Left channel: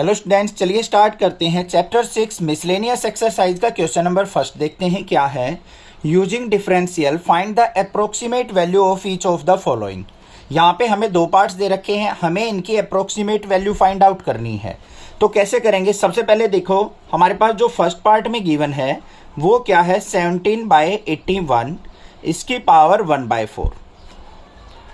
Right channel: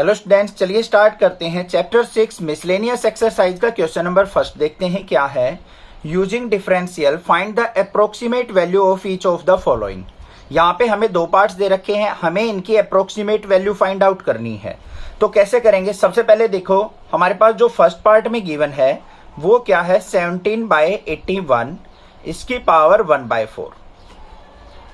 Hello students, चलिए start करते हैं। चैप्टर 6 मिसलेनियस एक्सरसाइज का क्वेश्चन नंबर फर्स्ट देखते हैं क्या है। Using differential find the approximate value of each of the following. यहाँ पे हमें दो पार्ट्स दे रखे हैं, हमें इनकी अप्रोक्सीमेट वैल्यू फाइंड आउट करनी है। तो कैसे करेंगे? सबसे पहले देखो, हमारे पास जो फर्स्ट पार्ट में गिवन है वो क्या है, 17/81 इसकी पावर 1/4।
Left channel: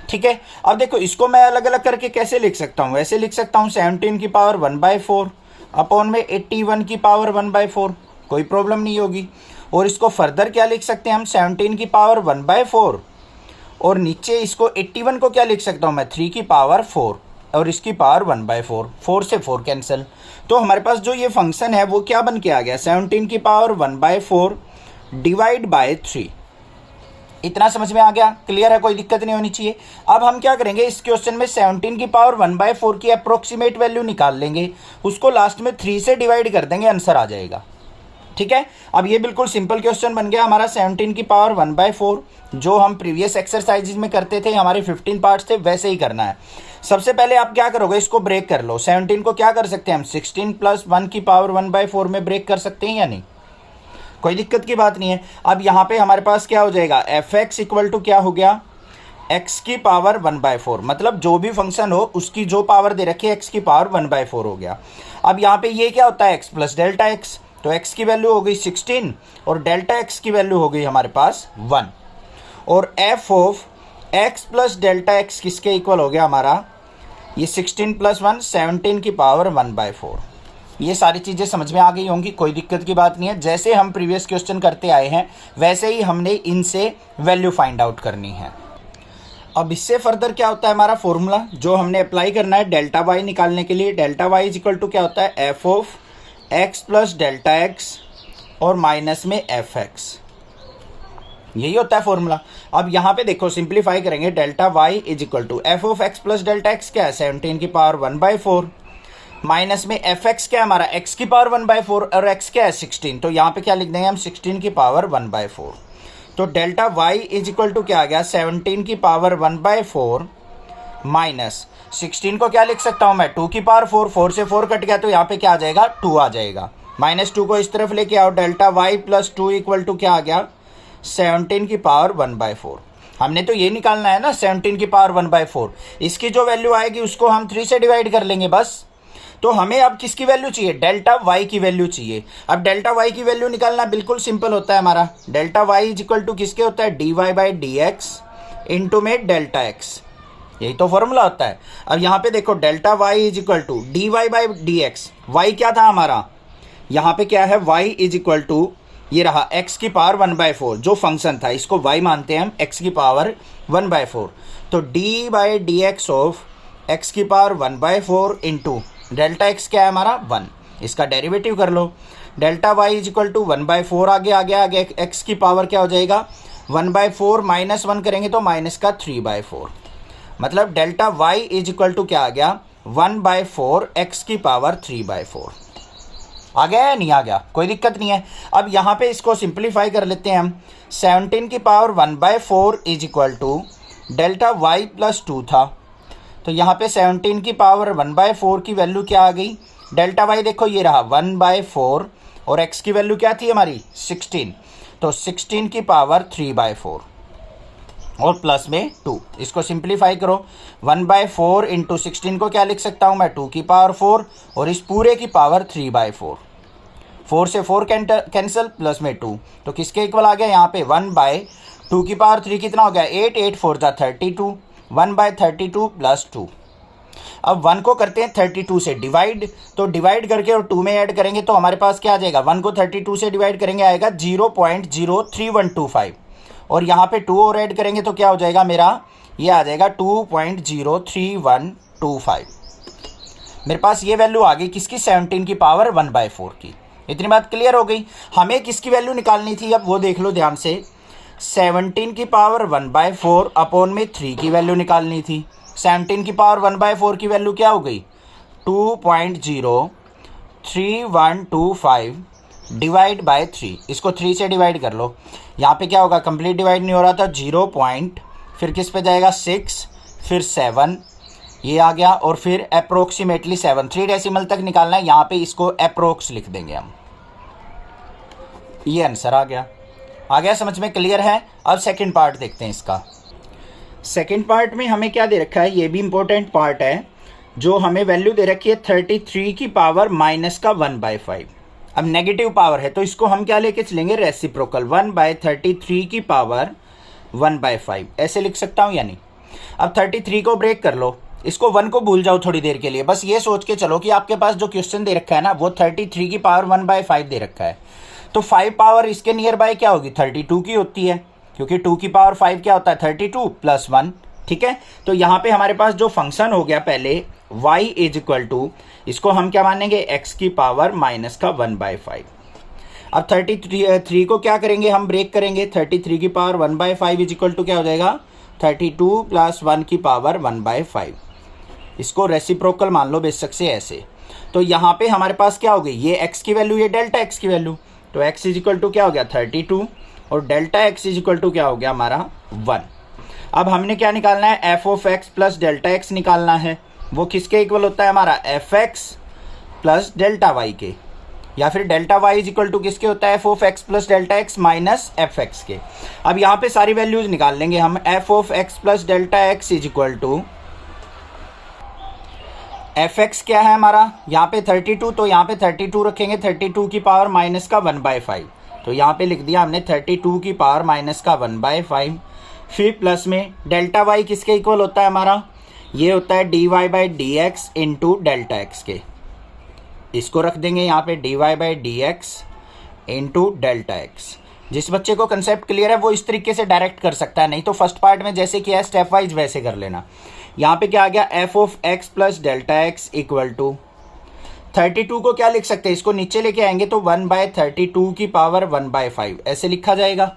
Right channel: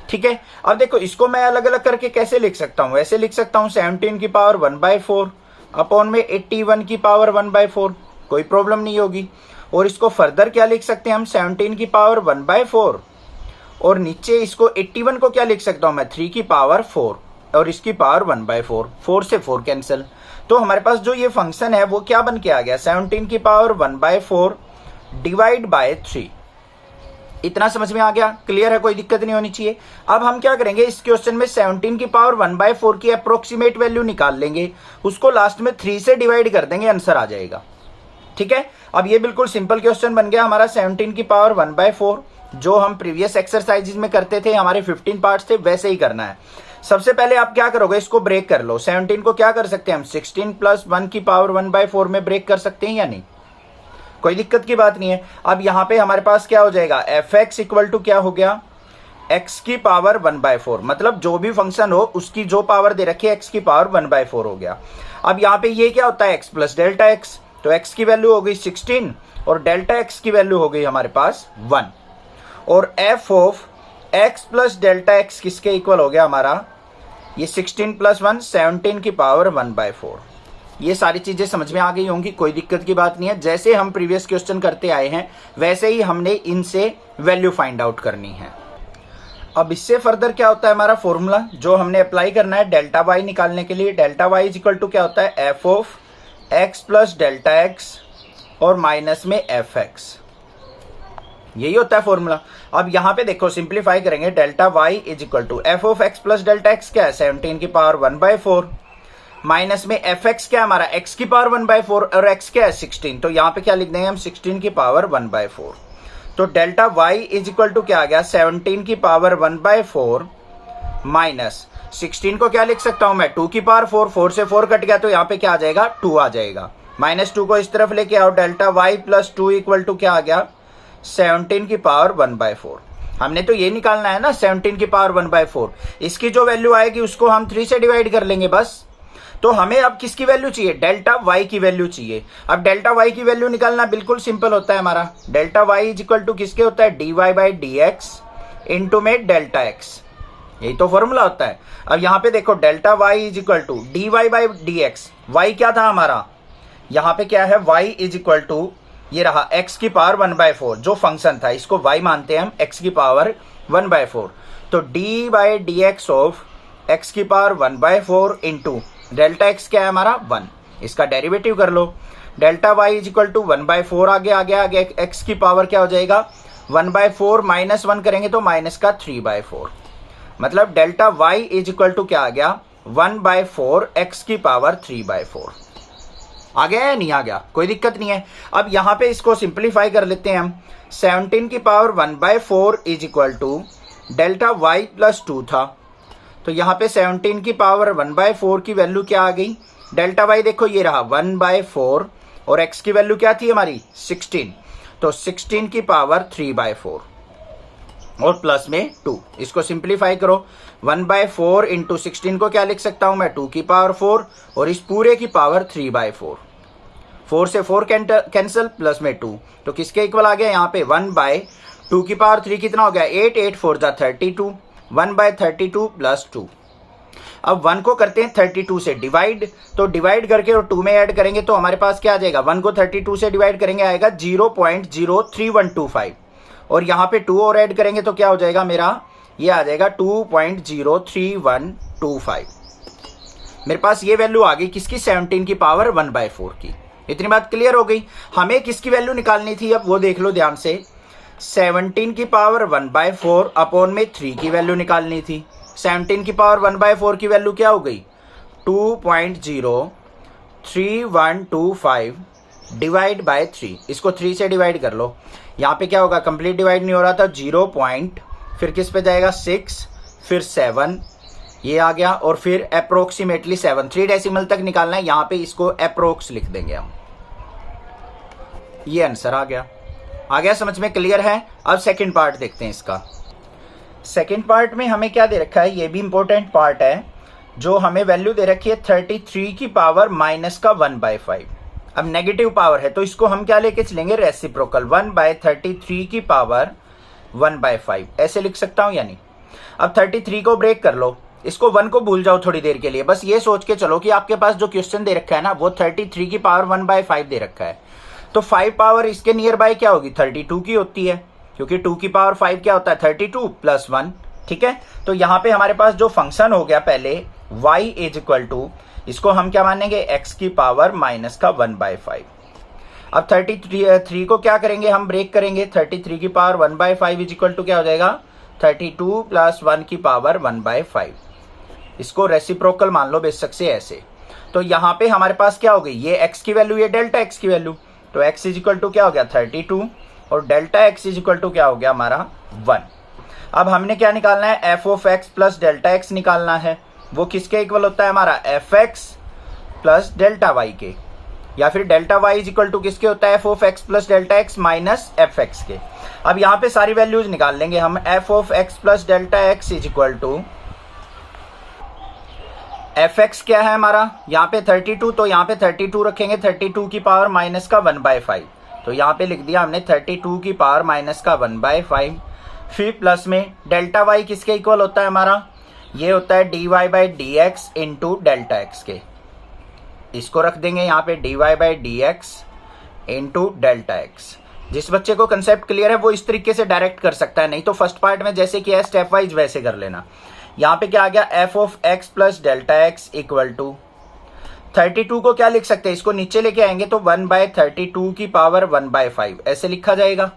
ठीक है। अब देखो, इसको मैं अलग अलग करके कैसे लिख सकता हूं? ऐसे लिख सकता हूं 17 की पावर 1/4 अपॉन में 81 की पावर 1/4, कोई प्रॉब्लम नहीं होगी। और इसको फर्दर क्या लिख सकते हैं हम, 17 की पावर 1/4 और नीचे इसको 81 को क्या लिख सकता हूं मैं, 3 की पावर 4 और इसकी पावर 1/4। 4 से 4 कैंसिल। तो हमारे पास जो ये फंक्शन है वो क्या बन के आ गया, 17 की पावर 1/4 डिवाइड बाय 3। इतना समझ में आ गया? क्लियर है, कोई दिक्कत नहीं होनी चाहिए। अब हम क्या करेंगे, इस क्वेश्चन में 17 की पावर 1/4 की अप्रोक्सीमेट वैल्यू निकाल लेंगे, उसको लास्ट में 3 से डिवाइड कर देंगे, आंसर आ जाएगा। ठीक है। अब ये बिल्कुल सिंपल क्वेश्चन बन गया हमारा। 17 की पावर 1/4 जो हम प्रीवियस एक्सरसाइजेज में करते थे, हमारे 15 पार्ट्स थे, वैसे ही करना है। सबसे पहले आप क्या करोगे, इसको ब्रेक कर लो। 17 को क्या कर सकते हैं हम, 16 + 1 की पावर 1/4 में ब्रेक कर सकते हैं या नहीं? कोई दिक्कत की बात नहीं है। अब यहां पे हमारे पास क्या हो जाएगा, fx इक्वल टू क्या हो गया, x की पावर 1/4। मतलब जो भी फंक्शन हो उसकी जो पावर दे रखी है x की पावर 1/4 हो गया। अब यहां पे ये क्या होता है, x प्लस डेल्टा x। तो x की वैल्यू हो गई 16 और डेल्टा x की वैल्यू हो गई हमारे पास 1। और f of x plus delta x किसके इक्वल हो गया हमारा, ये 16 + 1 17 की पावर 1/4। ये सारी चीजें समझ में आ गई होंगी, कोई दिक्कत की बात नहीं है। जैसे हम प्रीवियस क्वेश्चन करते आए हैं वैसे ही हमने इनसे वैल्यू फाइंड आउट करनी है। अब इससे फर्दर क्या होता है हमारा फॉर्मूला जो हमने अप्लाई करना है डेल्टा वाई निकालने के लिए। Delta Y is equal to क्या होता है, f of x plus delta x और माइनस में एफ एक्स, यही होता है फॉर्मूला। अब यहां पे देखो, सिंप्लीफाई करेंगे, delta Y is equal to f of x plus delta x क्या है, 17 की पावर 1/4 माइनस में एफ एक्स क्या है हमारा, एक्स की पावर 1/4 और एक्स क्या है 16। तो यहां पे क्या लिख देंगे हम, 16 की पावर 1/4। तो delta Y is equal to क्या आ गया, 17 की पावर 1/4 माइनस 16 को क्या लिख सकता हूं मैं, 2 की पावर 4। 4 से 4 कट गया तो यहाँ पे क्या आ जाएगा, 2 आ जाएगा। -2 को इस तरफ लेके आओ, delta y plus 2 equal to क्या आ गया, 17 की पावर 1/4। हमने तो ये निकालना है ना, 17 की पावर 1/4। इसकी जो वैल्यू आएगी उसको हम 3 से डिवाइड कर लेंगे बस। तो हमें अब किसकी वैल्यू चाहिए, डेल्टा वाई की वैल्यू चाहिए। अब डेल्टा वाई की वैल्यू निकालना बिल्कुल सिंपल होता है हमारा। Delta Y is equal to किसके होता है, dy/dx इंटू में डेल्टा एक्स, यही तो फॉर्मूला होता है। अब यहां पे देखो, delta Y is equal to dy/dx। Y क्या था हमारा, यहां पे क्या है, y इज इक्वल टू ये रहा x की पावर 1/4 जो फंक्शन था, इसको y मानते हैं हम, x की पावर 1/4। तो dy/dx ऑफ x की पावर 1/4 इंटू डेल्टा एक्स क्या है हमारा 1, इसका डेरिवेटिव कर लो। Delta Y is equal to 1/4 आगे एक्स की पावर क्या हो जाएगा, 1/4 -1 करेंगे तो माइनस का 3/4। मतलब delta Y is equal to क्या आ गया, 1/4 एक्स की पावर 3/4। आ गया या नहीं आ गया, कोई दिक्कत नहीं है। अब यहां पे इसको सिंप्लीफाई कर लेते हैं हम। 17 की power 1/4 is equal to delta y plus 2 था, तो यहाँ पे 17 की पावर 1/4 की वैल्यू क्या आ गई, डेल्टा वाई देखो ये रहा 1/4 और x की वैल्यू क्या थी हमारी 16, तो 16 की पावर 3/4 और प्लस में 2। इसको सिंप्लीफाई करो, 1/4 इंटू 16 को क्या लिख सकता हूं मैं, 2 की पावर 4 और इस पूरे की पावर 3/4। 4 से 4 कैंसिल, प्लस में 2, तो किसके इक्वल आ गया यहाँ पे, 1/2 की पावर 3 कितना हो गया, 8, 8 4 जा 32, 1/32 प्लस 2। अब 1 को करते हैं 32 से डिवाइड, तो डिवाइड करके और 2 में ऐड करेंगे तो हमारे पास क्या आ जाएगा, 1 को 32 से डिवाइड करेंगे आएगा 0.03125 और यहाँ पे 2 और ऐड करेंगे तो क्या हो जाएगा मेरा, ये आ जाएगा 2.03125। मेरे पास ये वैल्यू आ गई किसकी, 17 की पावर 1/4 की। इतनी बात क्लियर हो गई। हमें किसकी वैल्यू निकालनी थी, अब वो देख लो ध्यान से। 17 की पावर 1/4 अपॉन में 3 की वैल्यू निकालनी थी। 17 की पावर 1/4 की वैल्यू क्या हो गई, 2.03125 डिवाइड बाय 3। इसको 3 से डिवाइड कर लो, यहाँ पे क्या होगा, कंप्लीट डिवाइड नहीं हो रहा था, 0 पॉइंट, फिर किस पे जाएगा 6, फिर 7, ये आ गया, और फिर अप्रोक्सीमेटली 7 3 डेसिमल तक निकालना है, यहां पे इसको अप्रोक्स लिख देंगे हम। ये आंसर आ गया समझ में, क्लियर है। अब सेकंड पार्ट देखते हैं इसका। सेकंड पार्ट में हमें क्या दे रखा है, ये भी इंपॉर्टेंट पार्ट है। जो हमें वैल्यू दे रखी है 33 की पावर माइनस का 1/5। अब नेगेटिव पावर है तो इसको हम क्या लेके चलेंगे, रेसिप्रोकल, 1/33 की पावर 1/5 ऐसे लिख सकता हूं या नहीं। अब 33 को ब्रेक कर लो, इसको 1 को भूल जाओ थोड़ी देर के लिए, बस ये सोच के चलो कि आपके पास जो क्वेश्चन दे रखा है ना वो 33 की पावर 1/5 दे रखा है, तो 5 पावर इसके नियर बाय क्या होगी, 32 की होती है, क्योंकि 2 की पावर 5 क्या होता है, 32 + 1। ठीक है, तो यहां पे हमारे पास जो फंक्शन हो गया पहले y = इसको हम क्या मानेंगे, x की पावर माइनस का 1/5। अब 33 को क्या करेंगे, हम ब्रेक करेंगे, 33 की पावर 1/5 = क्या हो जाएगा, 32 + 1 की पावर 1/5। इसको रेसिप्रोकल मान लो बेशक से ऐसे। तो यहां पे हमारे पास क्या हो गई, ये x की वैल्यू, ये डेल्टा x की वैल्यू, तो x = क्या हो गया 32 और डेल्टा x = क्या हो गया हमारा 1। अब हमने क्या निकालना है, f(x) + डेल्टा x निकालना है। वो किसके इक्वल होता है हमारा, fx + डेल्टा y के, या फिर डेल्टा y = किसके होता है, f(x) + delta x minus fx के। अब यहाँ पे सारी वैल्यूज निकाल लेंगे हम, f(x) + डेल्टा x = fx क्या है हमारा, यहाँ पे 32, तो यहाँ पे 32 रखेंगे, 32 की पावर माइनस का 1/5, तो यहाँ पे लिख दिया हमने 32 की पावर माइनस का 1/5। फिर प्लस में डेल्टा y किसके इक्वल होता है हमारा, ये होता है dy/dx इंटू डेल्टा x के, इसको रख देंगे यहाँ पे dy/dx इंटू डेल्टा x। जिस बच्चे को कंसेप्ट क्लियर है वो इस तरीके से डायरेक्ट कर सकता है, नहीं तो फर्स्ट पार्ट में जैसे किया है स्टेप वाइज वैसे कर लेना। यहाँ पे क्या आ गया, f(x) + डेल्टा x = 32 को क्या लिख सकते हैं, इसको नीचे लेके आएंगे तो 1/32 की पावर 1/5 ऐसे लिखा जाएगा,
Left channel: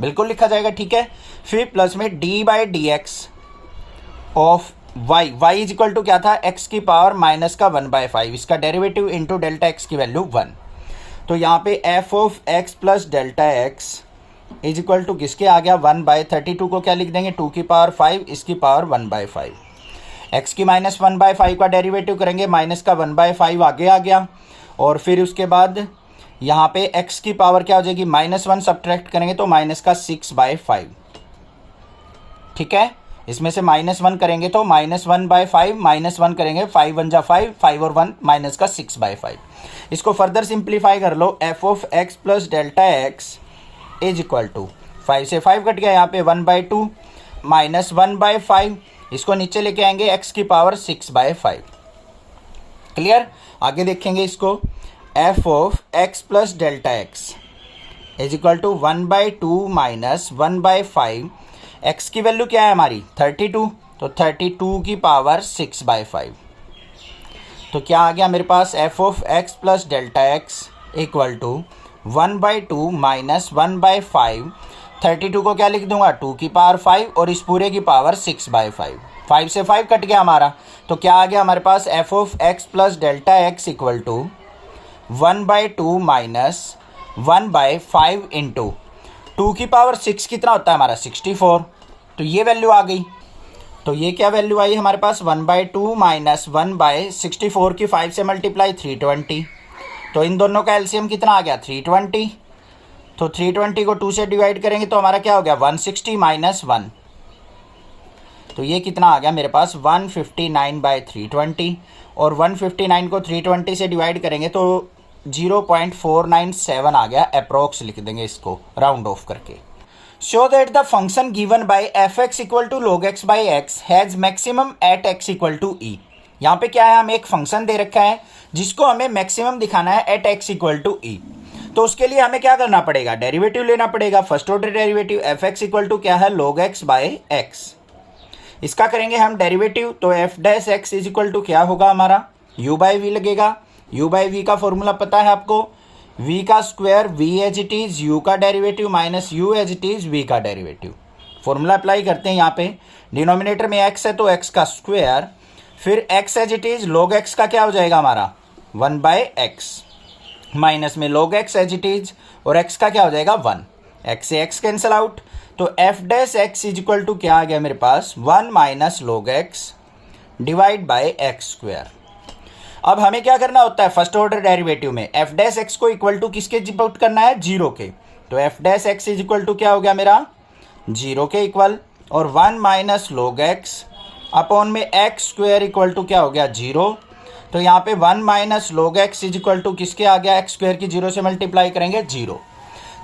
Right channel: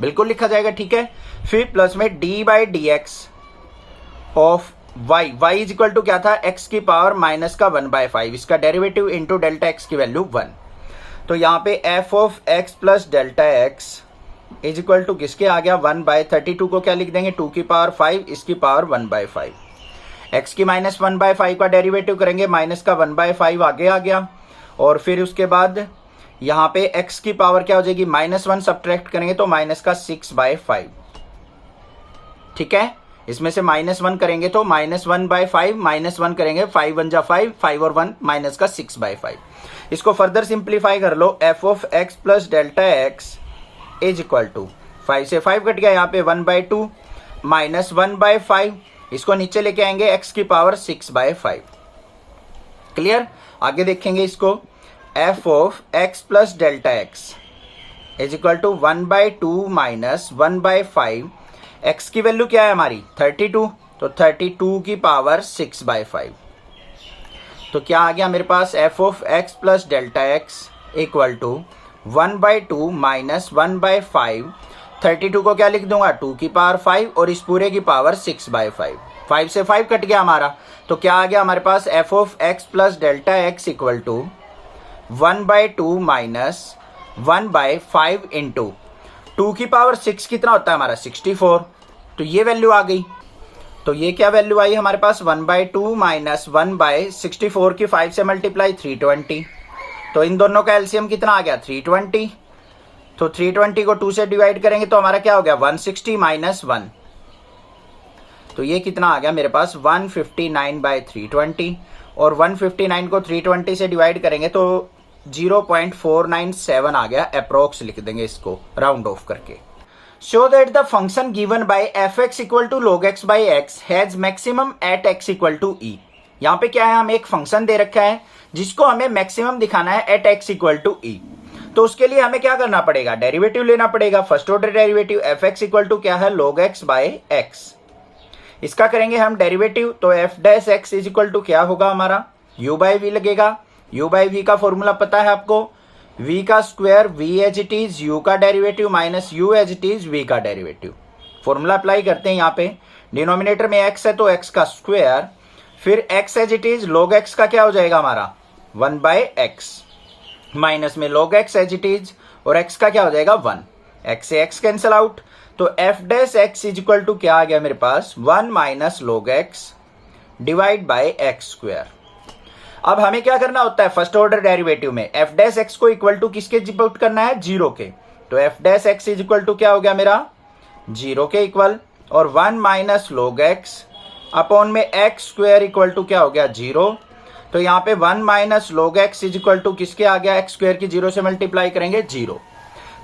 बिल्कुल लिखा जाएगा। ठीक है, फिर प्लस में d/dx ऑफ y = क्या था, x की पावर माइनस का 1/5, इसका डेरिवेटिव इंटू डेल्टा x की वैल्यू 1। तो यहाँ पे f(x) + डेल्टा x = किसके आ गया, 1/32 को क्या लिख देंगे, 2 की पावर 5, इसकी पावर 1/5। x की माइनस 1/5 का डेरिवेटिव करेंगे, माइनस का 1/5 आगे आ गया, और फिर उसके बाद यहाँ पे x की पावर क्या हो जाएगी, -1 सब्ट्रैक्ट करेंगे तो माइनस का 6/5। ठीक है, इसमें से -1 करेंगे तो -1/5, -1 करेंगे 5 1 जा 5, 5 और 1 माइनस का 6/5। इसको फर्दर सिंप्लीफाई कर लो, f(x) + डेल्टा x = 5 से 5 कट गया, यहाँ पे 1/2 माइनस 1/5, इसको नीचे लेके आएंगे, x की पावर 6/5। क्लियर, आगे देखेंगे इसको, f(x) + delta x = 1/2 minus 1/5, x की वैल्यू क्या है हमारी 32, तो 32 की पावर 6/5। तो क्या आ गया मेरे पास, f(x) + डेल्टा x = 1/2 माइनस 1/5, 32 को क्या लिख दूंगा, 2 की पावर 5 और इस पूरे की पावर 6/5, 5 से 5 कट गया हमारा, तो क्या आ गया हमारे पास, f(x) + delta x = 1/2 minus 1/5 into 2 की पावर 6 कितना होता है हमारा, 64, तो ये वैल्यू आ गई। तो ये क्या वैल्यू आई हमारे पास, 1/2 माइनस 1/64 की 5 से मल्टीप्लाई 320, तो इन दोनों का एलसीएम कितना आ गया, 320, तो 320 को 2 से डिवाइड करेंगे तो हमारा क्या हो गया, 160 माइनस 1, तो ये कितना आ गया मेरे पास 159/320, और 159 को 320 से डिवाइड करेंगे तो 0.497 आ गया, अप्रोक्स लिख देंगे इसको राउंड ऑफ करके। Show that the function given by f(x) = log x/x has maximum at x = e। यहाँ पे क्या है, हमें एक फंक्शन दे रखा है जिसको हमें मैक्सिमम दिखाना है एट x = e। तो उसके लिए हमें क्या करना पड़ेगा, डेरिवेटिव लेना पड़ेगा, फर्स्ट ऑर्डर डेरिवेटिव, f(x) = क्या है, log x/x। इसका करेंगे हम डेरिवेटिव, तो f(x) = क्या होगा हमारा, u/v लगेगा। u/v का फॉर्मूला पता है आपको, v का square v as it is u का derivative minus u as it is v का डेरिवेटिव। फॉर्मूला अप्लाई करते हैं, यहाँ पे डिनोमिनेटर में x है तो x का स्क्वायर, फिर x as it is log x का क्या हो जाएगा हमारा 1/x, माइनस में log x as it is, और x का क्या हो जाएगा 1, x से x कैंसिल आउट, तो f(x) = क्या आ गया मेरे पास 1 minus log x divide by x square. अब हमें क्या करना होता है फर्स्ट ऑर्डर डेरिवेटिव में, एफ डैश एक्स को इक्वल टू किसके पुट करना है, जीरो के। तो f dash x is equal to क्या हो गया मेरा, जीरो के इक्वल, और 1 माइनस log x अपॉन में एक्स स्क्वायर इक्वल टू क्या हो गया, जीरो। तो यहाँ पे 1 minus log x is equal to किसके आ गया, एक्स स्क्वायर की जीरो से मल्टीप्लाई करेंगे, जीरो।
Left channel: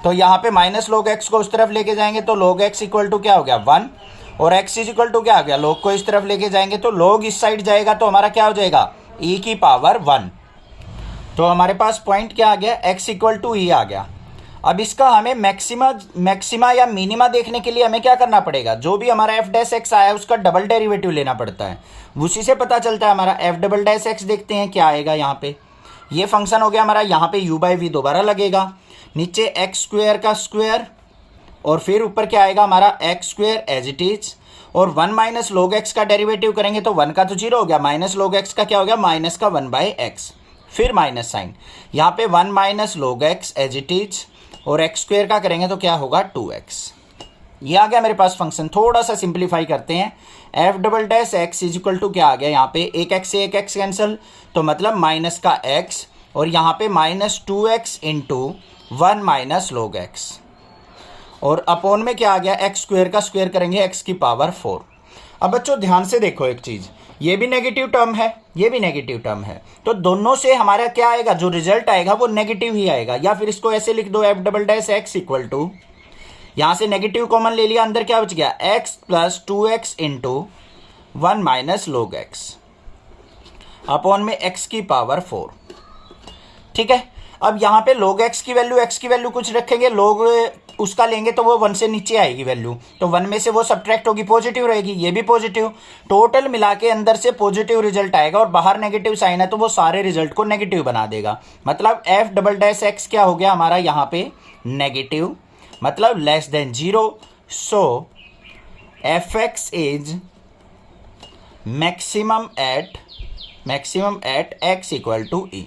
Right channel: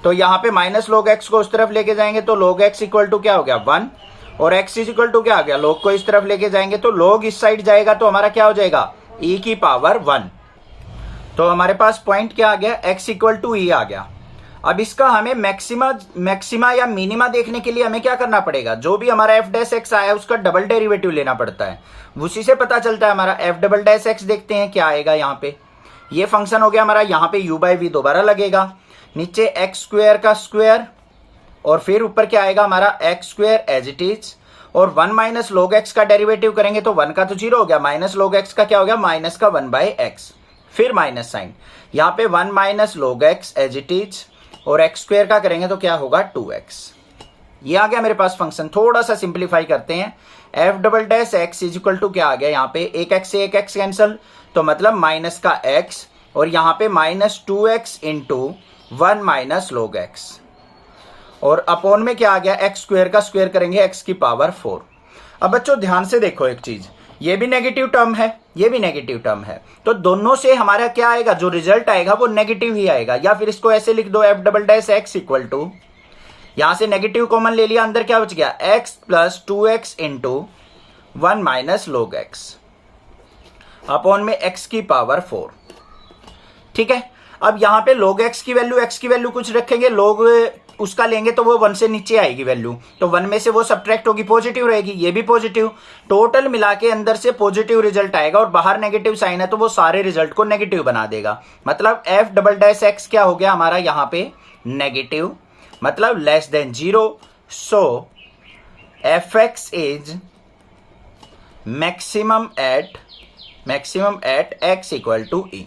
तो यहाँ पे माइनस log x को उस तरफ लेके जाएंगे तो log x इक्वल टू क्या हो गया, 1, और x इज इक्वल टू क्या आ गया, log को इस तरफ लेके जाएंगे तो log इस साइड जाएगा तो हमारा क्या हो जाएगा, e की पावर 1। तो हमारे पास पॉइंट क्या आ गया, x इक्वल टू e आ गया। अब इसका हमें मैक्सिमा या मिनिमा देखने के लिए हमें क्या करना पड़ेगा, जो भी हमारा एफ डैश एक्स आया उसका डबल डेरिवेटिव लेना पड़ता है, उसी से पता चलता है हमारा एफ डबल डैश एक्स। देखते हैं क्या आएगा यहाँ पे, ये फंक्शन हो गया हमारा, यहाँ पे u बाई वी दोबारा लगेगा, नीचे एक्स स्क्वायर का स्क्वायर, और फिर ऊपर क्या आएगा हमारा x square as it is, और 1 माइनस log x का डेरिवेटिव करेंगे तो 1 का तो जीरो हो गया, माइनस log x का क्या हो गया, माइनस का 1 बाई एक्स, फिर माइनस साइन, यहाँ पे 1 minus log x as it is, और एक्स स्क्वायर का करेंगे तो क्या होगा, 2x। ये आ गया मेरे पास फंक्शन। थोड़ा सा सिंप्लीफाई करते हैं, f double dash x is equal to क्या आ गया, यहाँ पे एक एक्स से एक एक्स कैंसिल, तो मतलब माइनस का x, और यहाँ पे minus 2x into 1 minus log x, और अपॉन में क्या आ गया, एक्स स्क्वायर का स्क्वायर करेंगे एक्स की पावर 4। अब बच्चों ध्यान से देखो एक चीज, ये भी नेगेटिव टर्म है, ये भी नेगेटिव टर्म है, तो दोनों से हमारा क्या आएगा, जो रिजल्ट आएगा वो नेगेटिव ही आएगा। या फिर इसको ऐसे लिख दो, f double dash x equal to, यहां से नेगेटिव कॉमन ले लिया, अंदर क्या बच गया, x plus 2x into 1 minus log x upon में x की पावर 4। ठीक है, अब यहां पे log x की वैल्यू कुछ रखेंगे, log उसका लेंगे तो वो 1 से नीचे आएगी वैल्यू, तो 1 में से वो सब्ट्रैक्ट होगी, पॉजिटिव रहेगी, ये भी पॉजिटिव, टोटल मिला के अंदर से पॉजिटिव रिजल्ट आएगा, और बाहर नेगेटिव साइन है तो वो सारे रिजल्ट को नेगेटिव बना देगा। मतलब एफ डबल डैश एक्स क्या हो गया हमारा यहाँ पे, नेगेटिव, मतलब less than zero. So f x is maximum at x equal to e.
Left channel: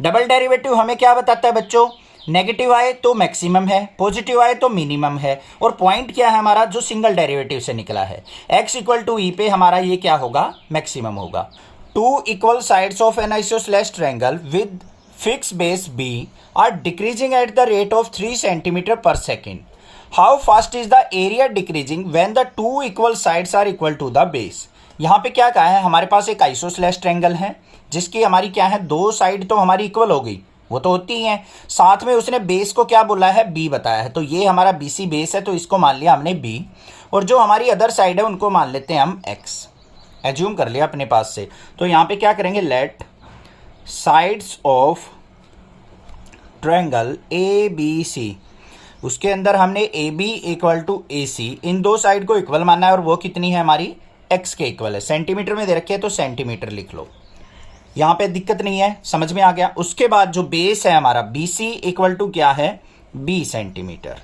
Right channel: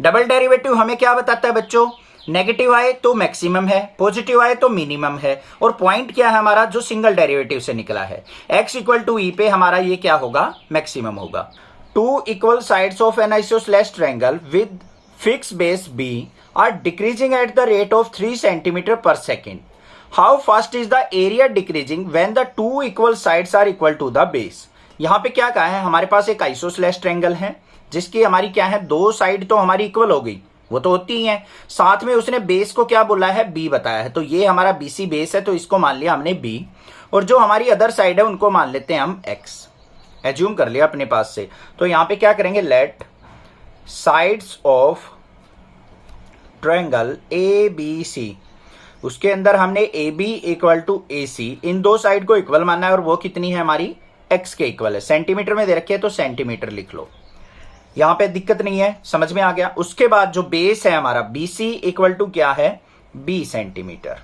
Double derivative हमें क्या बताता है बच्चों, नेगेटिव आए तो मैक्सिमम है, पॉजिटिव आए तो मिनिमम है, और पॉइंट क्या है हमारा, जो सिंगल डेरिवेटिव से निकला है, x इक्वल टू ई पे हमारा ये क्या होगा, मैक्सिमम होगा। Two equal sides of an isosceles triangle with fix base b are decreasing at the rate of 3 centimetre per second. How fast is the area decreasing when the two equal sides are equal to the base. यहाँ पे क्या कहा है, हमारे पास एक isosceles triangle है जिसकी हमारी क्या है, दो साइड तो हमारी इक्वल हो गई, वो तो होती हैं, साथ में उसने बेस को क्या बोला है, b बताया है, तो ये हमारा BC बेस है तो इसको मान लिया हमने b, और जो हमारी अदर साइड है उनको मान लेते हैं हम x, एज्यूम कर लिया अपने पास से। तो यहाँ पे क्या करेंगे, let sides of triangle ABC, उसके अंदर हमने AB इक्वल टू AC, इन दो साइड को इक्वल मानना है, और वो कितनी है हमारी, x के इक्वल है, सेंटीमीटर में दे रखी है तो सेंटीमीटर लिख लो, यहां पे दिक्कत नहीं है, समझ में आ गया। उसके बाद जो बेस है हमारा BC इक्वल टू क्या है, B सेंटीमीटर,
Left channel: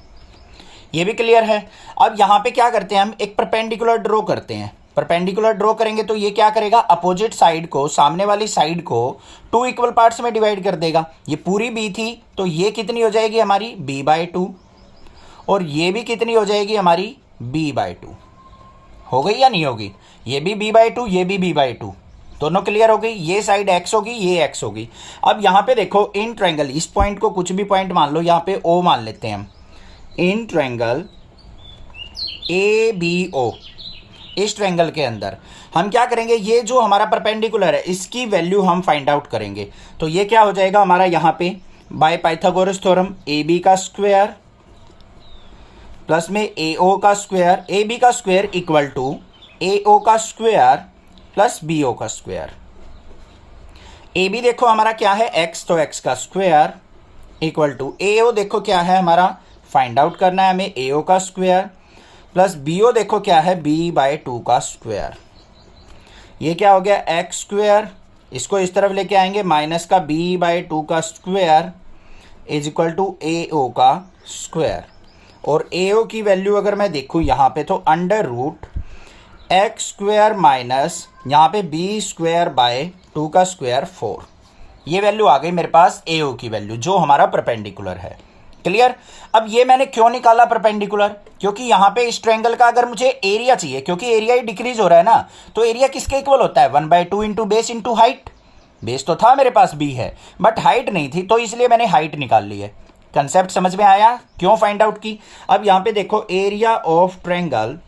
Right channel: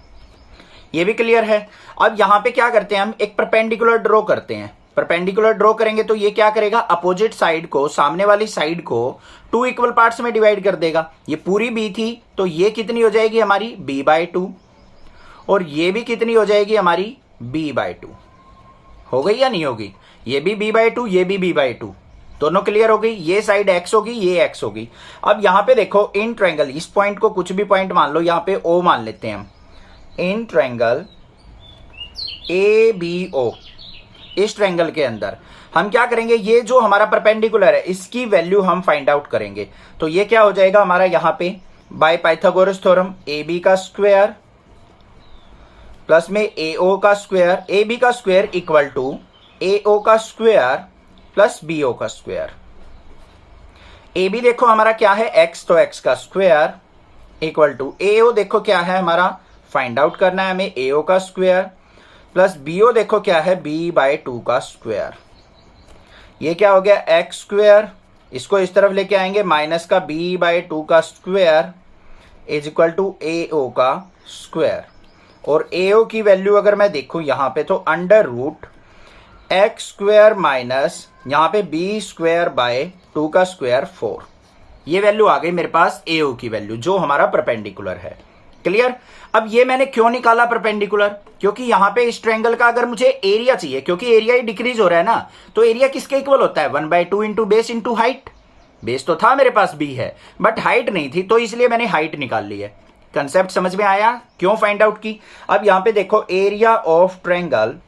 ये भी क्लियर है। अब यहां पे क्या करते हैं, हम एक परपेंडिकुलर ड्रॉ करते हैं, परपेंडिकुलर ड्रॉ करेंगे तो ये क्या करेगा, अपोजिट साइड को, सामने वाली साइड को 2 इक्वल पार्ट्स में डिवाइड कर देगा। ये पूरी B थी तो ये कितनी हो जाएगी हमारी, b/2, और ये भी कितनी हो जाएगी हमारी, b/2। हो गई या नहीं होगी, ये भी b/2, ये भी b/2, दोनों क्लियर हो गई। ये साइड x होगी, ये x होगी। अब यहां पे देखो, इन ट्रायंगल, इस पॉइंट को कुछ भी पॉइंट मान लो, यहां पे O मान लेते हैं हम, इन ट्रायंगल ABO, इस ट्रायंगल के अंदर हम क्या करेंगे, ये जो हमारा परपेंडिकुलर है इसकी वैल्यू हम फाइंड आउट करेंगे। तो ये क्या हो जाएगा हमारा, यहां पे बाय पाइथागोरस थ्योरम AB का स्क्वायर प्लस में AO का स्क्वायर, AB का स्क्वायर इक्वल टू AO का स्क्वायर प्लस BO का स्क्वायर। AB देखो हमारा क्या है, x, तो x का स्क्वायर इक्वल टू AO देखो क्या है हमारा, फाइंड आउट करना है हमें, AO का स्क्वायर प्लस BO देखो क्या है, b/2 का स्क्वायर। ये क्या हो गया, x स्क्वायर, इसको इस तरफ लेके आएंगे, माइनस का b/2 का square is equal to AO का स्क्वायर, और AO की वैल्यू अगर मैं देखूं यहां पे तो under root x square minus यहाँ पे b स्क्वायर बाय 2 का स्क्वायर 4, ये वैल्यू आ गई मेरे पास AO की वैल्यू, जो हमारा परपेंडिकुलर है। क्लियर। अब ये मैंने क्यों निकाला परपेंडिकुलर, क्योंकि यहां पे इस ट्रायंगल का अगर मुझे एरिया चाहिए, क्योंकि एरिया ही डिक्रीज हो रहा है ना, तो एरिया किसके इक्वल होता है 1/2 into base into height. Base तो था मेरे पास बी है, बट हाइट नहीं थी, तो इसलिए मैंने हाइट निकाल ली है। कंसेप्ट समझ में आया क्यों फाइंड आउट की। अब यहां पे देखो area of triangle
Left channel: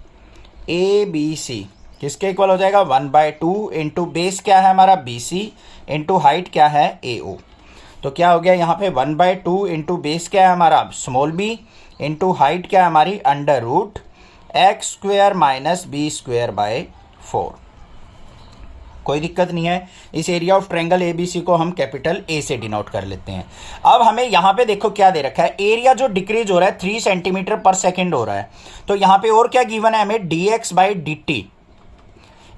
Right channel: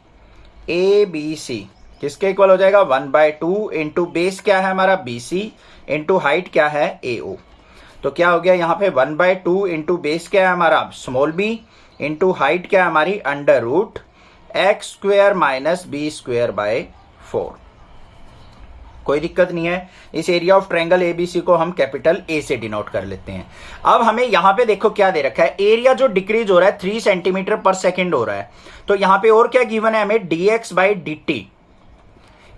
A B C किसके इक्वल हो जाएगा 1/2 इंटू बेस क्या है हमारा BC इंटू हाइट क्या है AO। तो क्या हो गया यहाँ पे 1/2 इंटू बेस क्या है हमारा स्मॉल b इंटू हाइट क्या है हमारी √x² माइनस b²/4। कोई दिक्कत नहीं है। इस एरिया ऑफ ट्रायंगल ABC को हम कैपिटल A से डिनोट कर लेते हैं। अब हमें यहां पे देखो क्या दे रखा है, एरिया जो डिक्रीज हो रहा है 3 सेंटीमीटर पर सेकेंड हो रहा है। तो यहां पे और क्या गिवन है हमें dx/dt।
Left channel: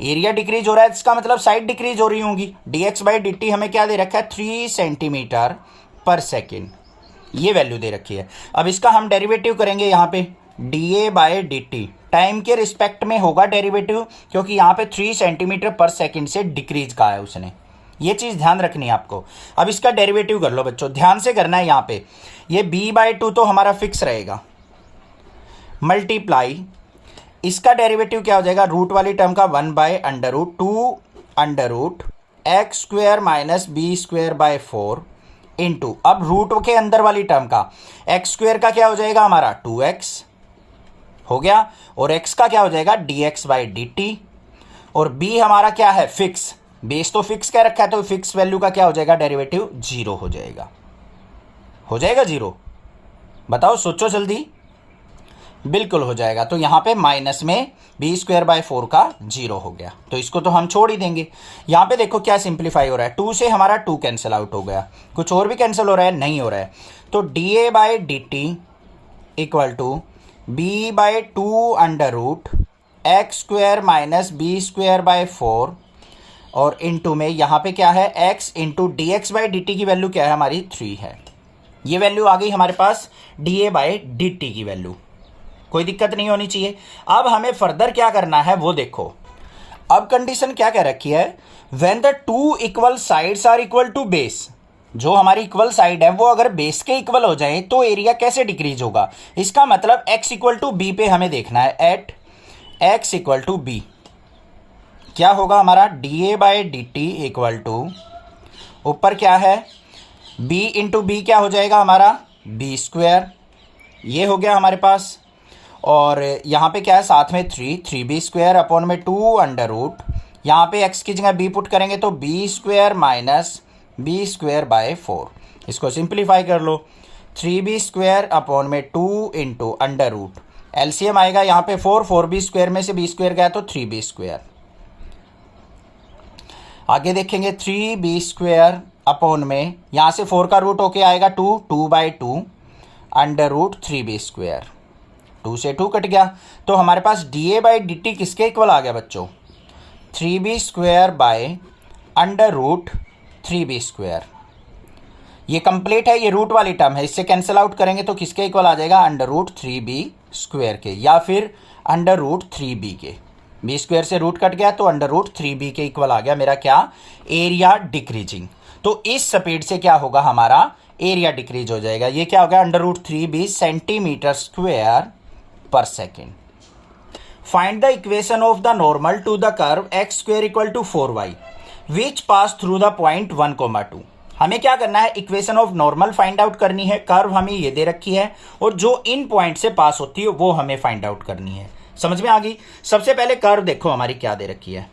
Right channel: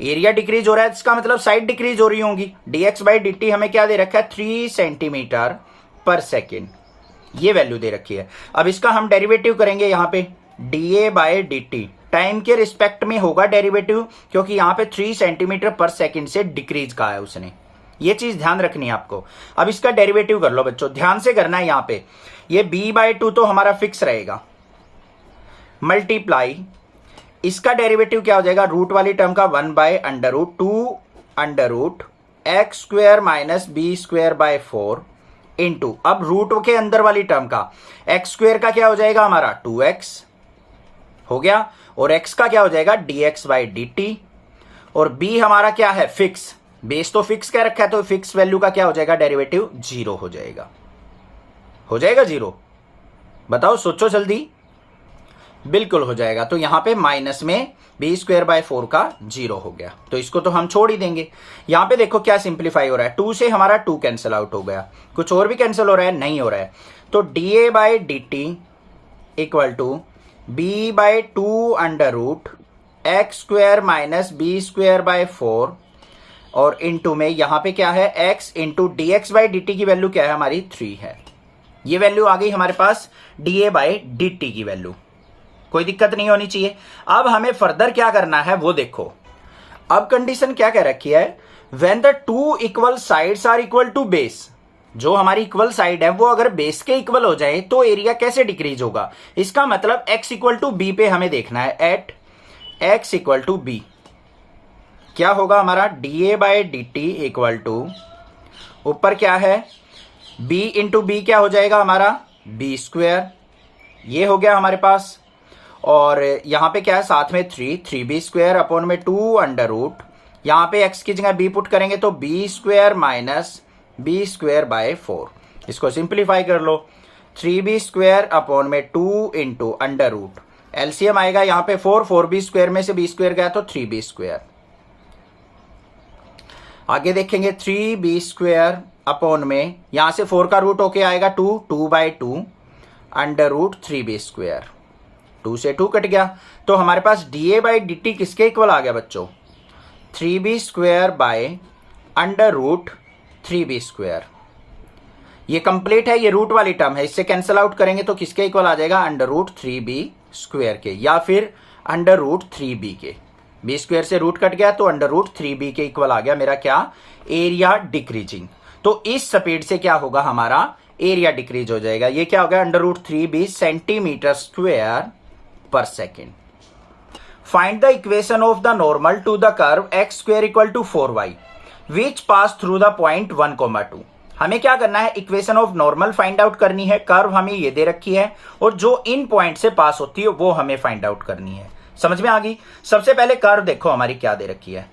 एरिया डिक्रीज हो रहा है, इसका मतलब साइड डिक्रीज हो रही होंगी। dx/dt हमें क्या दे रखा है 3 सेंटीमीटर पर सेकेंड, ये वैल्यू दे रखी है। अब इसका हम डेरिवेटिव करेंगे यहां पे dA/dt, टाइम के रिस्पेक्ट में होगा डेरिवेटिव, क्योंकि यहां पे 3 सेंटीमीटर पर सेकेंड से डिक्रीज कहा है उसने, ये चीज ध्यान रखनी है आपको। अब इसका डेरिवेटिव कर लो बच्चों, ध्यान से करना है। यहां पे ये b/2 तो हमारा फिक्स रहेगा, मल्टीप्लाई इसका डेरिवेटिव क्या हो जाएगा रूट वाली टर्म का 1/√2√x² माइनस b²/4 इंटू अब रूट के अंदर वाली टर्म का x² का क्या हो जाएगा हमारा 2x हो गया, और x का क्या हो जाएगा dx/dt, और b हमारा क्या है फिक्स, बेस तो फिक्स क्या रखा है, तो फिक्स वैल्यू का क्या हो जाएगा डेरिवेटिव 0 हो जाएगा। हो जाएगा 0, बताओ सोचो जल्दी। बिल्कुल हो जाएगा। तो यहां पे माइनस में b²/4 का 0 हो गया, तो इसको तो हम छोड़ ही देंगे। यहां पे देखो क्या सिंप्लीफाई हो रहा है, 2 से हमारा 2 कैंसिल आउट हो गया, कुछ और भी कैंसिल हो रहा है नहीं हो रहा है। तो dA/dt equal to b/2√x² minus b²/4 और इंटू में यहां पे क्या है x इंटू dx/dt की वैल्यू क्या है हमारी 3 है। ये वैल्यू आ गई हमारे पास dA/dt की वैल्यू, कोई दिक्कत नहीं होनी चाहिए। अब हमें फर्दर क्या करना है वो देखो। अब कंडीशन क्या कह रखी है, when the 2 equal sides are equal to base, जो हमारी इक्वल साइड है वो अगर बेस के इक्वल हो जाए तो एरिया कैसे डिक्रीज होगा। इसका मतलब x इक्वल टू b पे हमें देखना है, at x equal to b क्या होगा हमारा dA/dt इक्वल टू ऊपर क्या है b इंटू बी क्या हो जाएगा हमारा b², ये हो गया हमारे पास, और यहाँ पे क्या है साथ में 3b² अपॉन में 2 यहाँ पे x की जगह b पुट करेंगे तो b² माइनस b²/4। इसको सिंप्लीफाई कर लो, 3b² अपॉन में 2 इंटू एलसीएम आएगा यहाँ पे 4b² में से b² गया तो 3b²। आगे देखेंगे 3b² अपॉन में यहाँ से 4 का रूट होके आएगा 2/2 √3b², 2 से 2 कट गया, तो हमारे पास dA/dt किसके इक्वल आ गया बच्चों 3b²/√3b²। ये कंप्लीट है, ये रूट वाली टर्म है, इससे कैंसिल आउट करेंगे तो किसके इक्वल आ जाएगा √3b² के, या फिर √3b के। b² से रूट कट गया तो √3b के इक्वल आ गया मेरा क्या एरिया डिक्रीजिंग। तो इस स्पीड से क्या होगा हमारा एरिया डिक्रीज हो जाएगा। ये क्या हो गया √3b सेंटीमीटर स्क्वायर पर second. Find the equation of the normal to the curve x² equal to 4y which pass through the point 1,2। हमें क्या करना है, equation of normal find out करनी है। कर्व हमें ये दे रखी है और जो इन पॉइंट से पास होती है वो हमें फाइंड आउट करनी है। समझ में आ गई। सबसे पहले कर्व देखो हमारी क्या दे रखी है,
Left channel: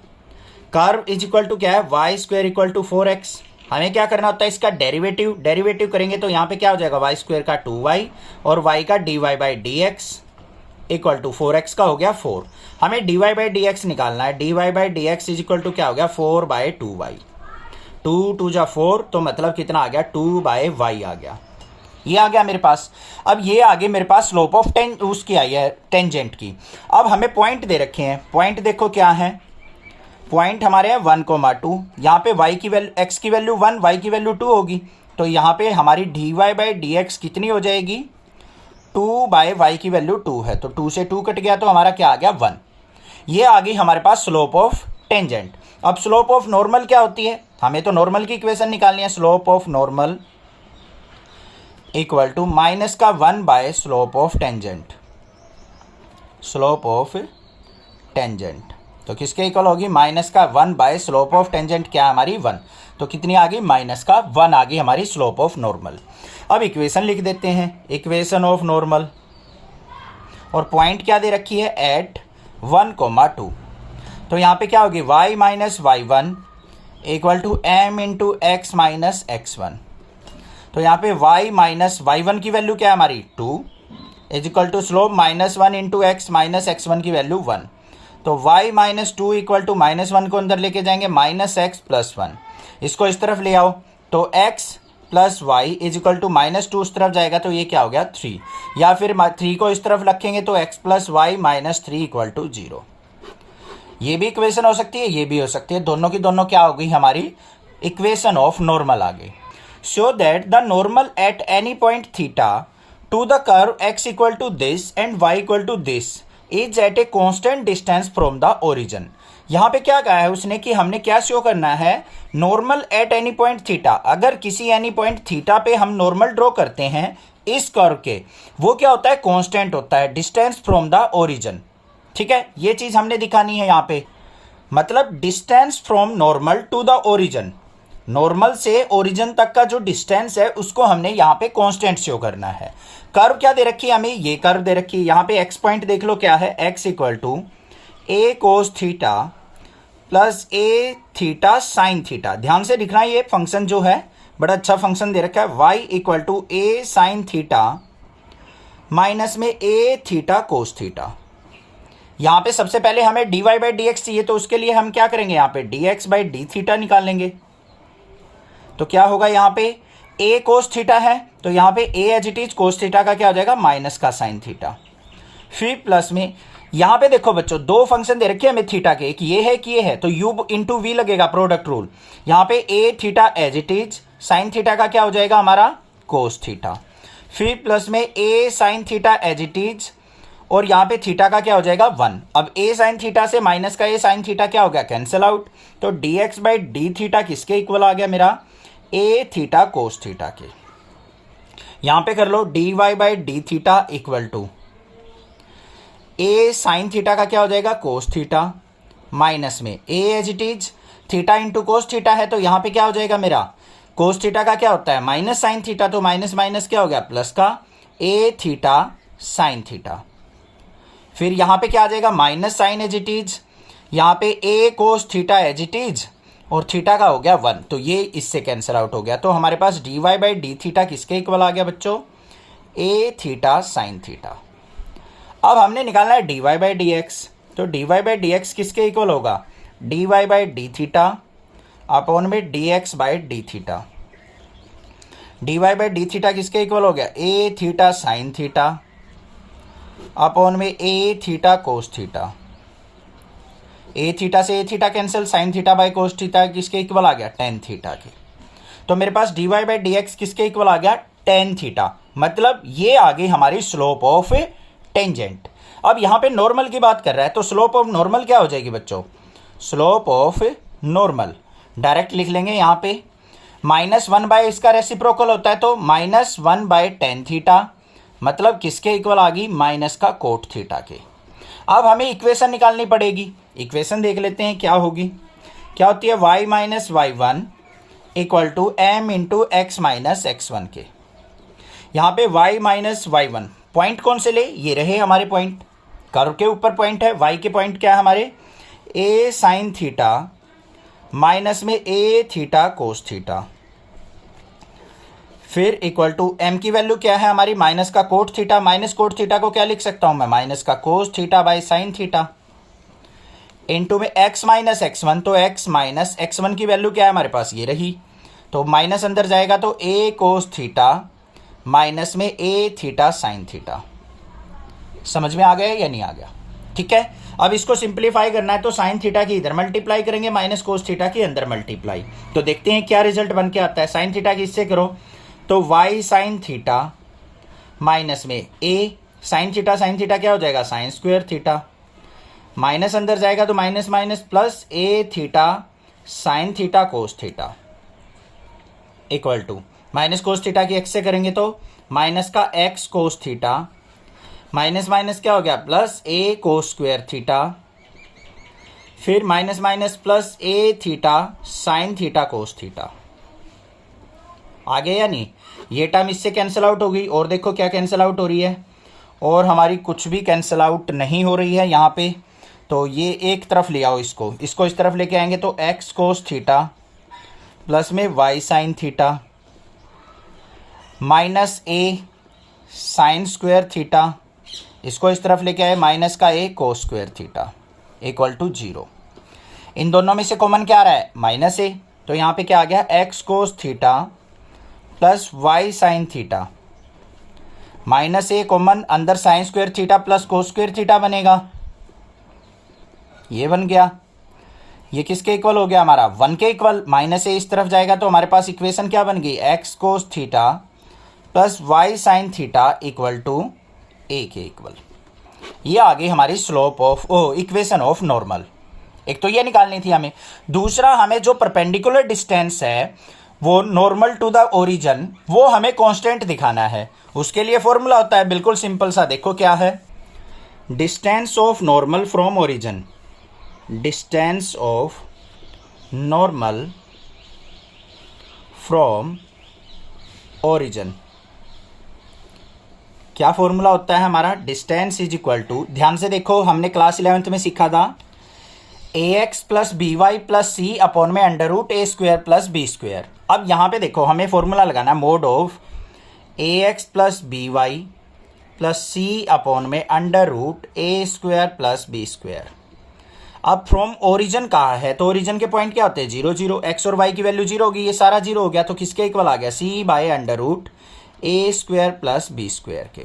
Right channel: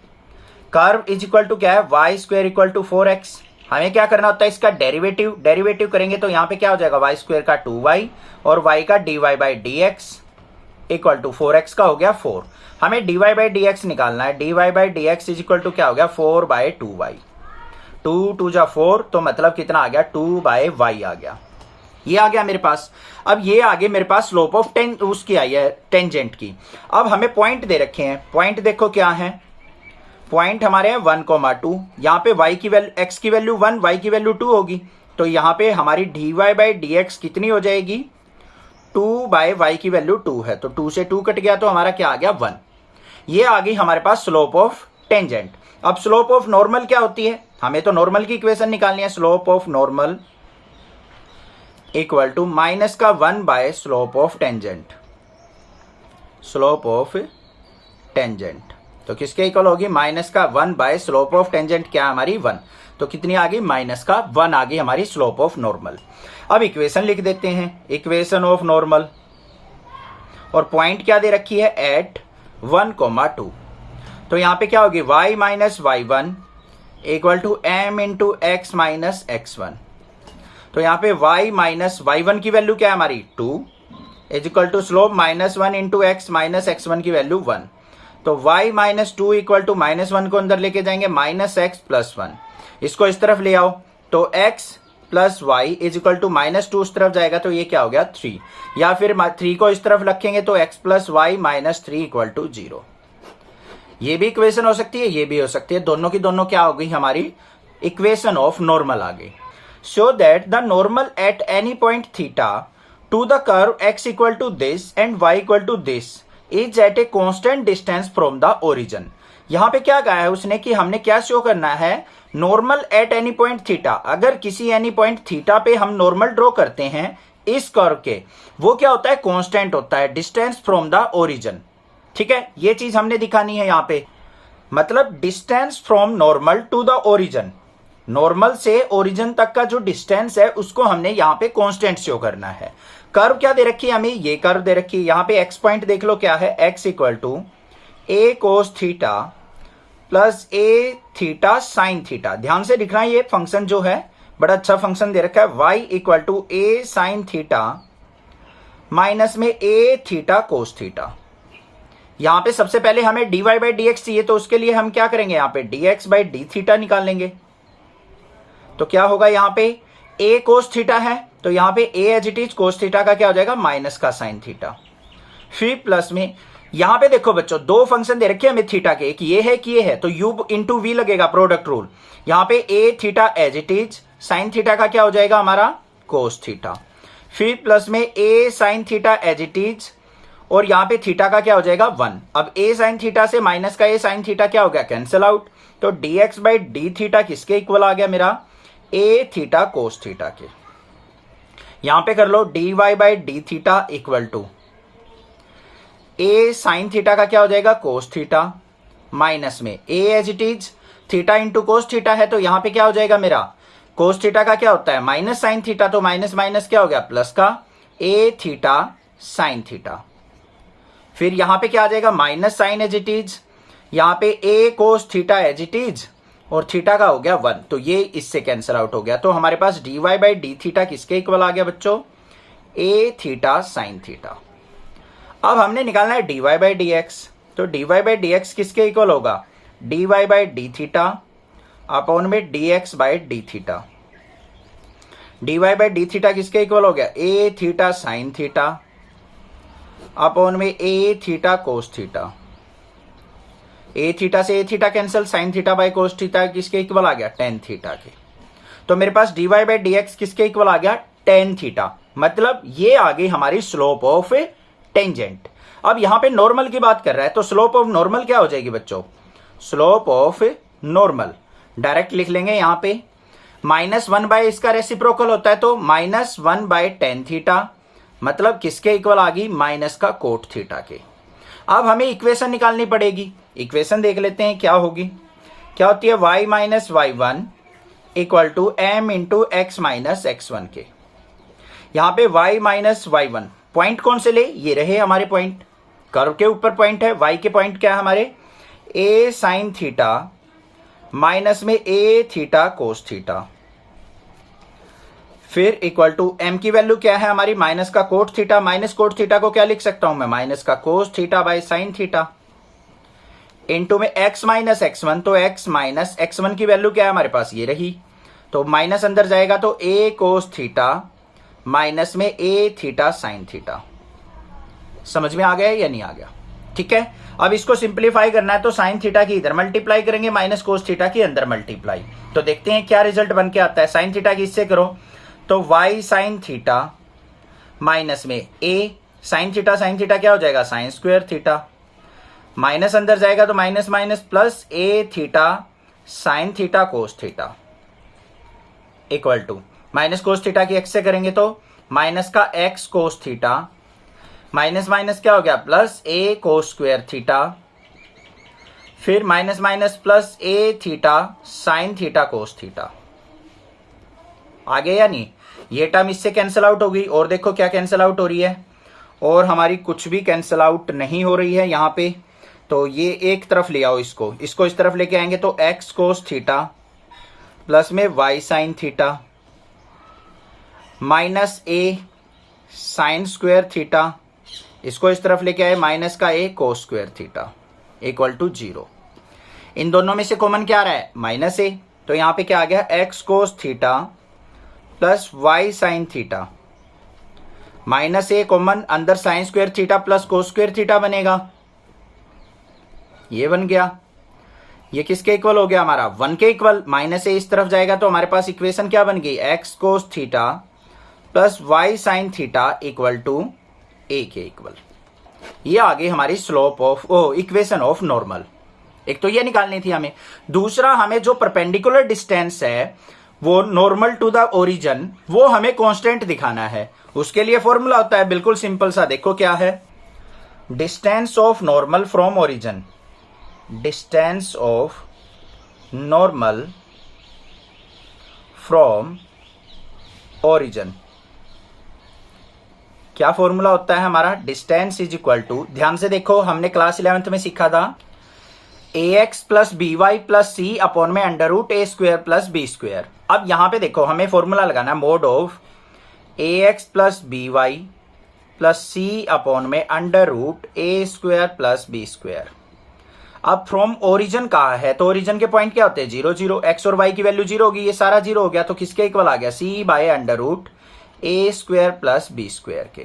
कर्व इज इक्वल टू क्या है y² इक्वल टू 4x। हमें क्या करना होता है इसका डेरिवेटिव करेंगे तो यहां पे क्या हो जाएगा y² का 2y और y का dy/dx इक्वल टू 4x का हो गया 4। हमें dy/dx निकालना है, dy/dx इज इक्वल टू क्या हो गया 4/2y, 2 जा 4 तो मतलब कितना आ गया 2/y आ गया। ये आ गया मेरे पास। अब ये आगे मेरे पास स्लोप ऑफ उसकी आई है टेंजेंट की। अब हमें पॉइंट दे रखे हैं, पॉइंट देखो क्या है, पॉइंट हमारे हैं 1,2। यहाँ पे y की वैल्यू x की वैल्यू 1 y की वैल्यू 2 होगी, तो यहाँ पे हमारी dy/dx कितनी हो जाएगी 2/y की वैल्यू 2 है, तो 2 से 2 कट गया तो हमारा क्या आ गया 1। ये आ गई हमारे पास स्लोप ऑफ टेंजेंट। अब स्लोप ऑफ नॉर्मल क्या होती है, हमें तो नॉर्मल की इक्वेशन निकालनी है। Slope of normal equal to minus का 1 by slope of tangent, slope of tangent. तो किसके इक्वल होगी? माइनस का 1 बाय स्लोप ऑफ टेंजेंट क्या हमारी 1, तो कितनी आ गई? माइनस का 1 आ गई हमारी स्लोप ऑफ नॉर्मल। अब इक्वेशन लिख देते हैं, इक्वेशन ऑफ नॉर्मल, और पॉइंट क्या दे रखी है? एट 1,2। तो यहाँ पे क्या होगी? y minus y1 equal to m into x minus x1। तो यहाँ पे y माइनस y1 की वैल्यू क्या है हमारी? 2 is equal to slope minus 1 into x minus x1 की वैल्यू 1। तो y minus 2 equal to minus 1 को अंदर लेके जाएंगे, माइनस एक्स प्लस 1। इसको इस तरफ ले आओ तो x plus y is equal to minus 2 उस तरफ जाएगा तो ये क्या हो गया? 3। या फिर 3 को इस तरफ रखेंगे तो x plus y minus 3 equal to 0। ये भी इक्वेशन हो सकती है, ये भी हो सकती है, दोनों की दोनों क्या हो गई हमारी? इक्वेशन ऑफ नॉर्मल आ गई। Show that the normal at any point theta to the curve x equal to this and y equal to this is at a constant distance from the origin. यहाँ पे क्या कहा है उसने कि हमने क्या शो करना है? Normal at any point theta. अगर किसी एनी पॉइंट थीटा पे हम नॉर्मल ड्रॉ करते हैं इस कर्व के, वो क्या होता है? कांस्टेंट होता है, डिस्टेंस फ्रॉम द ओरिजिन। ठीक है, ये चीज हमने दिखानी है यहाँ पे, मतलब distance from normal to the origin, normal से ओरिजिन तक का जो डिस्टेंस है उसको हमने यहाँ पे कांस्टेंट शो करना है। कर्व क्या दे रखी है हमें? ये कर्व दे रखी है। यहाँ पे एक्स पॉइंट देख लो क्या है? X equal to a cos theta plus A theta sine theta. ध्यान से दिखना, ये फंक्शन जो है बड़ा अच्छा फंक्शन दे रखा है। Y equal to a sine theta minus में ए थीटा कोस थीटा। यहां पे सबसे पहले हमें dy बाई डी एक्स चाहिए, तो उसके लिए हम क्या करेंगे? यहाँ पे dx बाई डी थीटा निकाल लेंगे। तो क्या होगा? यहाँ पे a कोस थीटा है तो यहाँ पे a as it is cos theta का क्या हो जाएगा? माइनस का साइन थीटा। फिर प्लस में यहाँ पे देखो बच्चों, दो फंक्शन दे रखे हैं हमें थीटा के, एक ये है कि ये है, तो u इंटू वी लगेगा, प्रोडक्ट रूल। यहाँ पे a theta as it is, sine theta का क्या हो जाएगा हमारा? Cos theta. फिर प्लस में a sine theta as it is, और यहाँ पे थीटा का क्या हो जाएगा? 1। अब a साइन थीटा से माइनस का a साइन थीटा क्या हो गया? Cancel out. तो dx बाई डी थीटा किसके इक्वल आ गया मेरा? a थीटा कोस थीटा के। यहां पे कर लो dy by d theta equal to a sine theta का क्या हो जाएगा? कोस थीटा, माइनस में a as it is, theta into cos theta है तो यहां पे क्या हो जाएगा मेरा? कोस थीटा का क्या होता है? माइनस साइन थीटा, तो माइनस माइनस क्या हो गया? प्लस का a थीटा साइन थीटा। फिर यहां पे क्या आ जाएगा? Minus sine as it is, यहां पे a cos theta as it is, और थीटा का हो गया 1, तो ये इससे कैंसिल आउट हो गया। तो हमारे पास dy बाई डी थीटा किसके इक्वल आ गया बच्चों? a theta sine theta. अब हमने निकालना है dy बाई डी एक्स, तो dy बाई डी एक्स किसके इक्वल होगा? dy by d theta upon में dx by d theta. dy by d theta किसके इक्वल हो गया? a theta sine theta upon में a theta cos theta. a theta से a theta cancel, sine theta by cos theta किसके equal आ गया? Tan theta के। तो मेरे पास dy बाई डी एक्स किसके इक्वल आ गया? Tan theta. मतलब ये आ गई हमारी स्लोप ऑफ टेंजेंट। अब यहां पे नॉर्मल की बात कर रहा है तो स्लोप ऑफ नॉर्मल क्या हो जाएगी बच्चों? स्लोप ऑफ नॉर्मल डायरेक्ट लिख लेंगे यहां पे, माइनस 1 बाय इसका रेसिप्रोकल होता है तो माइनस 1 बाय टेन थीटा, मतलब किसके इक्वल आ गई? माइनस का कोट थीटा के। अब हमें इक्वेशन निकालनी पड़ेगी। इक्वेशन देख लेते हैं क्या होगी। क्या होती है? y minus y1 equal to m into x minus x1 के। यहां पे y माइनस y1 पॉइंट कौन से ले? ये रहे हमारे पॉइंट, कर्व के ऊपर पॉइंट है। y के पॉइंट क्या है हमारे? a साइन थीटा माइनस में a थीटा कोस थीटा। फिर इक्वल टू m की वैल्यू क्या है हमारी? माइनस का cot theta. Minus cot theta को क्या लिख सकता हूं मैं? माइनस का cos theta by sine theta into में x माइनस x1, तो x माइनस x1 की वैल्यू क्या है हमारे पास? ये रही, तो माइनस अंदर जाएगा तो a कोस थीटा माइनस में a थीटा साइन थीटा। समझ में आ गया या नहीं आ गया? ठीक है, अब इसको सिंप्लीफाई करना है तो साइन थीटा की इधर मल्टीप्लाई करेंगे, माइनस कोस थीटा की अंदर मल्टीप्लाई, तो देखते हैं क्या रिजल्ट बन के आता है। साइन थीटा की इससे करो तो y साइन थीटा माइनस में a साइन थीटा क्या हो जाएगा? साइन स्क्वायर थीटा, माइनस अंदर जाएगा तो minus minus plus a theta sine theta cos theta equal to minus cos theta की एक्स से करेंगे तो माइनस का X cos theta, minus minus क्या हो गया plus A cos square theta, फिर माइनस माइनस प्लस ए theta sine theta cos theta. आगे या नहीं, ये टर्म इससे कैंसिल आउट हो गई और देखो क्या कैंसिल आउट हो रही है, और हमारी कुछ भी कैंसिल आउट नहीं हो रही है यहाँ पे। तो ये एक तरफ ले आओ, इसको इस तरफ लेके आएंगे तो एक्स कोस थीटा प्लस में Y sine theta minus A sine square theta, इसको इस तरफ लेके आए माइनस का A cos square theta equal to 0। इन दोनों में से कॉमन क्या आ रहा है माइनस ए, तो यहाँ पे क्या आ गया X cos theta plus Y sine theta, minus A common, अंदर sine square theta plus cos square theta बनेगा, ये बन गया। ये किसके इक्वल हो गया हमारा 1 के इक्वल। माइनस ए इस तरफ जाएगा तो हमारे पास इक्वेशन क्या बन गई X cos theta plus Y sine theta equal to A के इक्वल। ये आ गई हमारी slope of equation of normal. एक तो ये निकालनी थी हमें, दूसरा हमें जो परपेंडिकुलर डिस्टेंस है वो नॉर्मल टू द ओरिजिन वो हमें कांस्टेंट दिखाना है। उसके लिए फॉर्मूला होता है बिल्कुल सिंपल सा, देखो क्या है, distance of normal from origin, distance of normal from origin. क्या फॉर्मूला होता है हमारा, डिस्टेंस इज इक्वल टू, ध्यान से देखो हमने क्लास 11th में सीखा था ax plus B Y plus C upon में under root A square plus B square. अब यहां पे देखो हमें फॉर्मूला लगाना mod of ax plus B Y plus C upon में under root A square plus B square. अब from origin कहा है तो ओरिजिन के पॉइंट क्या होते हैं 0 0, एक्स और वाई की वैल्यू 0 होगी, ये सारा 0 हो गया तो किसके इक्वल आ गया C by under root A square plus B square के।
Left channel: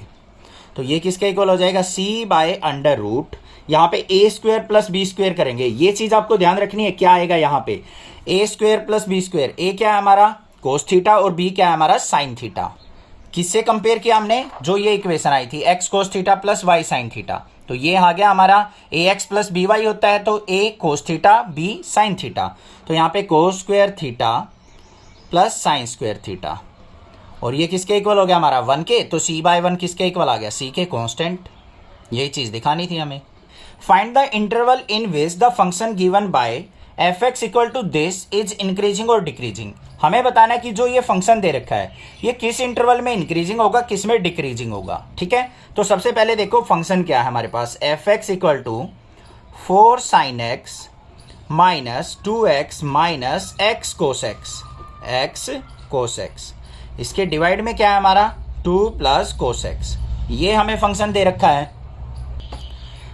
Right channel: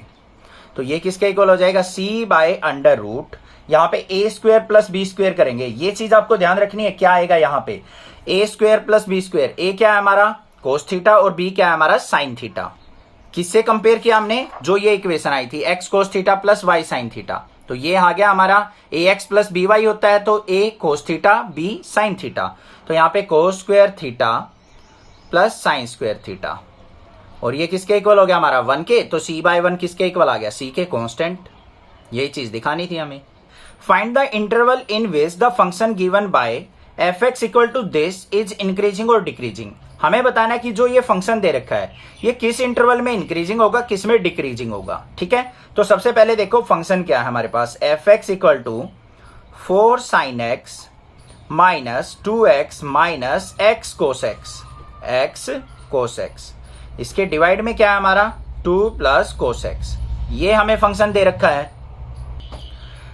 तो ये किसके इक्वल हो जाएगा सी बाय अंडर रूट, यहाँ पे ए स्क्वायर प्लस बी स्क्वायर करेंगे, ये चीज आपको ध्यान रखनी है क्या आएगा यहाँ पे ए स्क्वायर प्लस बी स्क्वायर। ए क्या है हमारा कोस थीटा और बी क्या है हमारा साइन थीटा। किससे कंपेयर किया हमने, जो ये इक्वेशन आई थी X cos theta plus Y sine theta, तो ये आ गया हमारा A X plus B Y होता है तो A cos theta B sine theta, तो यहाँ पे cos square theta plus sine square theta, और ये किसके इक्वल हो गया हमारा 1 के, तो सी बाय 1 किसके इक्वल आ गया सी के कांस्टेंट। यही चीज दिखानी थी हमें। Find the interval in which the function given by f x equal to this is increasing और डिक्रीजिंग। हमें बताना है कि जो ये फंक्शन दे रखा है ये किस इंटरवल में इंक्रीजिंग होगा किस में डिक्रीजिंग होगा। ठीक है, तो सबसे पहले देखो फंक्शन क्या है हमारे पास, F x equal to 4 sine X minus 2x minus X cos X, इसके डिवाइड में क्या है हमारा 2 प्लस कोस एक्स, ये हमें फंक्शन दे रखा है।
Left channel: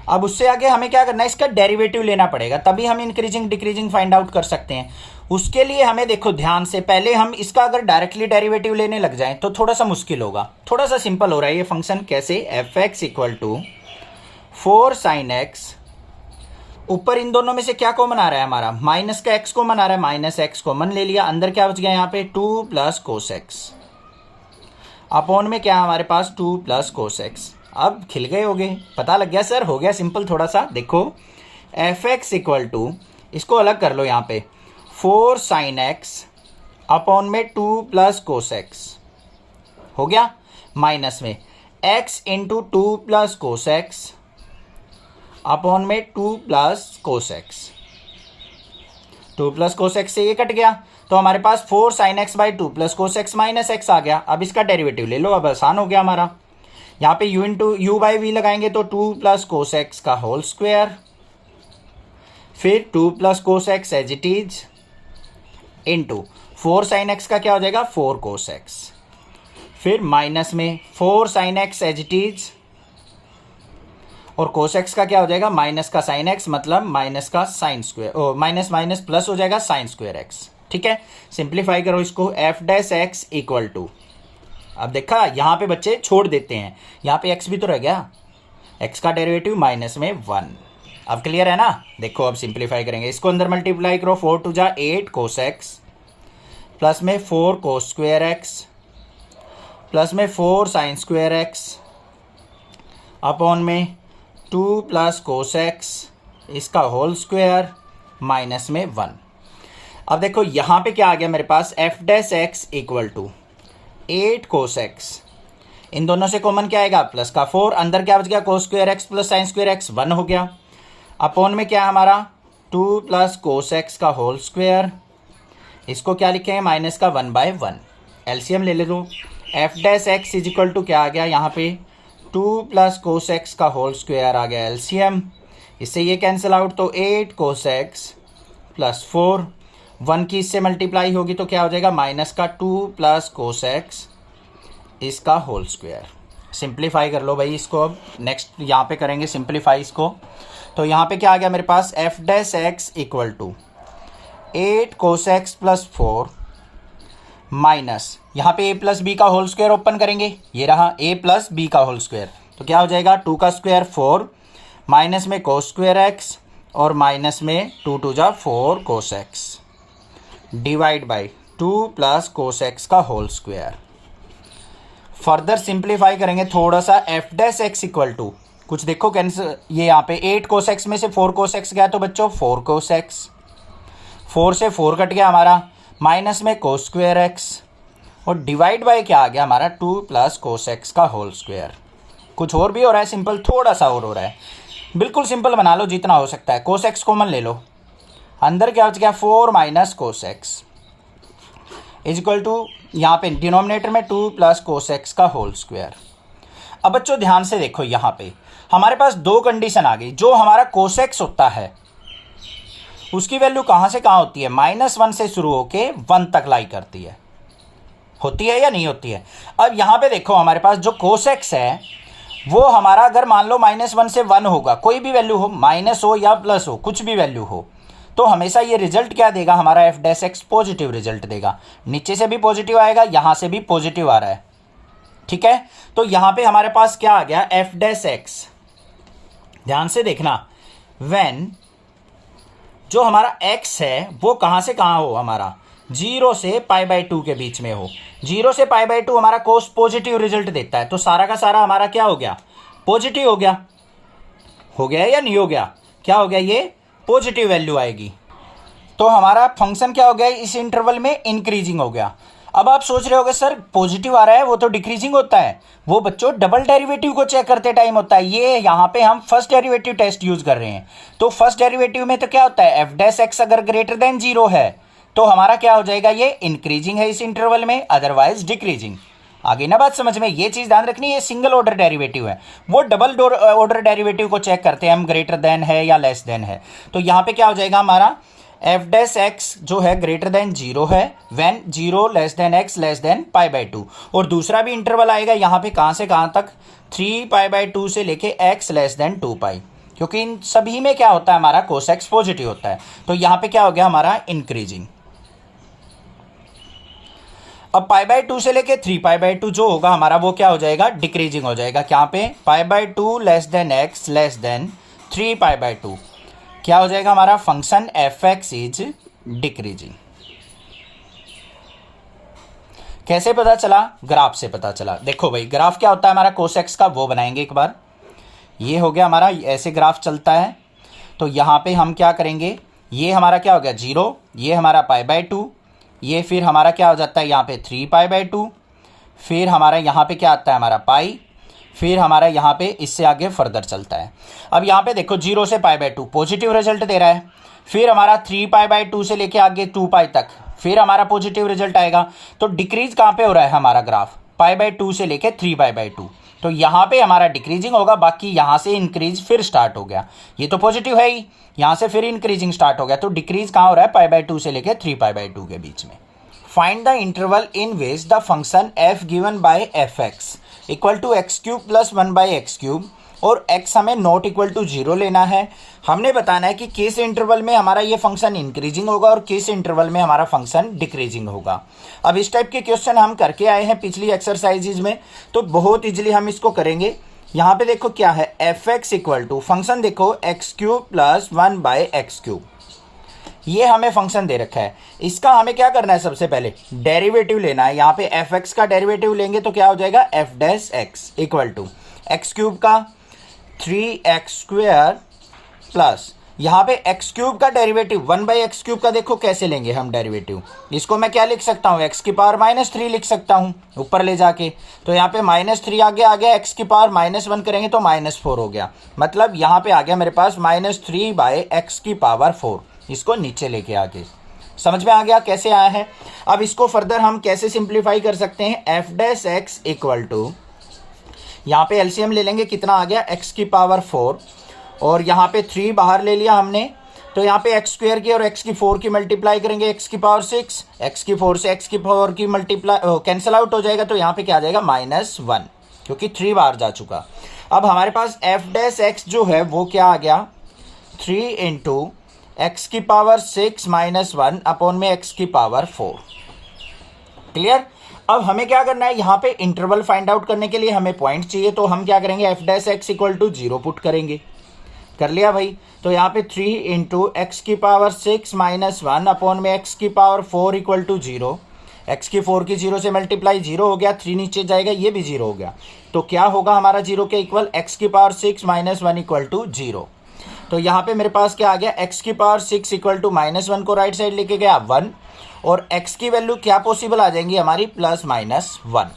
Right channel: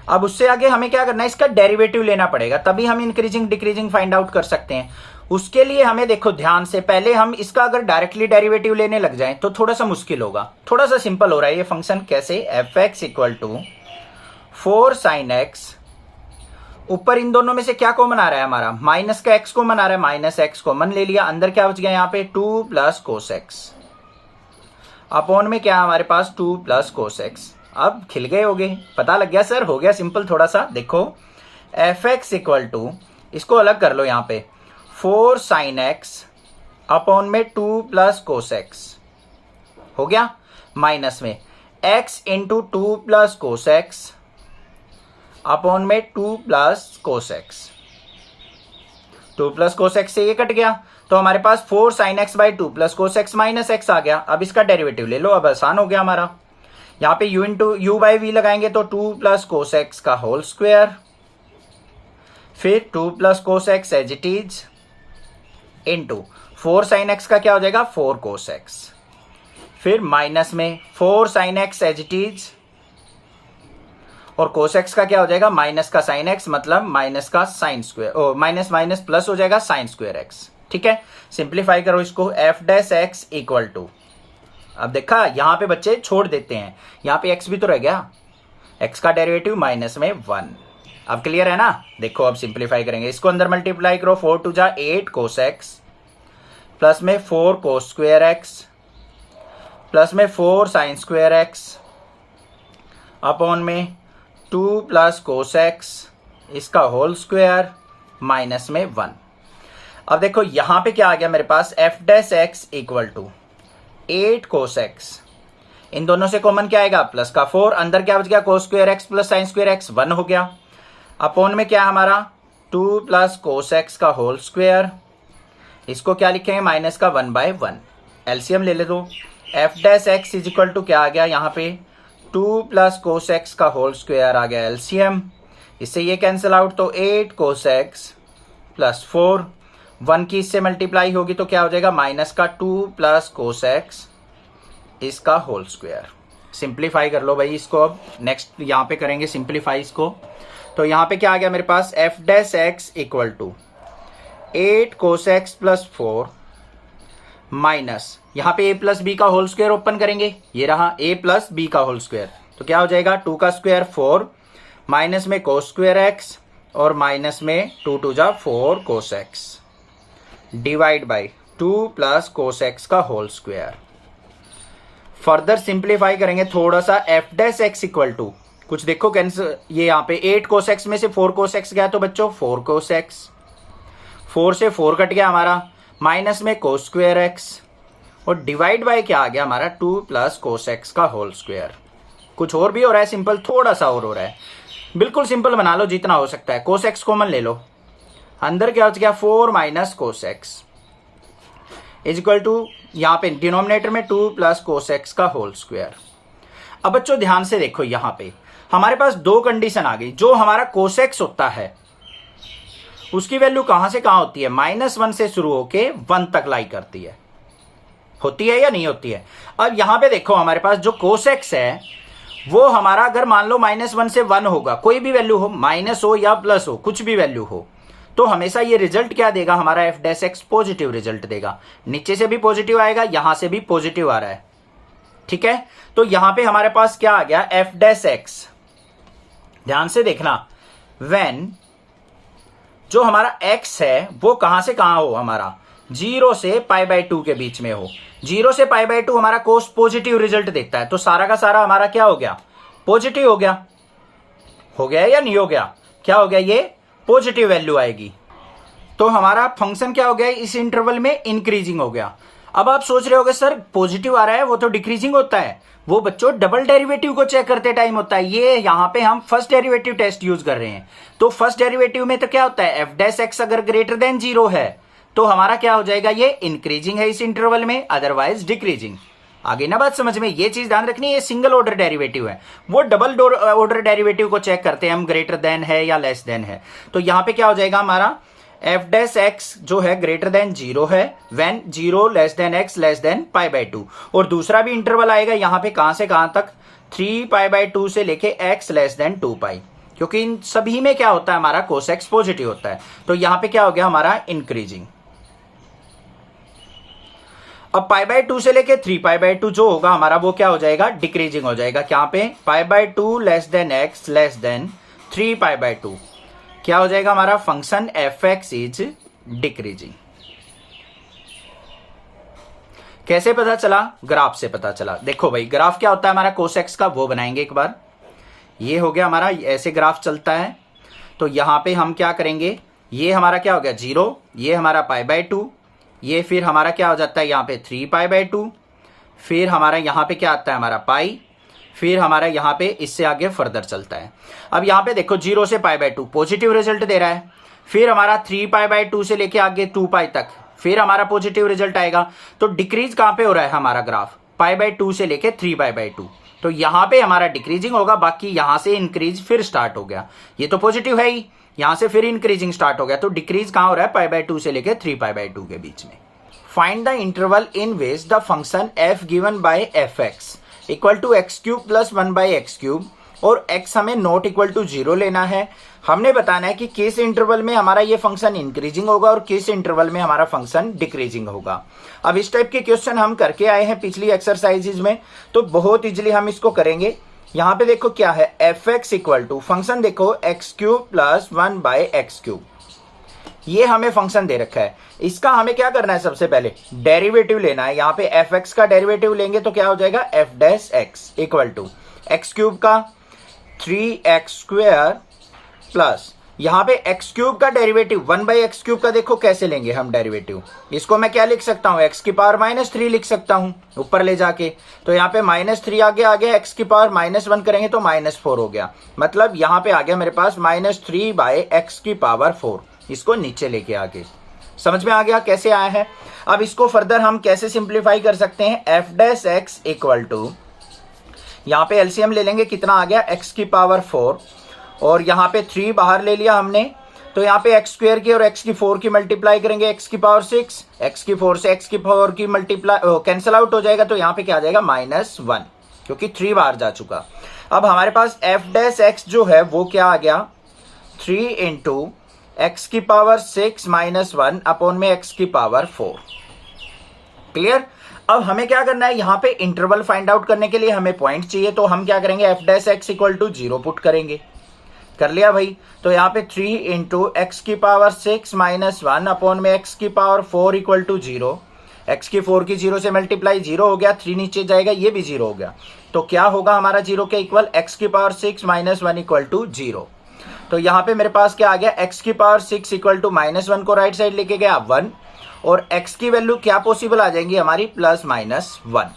अब उससे आगे हमें क्या करना है, इसका डेरिवेटिव लेना पड़ेगा, तभी हम इंक्रीजिंग डिक्रीजिंग फाइंड आउट कर सकते हैं। उसके लिए हमें देखो ध्यान से, पहले हम इसका अगर डायरेक्टली डेरिवेटिव लेने लग जाएं तो थोड़ा सा मुश्किल होगा, थोड़ा सा सिंपल हो रहा है ये फंक्शन। कैसे, f x equal to 4 sine x, ऊपर इन दोनों में से क्या कॉमन आ रहा है हमारा, माइनस का एक्स कॉमन आ रहा है, माइनस एक्स कॉमन ले लिया, अंदर क्या बच गया यहाँ पे 2 प्लस कोस एक्स, अपॉन में क्या है हमारे पास 2 प्लस कोस एक्स। अब खिल गए होगे, पता लग गया सर, हो गया सिंपल थोड़ा सा। देखो एफ एक्स इक्वल टू, इसको अलग कर लो यहाँ पे 4 साइन एक्स अपॉन में 2 प्लस कोस एक्स हो गया, माइनस में x into 2 plus cos X upon में 2 plus cos X, 2 plus cos X से ये कट गया तो हमारे पास 4 sine X by 2 plus cos X minus X आ गया। अब इसका डेरिवेटिव ले लो, अब आसान हो गया हमारा। यहाँ पे u into u by v लगाएंगे तो 2 प्लस कोस एक्स का होल स्क्वायर, फिर 2 plus cos x as it is into 4 sine x का क्या हो जाएगा 4 कोस एक्स, फिर माइनस में 4 sine x as it is, और कोस एक्स का क्या हो जाएगा माइनस का साइन एक्स, मतलब माइनस का sine square, minus minus plus हो जाएगा साइन स्क्वायर एक्स। ठीक है, सिंप्लीफाई करो इसको, f dash x equal to, अब देखा यहाँ पे बच्चे छोड़ देते हैं, यहाँ पे x भी तो रह गया, x का डेरिवेटिव माइनस में 1। अब क्लियर है ना, देखो अब सिंप्लीफाई करेंगे, इसको अंदर मल्टीप्लाई करो, 4 टू जा 8 कोस एक्स प्लस में 4 कोस स्क्वायर एक्स प्लस में 4 साइन स्क्वायर एक्स अपॉन में 2 प्लस कोस एक्स इसका होल स्क्वायर माइनस में 1। अब देखो यहाँ पे क्या आ गया मेरे पास, F dash x equal to 8 cos x, इन दोनों से कॉमन क्या आएगा प्लस का 4, अंदर क्या बच गया cos square x plus sine square x 1 हो गया, अपॉन में क्या है हमारा 2 प्लस कोस एक्स का होल स्क्वायर, इसको क्या लिखेंगे माइनस का 1/1, एलसीएम ले ले दो, f dash x is equal to क्या आ गया यहाँ पे 2 प्लस कोस एक्स का होल स्क्वायर आ गया एलसीएम, इससे ये कैंसिल आउट तो 8 कोस एक्स प्लस 4, 1 की इससे मल्टीप्लाई होगी तो क्या हो जाएगा माइनस का 2 प्लस कोस एक्स इसका होल स्क्वायर। सिंप्लीफाई कर लो भाई इसको, अब नेक्स्ट यहाँ पे करेंगे सिंप्लीफाई इसको, तो यहाँ पे क्या आ गया मेरे पास F dash x equal to 8 cos x plus 4 minus यहाँ पे a प्लस बी का होल स्क्वायर ओपन करेंगे, ये रहा a प्लस बी का होल स्क्वायर, तो क्या हो जाएगा 2 का स्क्वायर 4 माइनस में कोस स्क्वायर एक्स और माइनस में 2 2 जा 4 cos x divide by 2 plus cos x का होल स्क्वायर। फर्दर सिंप्लीफाई करेंगे थोड़ा सा, f dash x equal to कुछ देखो कैंसिल, ये यहाँ पे 8 कोस एक्स में से 4 कोस एक्स गया तो बच्चों 4 कोस एक्स, 4 से 4 कट गया हमारा, माइनस में कोस स्क्वायर एक्स और डिवाइड बाय क्या आ गया हमारा 2 प्लस कोस एक्स का होल स्क्वायर। कुछ और भी हो रहा है सिंपल, थोड़ा सा और हो रहा है, बिल्कुल सिंपल बना लो जितना हो सकता है। कोस एक्स कॉमन ले लो, अंदर क्या हो गया 4 minus cos x is equal to यहाँ पे डिनोमिनेटर में 2 प्लस कोस एक्स का होल स्क्वायर। अब बच्चों ध्यान से देखो, यहाँ पे हमारे पास दो कंडीशन आ गई, जो हमारा कोस एक्स होता है उसकी वैल्यू कहां से कहां होती है, -1 से शुरू होके 1 तक लाई करती है, होती है या नहीं होती है। अब यहां पे देखो हमारे पास जो कोस एक्स है वो हमारा अगर मान लो -1 से 1 होगा, कोई भी वैल्यू हो, माइनस हो या प्लस हो, कुछ भी वैल्यू हो, तो हमेशा ये रिजल्ट क्या देगा हमारा F dash x positive result देगा, नीचे से भी पॉजिटिव आएगा, यहां से भी पॉजिटिव आ रहा है, ठीक है। तो यहां पे हमारे पास क्या आ गया एफ डैश एक्स, ध्यान से देखना, व्हेन जो हमारा x है वो कहां से कहां हो हमारा 0 से π/2 के बीच में हो, 0 से π/2 हमारा कोस पॉजिटिव रिजल्ट देता है, तो सारा का सारा हमारा क्या हो गया पॉजिटिव हो गया या नहीं हो गया, क्या हो गया ये पॉजिटिव वैल्यू आएगी, तो हमारा फंक्शन क्या हो गया इस इंटरवल में इंक्रीजिंग हो गया। अब आप सोच रहे होगे सर पॉजिटिव आ रहा है वो तो डिक्रीजिंग होता है, वो बच्चों डबल डेरिवेटिव को चेक करते टाइम होता है, ये यहाँ पे हम फर्स्ट डेरिवेटिव टेस्ट यूज कर रहे हैं, तो फर्स्ट डेरिवेटिव में तो क्या होता है एफ डैश एक्स अगर ग्रेटर देन 0 है तो हमारा क्या हो जाएगा ये इंक्रीजिंग है इस इंटरवल में, अदरवाइज डिक्रीजिंग। आगे ना बात समझ में, ये चीज ध्यान रखनी है, सिंगल ऑर्डर डेरिवेटिव है, वो डबल ऑर्डर डेरिवेटिव को चेक करते हैं हम ग्रेटर देन है या लेस देन है, तो यहाँ पे क्या हो जाएगा हमारा एफ डैश एक्स जो है ग्रेटर देन 0 है when 0 less than x less than π/2, और दूसरा भी इंटरवल आएगा यहाँ पे कहां से कहां तक 3π/2 से लेके x लेस देन 2π, क्योंकि इन सभी में क्या होता है हमारा कोस एक्स पॉजिटिव होता है, तो यहाँ पे क्या हो गया हमारा इंक्रीजिंग। अब π/2 से लेके 3π/2 जो होगा हमारा वो क्या हो जाएगा डिक्रीजिंग हो जाएगा, क्या पे π/2 less than x less than 3π/2 क्या हो जाएगा हमारा function f x is decreasing. कैसे पता चला, ग्राफ से पता चला। देखो भाई ग्राफ क्या होता है हमारा कोस एक्स का, वो बनाएंगे एक बार, ये हो गया हमारा ऐसे ग्राफ चलता है, तो यहां पे हम क्या करेंगे, ये हमारा क्या हो गया 0, ये हमारा π/2, ये फिर हमारा क्या हो जाता है यहाँ पे 3π/2, फिर हमारा यहाँ पे क्या आता है हमारा पाई, फिर हमारा यहाँ पे इससे आगे फर्दर चलता है। अब यहाँ पे देखो 0 से π/2 पॉजिटिव रिजल्ट दे रहा है, फिर हमारा 3π/2 से लेके आगे 2π तक फिर हमारा पॉजिटिव रिजल्ट आएगा, तो डिक्रीज कहाँ पे हो रहा है हमारा ग्राफ π/2 से लेके 3π/2, तो यहाँ पे हमारा डिक्रीजिंग होगा, बाकी यहाँ से इंक्रीज फिर स्टार्ट हो गया, ये तो पॉजिटिव है ही, यहाँ से फिर इंक्रीजिंग स्टार्ट हो गया, तो डिक्रीज कहाँ हो रहा है π/2 से लेके 3π/2 के बीच में। Find the interval in which the function f given by f x equal to x cube plus 1/x³ और x हमें नॉट इक्वल टू 0 लेना है। हमने बताना है कि किस इंटरवल में हमारा ये फंक्शन इंक्रीजिंग होगा और किस इंटरवल में हमारा फंक्शन डिक्रीजिंग होगा। अब इस टाइप के क्वेश्चन हम करके आए हैं पिछली एक्सरसाइजेज में, तो बहुत इजीली हम इसको करेंगे। यहाँ पे देखो क्या है f x equal to function देखो x³ प्लस 1/x³, ये हमें फंक्शन दे रखा है, इसका हमें क्या करना है सबसे पहले डेरिवेटिव लेना है। यहाँ पे एफ एक्स का डेरिवेटिव लेंगे तो क्या हो जाएगा f dash x equal to x³ का 3x² प्लस यहाँ पे एक्स क्यूब का डेरिवेटिव 1/x क्यूब का देखो कैसे लेंगे हम डेरिवेटिव। इसको मैं क्या लिख सकता हूँ, x की पावर -3 लिख सकता हूँ ऊपर ले जाके। तो यहाँ पे -3 आ गया, x की पावर -1 करेंगे तो -4 हो गया। मतलब यहाँ पे आ गया मेरे पास -3/x की पावर 4। इसको नीचे लेके आके समझ में आ गया कैसे आया है। अब इसको फर्दर हम कैसे सिंप्लीफाई कर सकते हैं, f' इक्वल टू, यहाँ पे एलसीएम ले लेंगे, कितना आ गया, x की पावर 4 और यहाँ पे 3 बाहर ले लिया हमने, तो यहाँ पे x² की और x की 4 की मल्टीप्लाई करेंगे, x की पावर 6, x की 4 से x की 4 की मल्टीप्लाई कैंसिल आउट हो जाएगा, तो यहाँ पे क्या आ जाएगा -1, क्योंकि 3 बाहर जा चुका। अब हमारे पास f' जो है वो क्या आ गया, 3 इंटू x की पावर 6 -1 अपॉन में x की पावर 4। क्लियर। अब हमें क्या करना है, यहाँ पे इंटरवल फाइंड आउट करने के लिए हमें पॉइंट चाहिए, तो हम क्या करेंगे, f' इक्वल टू 0 पुट करेंगे। कर लिया भाई। तो यहाँ पे 3 इंटू एक्स की पावर 6 -1 अपॉन में x की पावर 4 इक्वल टू 0। x की 4 की 0 से मल्टीप्लाई 0 हो गया, 3 नीचे जाएगा, ये भी 0 हो गया। तो क्या होगा हमारा 0 के इक्वल, x की पावर 6 -1 इक्वल टू 0। तो यहाँ पे मेरे पास क्या आ गया, x की पावर 6 इक्वल टू -1 को राइट साइड लेके गया 1, और x की वैल्यू क्या पॉसिबल आ जाएंगी हमारी, +-1,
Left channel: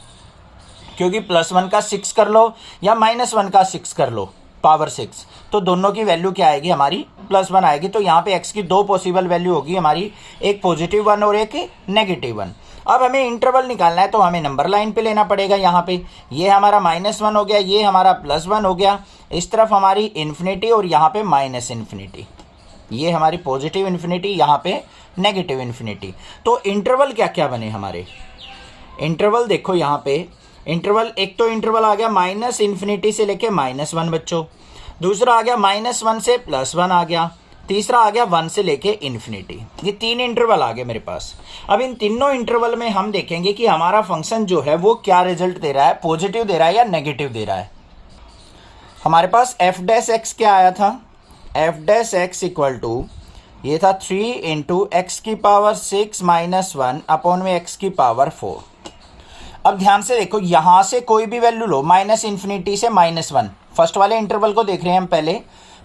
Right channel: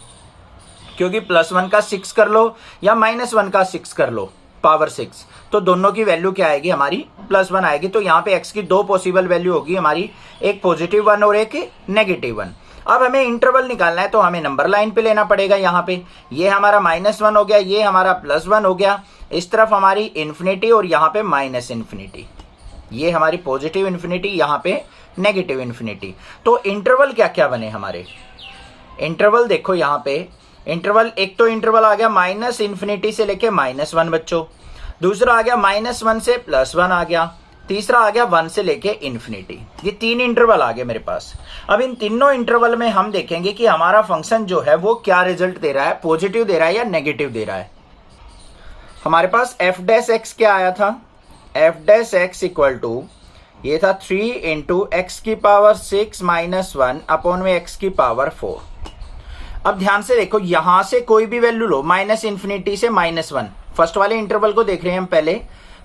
क्योंकि +1 का 6 कर लो या -1 का 6 कर लो पावर 6, तो दोनों की वैल्यू क्या आएगी हमारी, +1 आएगी। तो यहाँ पे x की 2 पॉसिबल वैल्यू होगी हमारी, एक +1 और एक -1। अब हमें इंटरवल निकालना है, तो हमें नंबर लाइन पे लेना पड़ेगा। यहाँ पे ये हमारा -1 हो गया, ये हमारा +1 हो गया, इस तरफ हमारी इन्फिनिटी और यहाँ पे -इन्फिनिटी, ये हमारी पॉजिटिव इन्फिनिटी, यहाँ पे नेगेटिव इन्फिनिटी। तो इंटरवल क्या क्या बने हमारे, इंटरवल देखो यहाँ पे, इंटरवल एक तो इंटरवल आ गया -इन्फिनिटी से लेके -1 बच्चों, दूसरा आ गया -1 से +1 आ गया, तीसरा आ गया 1 से लेके इन्फिनिटी। ये 3 इंटरवल आ गए मेरे पास। अब इन तीनों इंटरवल में हम देखेंगे कि हमारा फंक्शन जो है वो क्या रिजल्ट दे रहा है, पॉजिटिव दे रहा है या नेगेटिव दे रहा है। हमारे पास f' क्या आया था, f' इक्वल टू, ये था 3 इंटू एक्स की पावर 6 -1 अपॉन में x की पावर 4। अब ध्यान से देखो, यहां से कोई भी वैल्यू लो, -इन्फिनिटी से -1, फर्स्ट वाले इंटरवल को देख रहे हैं हम पहले,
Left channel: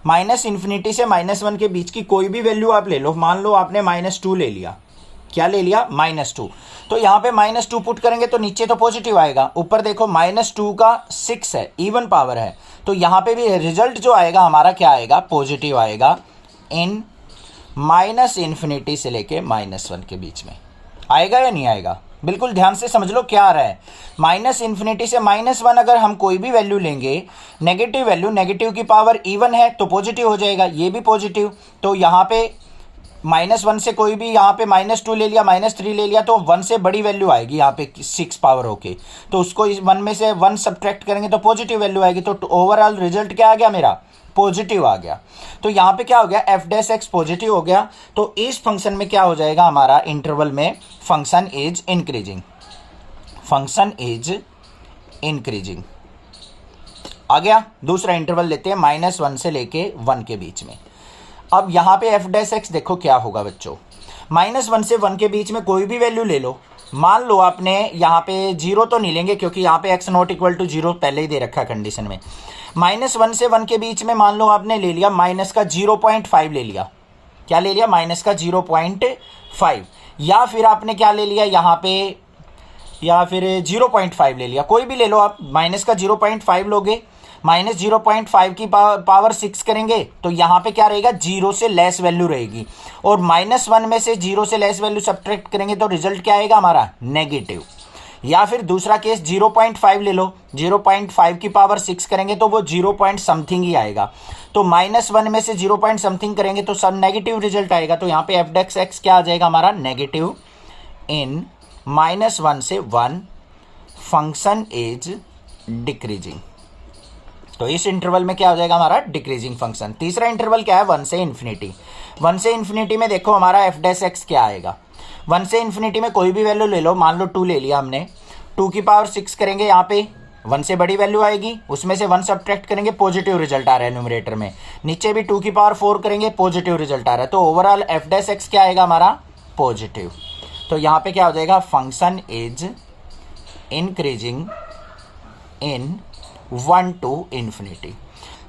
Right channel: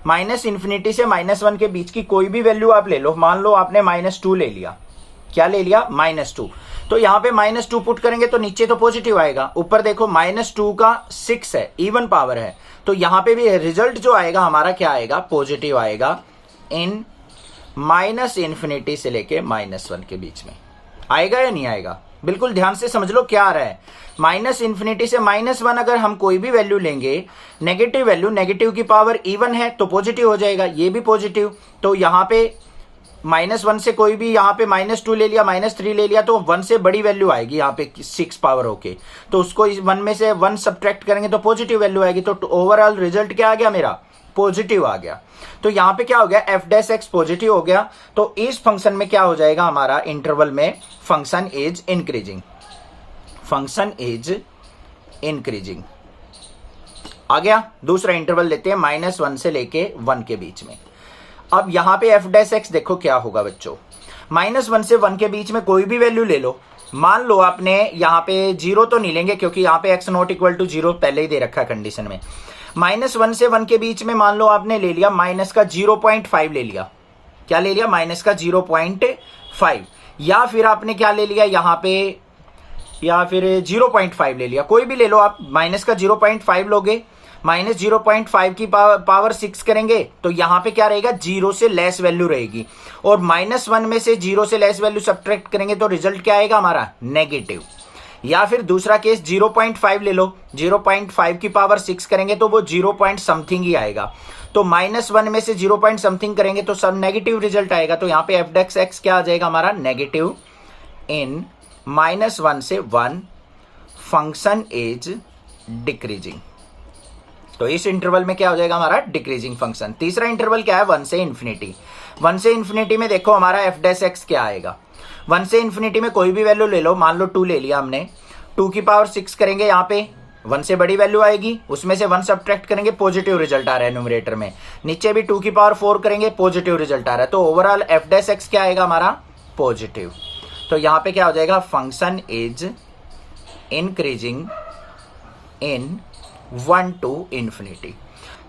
-इन्फिनिटी से -1 के बीच की कोई भी वैल्यू आप ले लो। मान लो आपने -2 ले लिया, क्या ले लिया, -2, तो यहाँ पे -2 पुट करेंगे तो नीचे तो पॉजिटिव आएगा, ऊपर देखो -2 का 6 है, इवन पावर है, तो यहाँ पे भी रिजल्ट जो आएगा हमारा क्या आएगा, पॉजिटिव आएगा, इन -इन्फिनिटी से लेके -1 के बीच में आएगा या नहीं आएगा। बिल्कुल ध्यान से समझ लो क्या आ रहा है, -इन्फिनिटी से -1 अगर हम कोई भी वैल्यू लेंगे, नेगेटिव वैल्यू, नेगेटिव की पावर इवन है तो पॉजिटिव हो जाएगा, ये भी पॉजिटिव। तो यहाँ पे -1 से कोई भी, यहाँ पे -2 ले लिया, -3 ले लिया, तो 1 से बड़ी वैल्यू आएगी यहाँ पे 6 पावर होके, तो उसको इस 1 में से 1 सब्ट्रैक्ट करेंगे तो पॉजिटिव वैल्यू आएगी। तो ओवरऑल रिजल्ट क्या आ गया मेरा, पॉजिटिव आ गया। तो यहाँ पे क्या हो गया, f' पॉजिटिव हो गया। तो इस फंक्शन में क्या हो जाएगा हमारा, इंटरवल में function is increasing, function is increasing आ गया। दूसरा इंटरवल लेते हैं -1 से लेके 1 के बीच में। अब यहाँ पे f' देखो क्या होगा बच्चों, -1 से 1 के बीच में कोई भी वैल्यू ले लो। मान लो आपने यहाँ पे 0 तो नहीं लेंगे, क्योंकि यहाँ पे x नॉट इक्वल टू 0 पहले ही दे रखा है कंडीशन में। -1 से 1 के बीच में मान लो आपने ले लिया -0.5 ले लिया, क्या ले लिया, -0.5, या फिर आपने क्या ले लिया यहाँ पे, या फिर 0.5 ले लिया, कोई भी ले लो आप। -0.5 लोगे, -0.5 की पावर 6 करेंगे तो यहाँ पे क्या रहेगा, 0 से लेस वैल्यू रहेगी, और -1 में से 0 से लेस वैल्यू सब्ट्रैक्ट करेंगे तो रिजल्ट क्या आएगा हमारा, नेगेटिव। या फिर दूसरा केस 0.5 ले लो, 0.5 की पावर 6 करेंगे तो वो 0 पॉइंट समथिंग ही आएगा, तो -1 में से 0 पॉइंट समथिंग करेंगे तो सब नेगेटिव रिजल्ट आएगा। तो यहाँ पे f' क्या आ जाएगा हमारा, नेगेटिव, इन -1 से 1 फंक्शन इज डिक्रीजिंग। तो इस इंटरवल में क्या हो जाएगा हमारा, डिक्रीजिंग फंक्शन। तीसरा इंटरवल क्या है, 1 से इन्फिनिटी। 1 से इन्फिनिटी में देखो हमारा f' क्या आएगा, 1 से इन्फिनिटी में कोई भी वैल्यू ले लो, मान लो 2 ले लिया हमने, 2 की पावर 6 करेंगे, यहाँ पे 1 से बड़ी वैल्यू आएगी, उसमें से 1 सब्ट्रैक्ट करेंगे, पॉजिटिव रिजल्ट आ रहा है न्यूमरेटर में, नीचे भी 2 की पावर 4 करेंगे, पॉजिटिव रिजल्ट आ रहा है। तो ओवरऑल f' क्या आएगा हमारा, पॉजिटिव। तो यहाँ पे क्या हो जाएगा, function is increasing in 1 to infinity.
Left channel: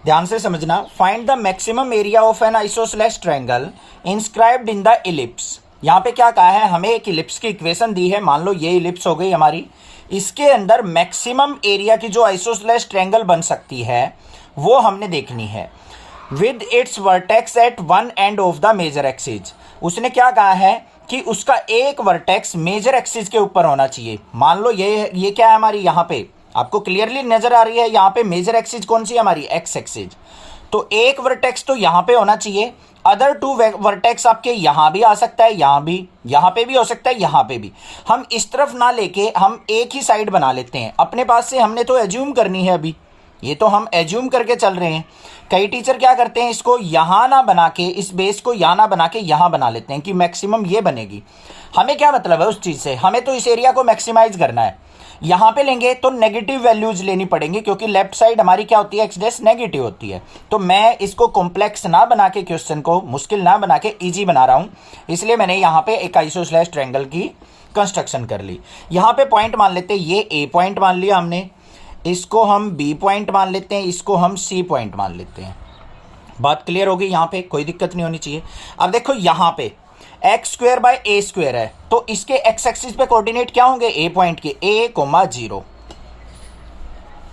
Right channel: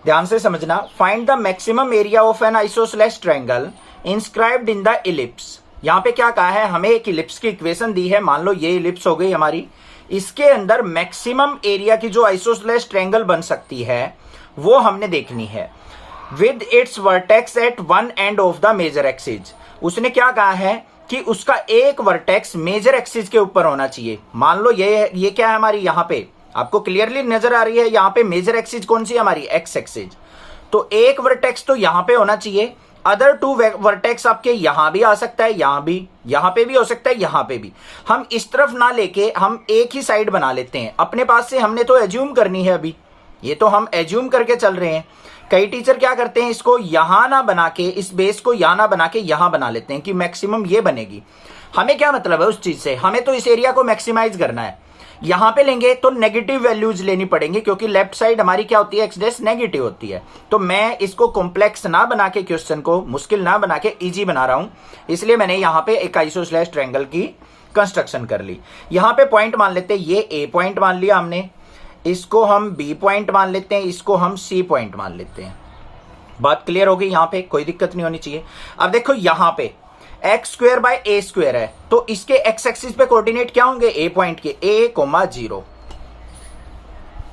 ध्यान से समझना, find the maximum area of an isosceles triangle inscribed in the ellipse. यहां पे क्या कहा है, हमें एक इलिप्स की इक्वेशन दी है, मान लो ये इलिप्स हो गई हमारी, इसके अंदर मैक्सिमम एरिया की जो आइसोसेलेस ट्रायंगल बन सकती है वो हमने देखनी है, with its vertex at one end of the major axis. उसने क्या कहा है कि उसका एक वर्टेक्स मेजर एक्सिस के ऊपर होना चाहिए। मान लो ये क्या है हमारी, यहां पे आपको क्लियरली नजर आ रही है, यहां पे मेजर एक्सिस कौन सी है हमारी, एक्स एक्सिस। तो एक वर्टेक्स तो यहां पे होना चाहिए, अदर टू वर्टेक्स आपके यहां भी आ सकता है, यहां भी, यहां पे भी हो सकता है, यहां पे भी। हम इस तरफ ना लेके हम एक ही साइड बना लेते हैं अपने पास से, हमने तो एज्यूम करनी है अभी, ये तो हम एज्यूम करके चल रहे हैं। कई टीचर क्या करते हैं, इसको यहां ना बना के, इस बेस को यहां ना बना के यहां बना लेते हैं कि मैक्सिमम ये बनेगी। हमें क्या मतलब है उस चीज से, हमें तो इस एरिया को मैक्सिमाइज करना है। यहां पे लेंगे तो नेगेटिव वैल्यूज लेनी पड़ेंगी, क्योंकि लेफ्ट साइड हमारी क्या होती है, एक्स डैश नेगेटिव होती है। तो मैं इसको कॉम्प्लेक्स ना बना के, क्वेश्चन को मुश्किल ना बना के इजी बना रहा हूं, इसलिए मैंने यहां पे एक आइसोसेलेस ट्रायंगल की कंस्ट्रक्शन कर ली। यहां पे पॉइंट मान लेते हैं, ये ए पॉइंट मान लिया हमने, इसको हम बी पॉइंट मान लेते हैं, इसको हम सी पॉइंट मान लेते हैं। बात क्लियर हो गई, यहां पे कोई दिक्कत नहीं होनी चाहिए। अब देखो यहां पे x square by A square है, तो इसके एक्स एक्सिस पे कोऑर्डिनेट क्या होंगे, ए पॉइंट के, ए कोमा 0।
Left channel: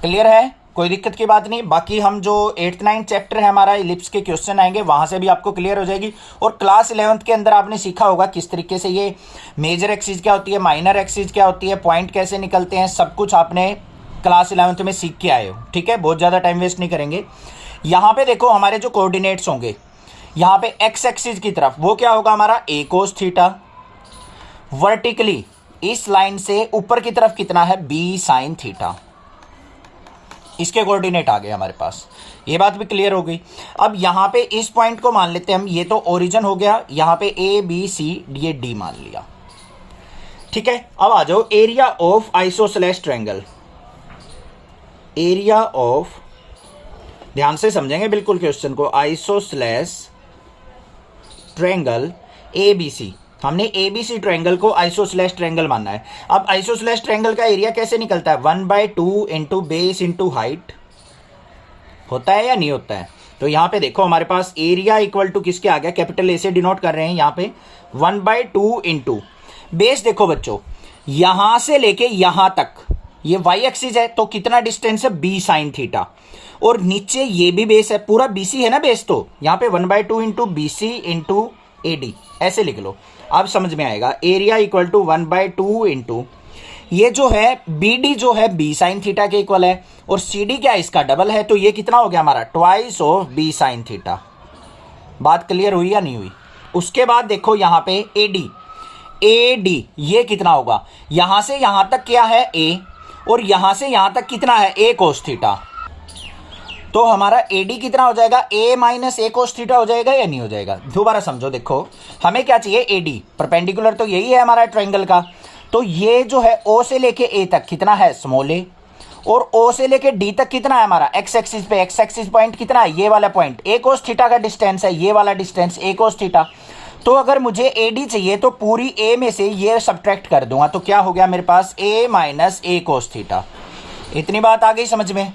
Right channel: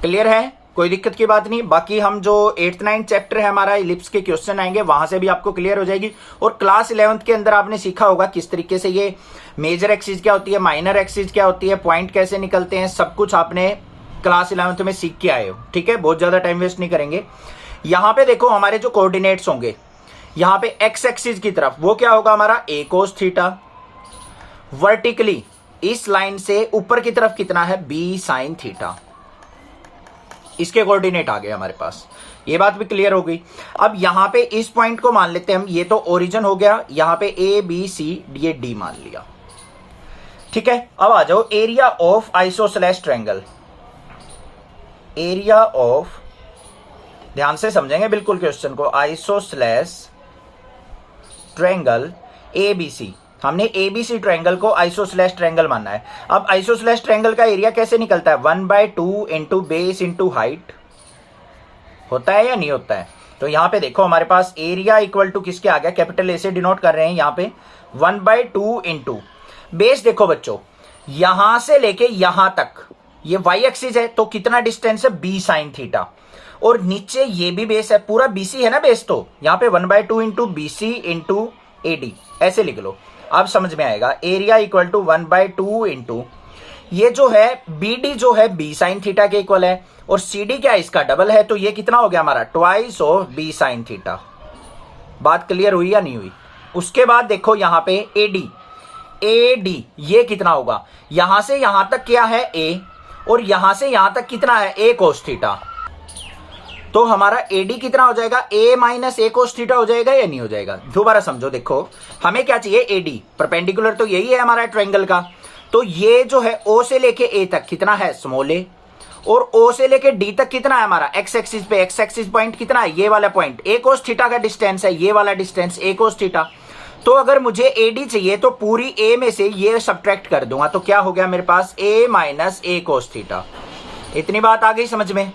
क्लियर है, कोई दिक्कत की बात नहीं। बाकी हम जो 8th 9th चैप्टर है हमारा, इलिप्स के क्वेश्चन आएंगे, वहां से भी आपको क्लियर हो जाएगी। और क्लास 11th के अंदर आपने सीखा होगा किस तरीके से ये मेजर एक्सिस क्या होती है, माइनर एक्सिस क्या होती है, पॉइंट कैसे निकलते हैं, सब कुछ आपने क्लास 11th में सीख के आए हो। ठीक है, बहुत ज्यादा टाइम वेस्ट नहीं करेंगे। यहां पे देखो हमारे जो कोऑर्डिनेट्स होंगे, यहां पे एक्स एक्सिस की तरफ वो क्या होगा हमारा, ए कोस थीटा। वर्टिकली इस लाइन से ऊपर की तरफ कितना है, बी साइन थीटा। इसके कोऑर्डिनेट आ गए हमारे पास, ये बात भी क्लियर हो गई। अब यहां पे इस पॉइंट को मान लेते हैं हम, ये तो ओरिजिन हो गया, यहां पे ए बी सी ये डी मान लिया। ठीक है, अब आ जाओ area of isosceles triangle. Area of, ध्यान से समझेंगे बिल्कुल क्वेश्चन को, आइसोसेलेस ट्रायंगल एबीसी। हमने एबीसी ट्रायंगल को आइसोसेलेस ट्रायंगल मानना है। अब आइसोसेलेस ट्रायंगल का एरिया कैसे निकलता है, 1/2 इंटू बेस इंटू हाइट होता है या नहीं होता है। तो यहां पे देखो हमारे पास एरिया इक्वल टू किसके आ गया, कैपिटल ए से डिनोट कर रहे हैं यहां पे, 1/2 इंटू बेस। देखो बच्चों, यहां से लेके यहां तक ये वाई एक्सिस है, तो कितना डिस्टेंस है, बी साइन थीटा। और नीचे ये भी बेस है, पूरा बीसी है ना बेस, तो यहां पे 1/2 इंटू बीसी इंटू एडी ऐसे लिख लो, अब समझ में आएगा। एरिया इक्वल टू 1/2 इंटू ये जो है बीडी जो है बी साइन थीटा के इक्वल है, और सीडी क्या है, इसका डबल है, तो ये कितना हो गया हमारा, twice of b sine theta. बात क्लियर हुई या नहीं हुई। उसके बाद देखो यहां पे एडी, एडी ये कितना होगा, यहां से यहां तक क्या है ए, और यहां से यहां तक कितना है, ए कोस थीटा। तो हमारा एडी कितना हो जाएगा, ए माइनस ए कोस थीटा हो जाएगा या नहीं हो जाएगा। दोबारा समझो, देखो हमें क्या चाहिए, एडी, परपेंडिकुलर तो यही है हमारा ट्रायंगल का। तो ये जो है ओ से लेके ए तक कितना है, स्मॉल ए, और ओ से लेके डी तक कितना है हमारा, एक्स एक्सिस पे, एक्स एक्सिस पॉइंट कितना है, ये वाला पॉइंट, ए कोस थीटा का डिस्टेंस है, ये वाला डिस्टेंस ए कोस थीटा। तो अगर मुझे एडी चाहिए तो पूरी ए में से ये सब्ट्रैक्ट कर दूंगा, तो क्या हो गया मेरे पास, ए माइनस ए कोस थीटा। इतनी बात आ गई समझ में।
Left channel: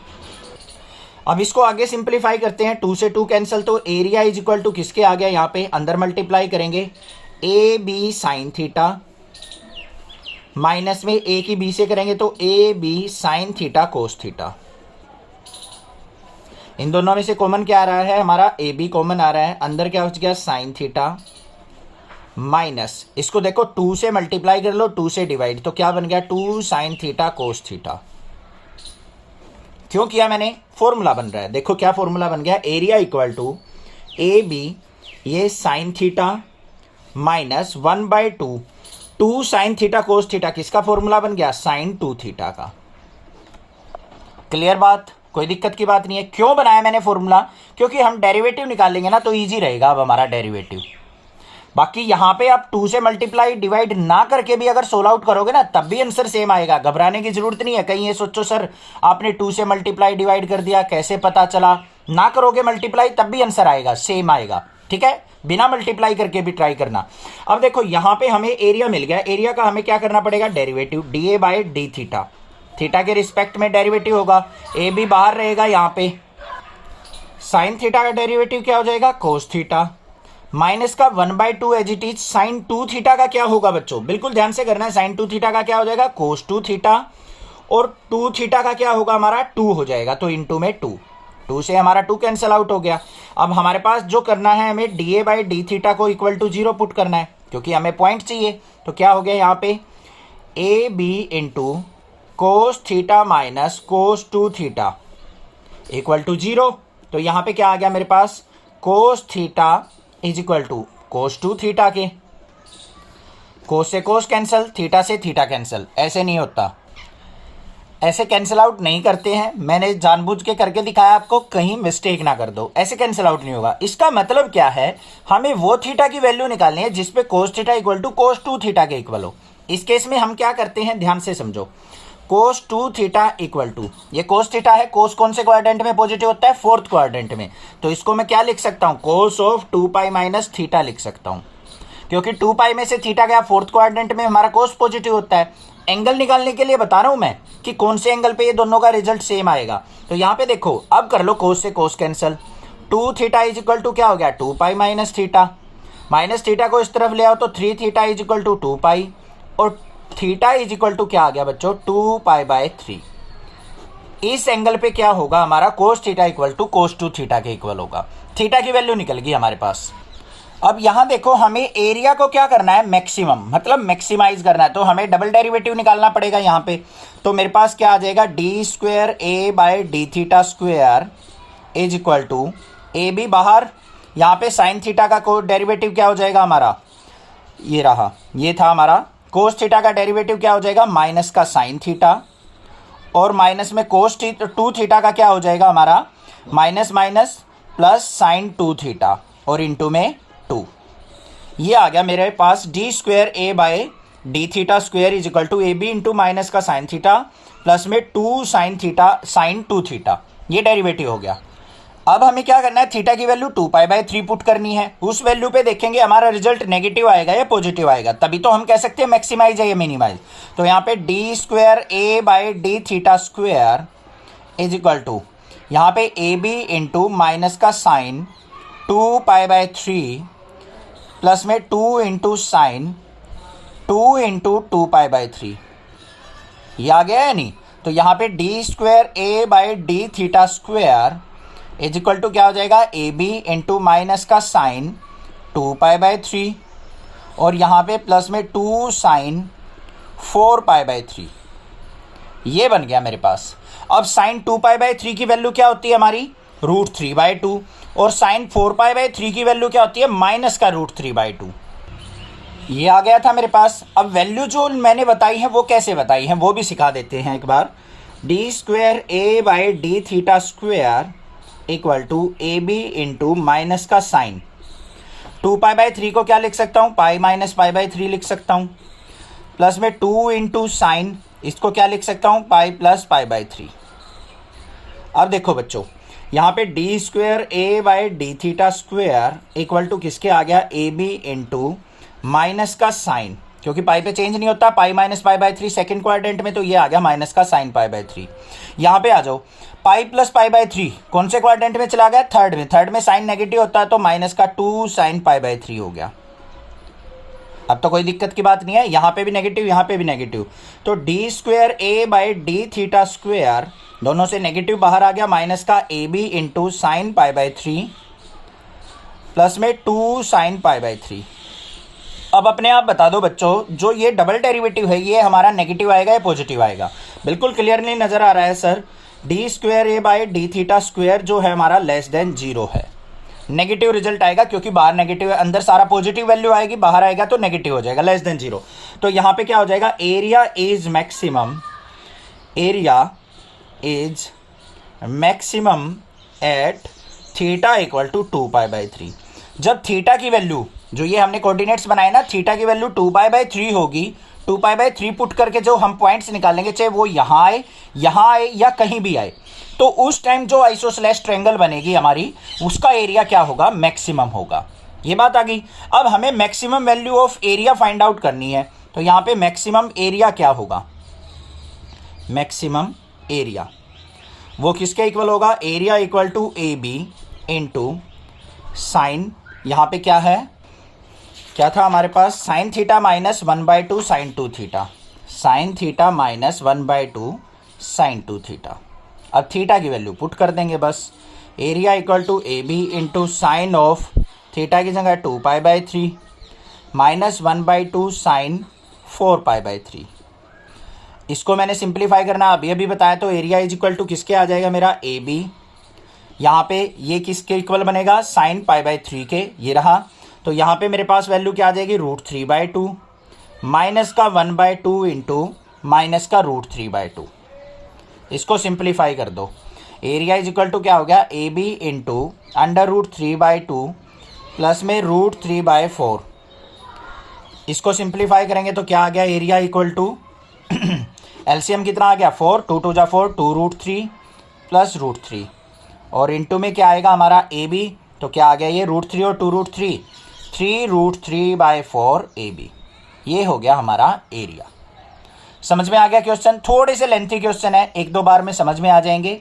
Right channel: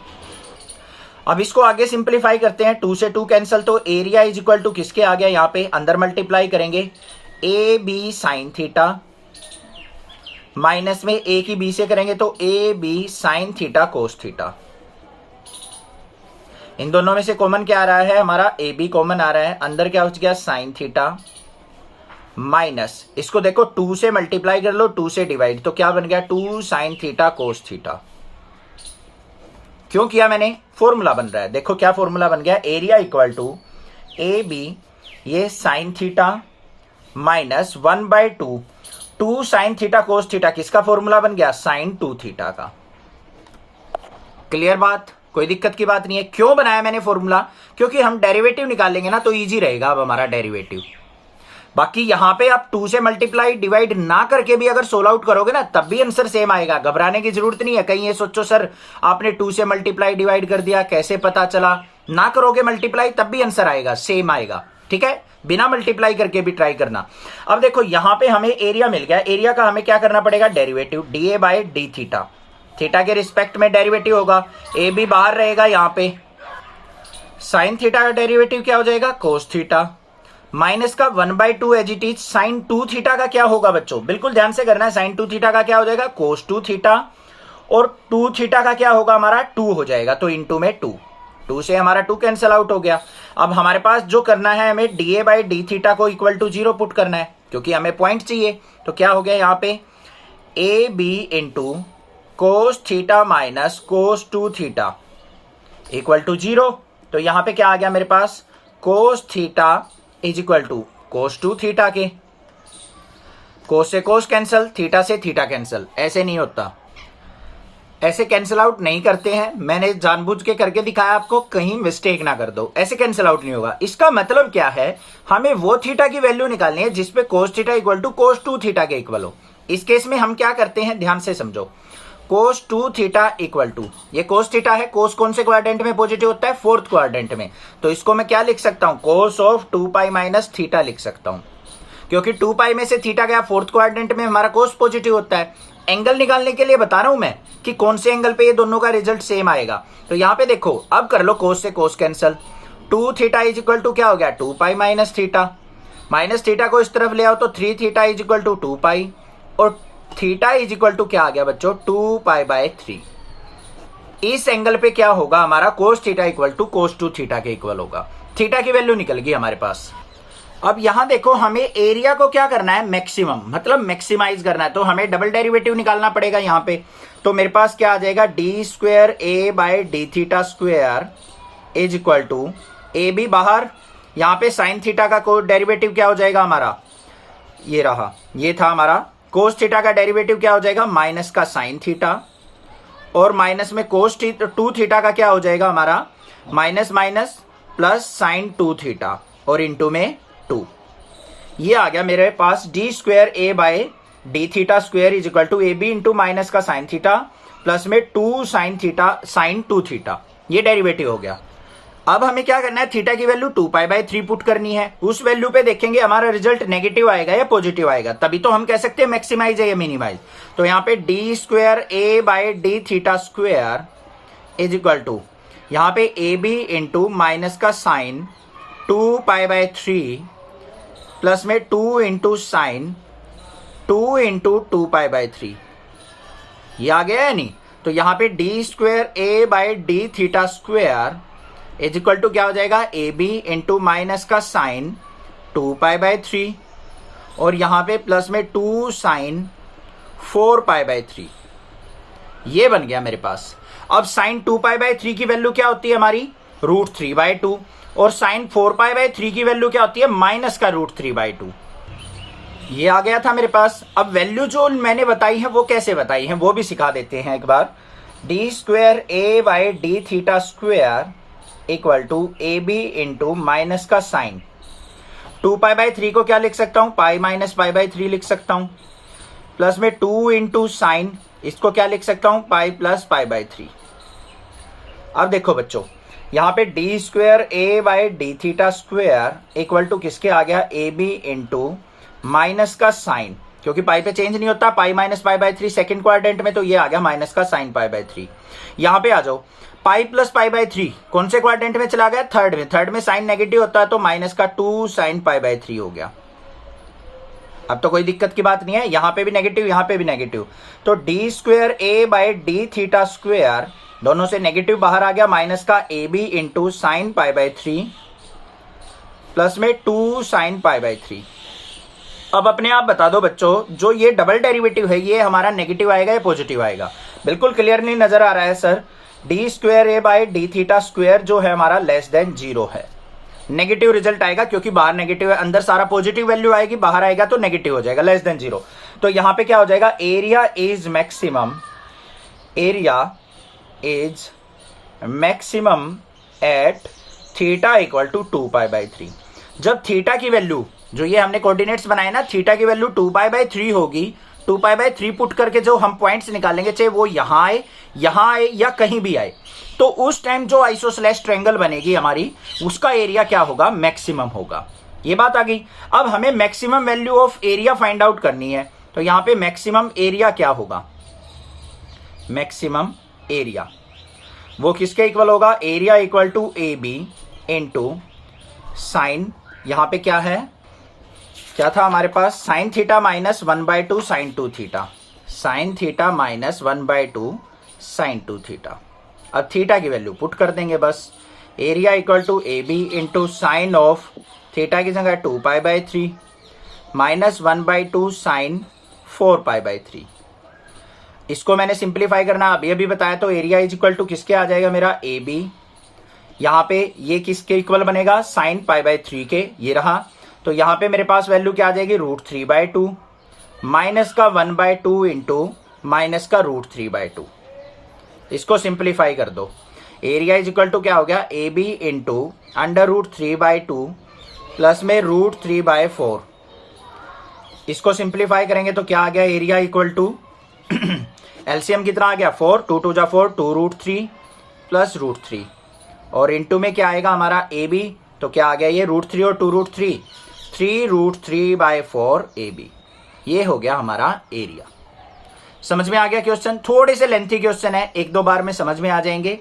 अब इसको आगे सिंप्लीफाई करते हैं, 2 से 2 कैंसिल, तो एरिया इज इक्वल टू किसके आ गया, यहां पे अंदर मल्टीप्लाई करेंगे, a b sine theta minus में ए की बी से करेंगे तो a b sine theta cos theta. इन दोनों में से कॉमन क्या आ रहा है हमारा, ए बी कॉमन आ रहा है, अंदर क्या हो गया, साइन थीटा माइनस, इसको देखो 2 से मल्टीप्लाई कर लो, 2 से डिवाइड, तो क्या बन गया, 2 साइन थीटा कोस थीटा। क्यों किया मैंने, फॉर्मूला बन रहा है, देखो क्या फॉर्मूला बन गया, area equal to a b ये sine theta minus 1/2 2 sine theta cos theta, किसका फॉर्मूला बन गया, साइन 2 थीटा का। क्लियर बात, कोई दिक्कत की बात नहीं है। क्यों बनाया मैंने फॉर्मूला, क्योंकि हम डेरिवेटिव निकालेंगे ना तो इजी रहेगा अब हमारा डेरिवेटिव। बाकी यहां पे आप 2 से मल्टीप्लाई डिवाइड ना करके भी अगर सोल्व आउट करोगे ना तब भी आंसर सेम आएगा, घबराने की जरूरत नहीं है। कहीं ये सोचो सर आपने 2 से मल्टीप्लाई डिवाइड कर दिया कैसे पता चला, ना करोगे मल्टीप्लाई तब भी आंसर आएगा, सेम आएगा। ठीक है, बिना मल्टीप्लाई करके भी ट्राई करना। अब देखो यहां पे हमें एरिया मिल गया, एरिया का हमें क्या करना पड़ेगा, derivative, d A by d theta, theta के रिस्पेक्ट में डेरिवेटिव होगा, ए बी बाहर रहेगा यहां पे, साइन थीटा का डेरिवेटिव क्या हो जाएगा, कोस थीटा, माइनस का 1/2 as it is sine 2 theta का क्या होगा बच्चों, बिल्कुल ध्यान से करना है, साइन 2 थीटा का क्या हो जाएगा, कोस 2 थीटा, और 2 थीटा का क्या होगा हमारा, 2 हो जाएगा, तो इनटू में 2 से हमारा 2 कैंसिल आउट हो गया। अब हमारे पास जो करना है, हमें dA बाई डी थीटा को इक्वल टू 0 पुट करना है, क्योंकि हमें पॉइंट चाहिए। तो क्या हो गया यहाँ पे, a b into cos theta minus cos 2 theta equal to 0। तो यहाँ पे क्या आ गया मेरे पास, cos theta is equal to cos 2 theta के, कोस से कोस कैंसल, थीटा से थीटा कैंसल, ऐसे नहीं होता, ऐसे कैंसिल आउट नहीं करते हैं, मैंने जानबूझ के करके दिखाया आपको, कहीं मिस्टेक ना कर दो, ऐसे कैंसिल आउट नहीं होगा। इसका मतलब क्या है, हमें वो थीटा की वैल्यू निकालनी है जिसपे cos theta equal to cos 2 theta के इक्वल हो। इस केस में हम क्या करते हैं, ध्यान से समझो, कोस 2 थीटा इक्वल टू, ये कोस थीटा है, कोस कौन से क्वाड्रेंट में पॉजिटिव होता है, फोर्थ क्वाड्रेंट में, तो इसको मैं क्या लिख सकता हूं, cos of 2 pi minus theta लिख सकता हूं, क्योंकि 2 पाई में से थीटा गया, फोर्थ क्वाड्रेंट में हमारा कोस पॉजिटिव होता है। एंगल निकालने के लिए बता रहा हूं मैं कि कौन से एंगल पे ये दोनों का रिजल्ट सेम आएगा। तो यहां पे देखो, अब कर लो कोस से cos cancel, 2 theta is equal to क्या हो गया, 2 pi minus theta, minus theta को इस तरफ ले आओ तो 3 theta is equal to 2 pi, और थीटा इज इक्वल टू क्या आ गया बच्चों, 2 पाई बाय 3। इस एंगल पे क्या होगा हमारा, cos theta equal to cos 2 theta के इक्वल होगा, थीटा की वैल्यू निकल गई हमारे पास। अब यहां देखो, हमें एरिया को क्या करना है, मैक्सिमम, मतलब मैक्सिमाइज करना है, तो हमें डबल डेरिवेटिव निकालना पड़ेगा यहां पे। तो मेरे पास क्या आ जाएगा, d square A by d theta square is equal to, a b बाहर, यहां पे साइन थीटा का डेरिवेटिव क्या हो जाएगा हमारा, ये रहा, ये था हमारा कोस थीटा का डेरिवेटिव क्या हो जाएगा, माइनस का साइन थीटा, और माइनस में कोस 2 थीटा का क्या हो जाएगा हमारा, minus minus plus sine 2 theta, और इंटू में 2। ये आ गया मेरे पास d square A by d theta square is equal to a b into minus का साइन थीटा प्लस में 2 साइन थीटा साइन 2 थीटा, ये डेरिवेटिव हो गया। अब हमें क्या करना है, थीटा की वैल्यू 2 पाई बाय 3 पुट करनी है, उस वैल्यू पे देखेंगे हमारा रिजल्ट नेगेटिव आएगा या पॉजिटिव आएगा, तभी तो हम कह सकते हैं मैक्सिमाइज है या मिनिमाइज। तो यहाँ पे d square A by d theta square is equal to, यहाँ पे ए बी इंटू माइनस का साइन 2 पाई बाय 3 प्लस में 2 into sine 2 into 2 pi by 3, ये आ गया है नहीं। तो यहाँ पे d square A by d theta square is equal to क्या हो जाएगा, ए बी इंटू माइनस का साइन 2 पाई बाय 3, और यहाँ पे प्लस में 2 साइन 4 पाई बाय 3, ये बन गया मेरे पास। अब साइन 2 पाई बाय 3 की वैल्यू क्या होती है हमारी, √3/2, और साइन 4 पाई बाय 3 की वैल्यू क्या होती है, माइनस का √3/2। ये आ गया था मेरे पास। अब वैल्यू जो मैंने बताई है वो कैसे बताई है वो भी सिखा देते हैं एक बार। D square A by d theta square equal to a b into minus का साइन 2 पाई बाय 3 को क्या लिख सकता हूं, पाई माइनस पाई बाय 3 लिख सकता हूं, प्लस में 2 इंटू साइन, इसको क्या लिख सकता हूं, पाई प्लस पाई बाय 3। अब देखो बच्चों, यहाँ पे d square A by d theta square equal to किसके आ गया, ए बी इंटू माइनस का साइन, क्योंकि पाई पे चेंज नहीं होता, pi minus pi by 3 second quadrant में, तो ये आ गया माइनस का साइन पाई बाय 3। यहाँ पे आ जाओ, पाई प्लस पाई बाय 3 कौन से क्वाड्रेंट में चला गया, थर्ड में, थर्ड में साइन नेगेटिव होता है, तो माइनस का 2 साइन पाई बाय 3 हो गया। अब तो कोई दिक्कत की बात नहीं है, यहाँ पे भी नेगेटिव यहाँ पे भी नेगेटिव, तो d square A by d theta square दोनों से नेगेटिव बाहर आ गया, माइनस का a b into sine pi by 3 plus में 2 साइन पाई बाय 3। अब अपने आप बता दो बच्चों, जो ये डबल डेरिवेटिव है ये हमारा नेगेटिव आएगा या पॉजिटिव आएगा, बिल्कुल क्लियरली नजर आ रहा है sir. D square A by d theta square जो है हमारा लेस देन 0 है, नेगेटिव रिजल्ट आएगा, क्योंकि बाहर नेगेटिव है, अंदर सारा पॉजिटिव वैल्यू आएगी, बाहर आएगा तो नेगेटिव हो जाएगा, लेस देन 0। तो यहां पे क्या हो जाएगा, area is maximum, area is maximum at theta equal to 2 pi by 3। जब थीटा की वैल्यू, जो ये हमने कोऑर्डिनेट्स बनाए ना, थीटा की वैल्यू 2 पाई बाय 3 होगी, 2 पाई बाय 3 पुट करके जो हम पॉइंट्स निकालेंगे, चाहे वो यहां आए या कहीं भी आए, तो उस टाइम जो आइसोसेलेस ट्रायंगल बनेगी हमारी, उसका एरिया क्या होगा, मैक्सिमम होगा। ये बात आ गई। अब हमें maximum value of area find out करनी है, तो यहां पे मैक्सिमम एरिया क्या होगा, मैक्सिमम एरिया वो किसके इक्वल होगा, area equal to a b into sine, यहाँ पे क्या है, क्या था हमारे पास, sine theta minus 1/2 sine 2 theta, sine theta minus 1/2 sine 2 theta. अब थीटा की वैल्यू पुट कर देंगे बस, area equal to a b into sine of theta की जगह 2π/3 माइनस 1/2 साइन 4π/3। इसको मैंने सिंप्लीफाई करना अभी अभी बताया, तो एरिया इज इक्वल टू किसके आ जाएगा मेरा, ए बी, यहाँ पे ये किसके इक्वल बनेगा, साइन π/3 के, ये रहा। तो यहाँ पे मेरे पास वैल्यू क्या आ जाएगी, √3/2 माइनस का 1/2 इंटू माइनस का √3/2। इसको सिंप्लीफाई कर दो, एरिया इज इक्वल टू क्या हो गया, ए बी इंटू √3/2 प्लस में √3/4। इसको सिंप्लीफाई करेंगे तो क्या आ गया, एरिया इक्वल टू एलसीएम कितना आ गया, 4, 2 2 जा 4, 2√3 प्लस √3 और इंटू में क्या आएगा हमारा ए बी, तो क्या आ गया ये √3 और 2√3, 3√3/4 ए बी। ये हो गया हमारा एरिया। समझ में आ गया क्वेश्चन, थोड़े से लेंथी क्वेश्चन है, एक दो बार में समझ में आ जाएंगे।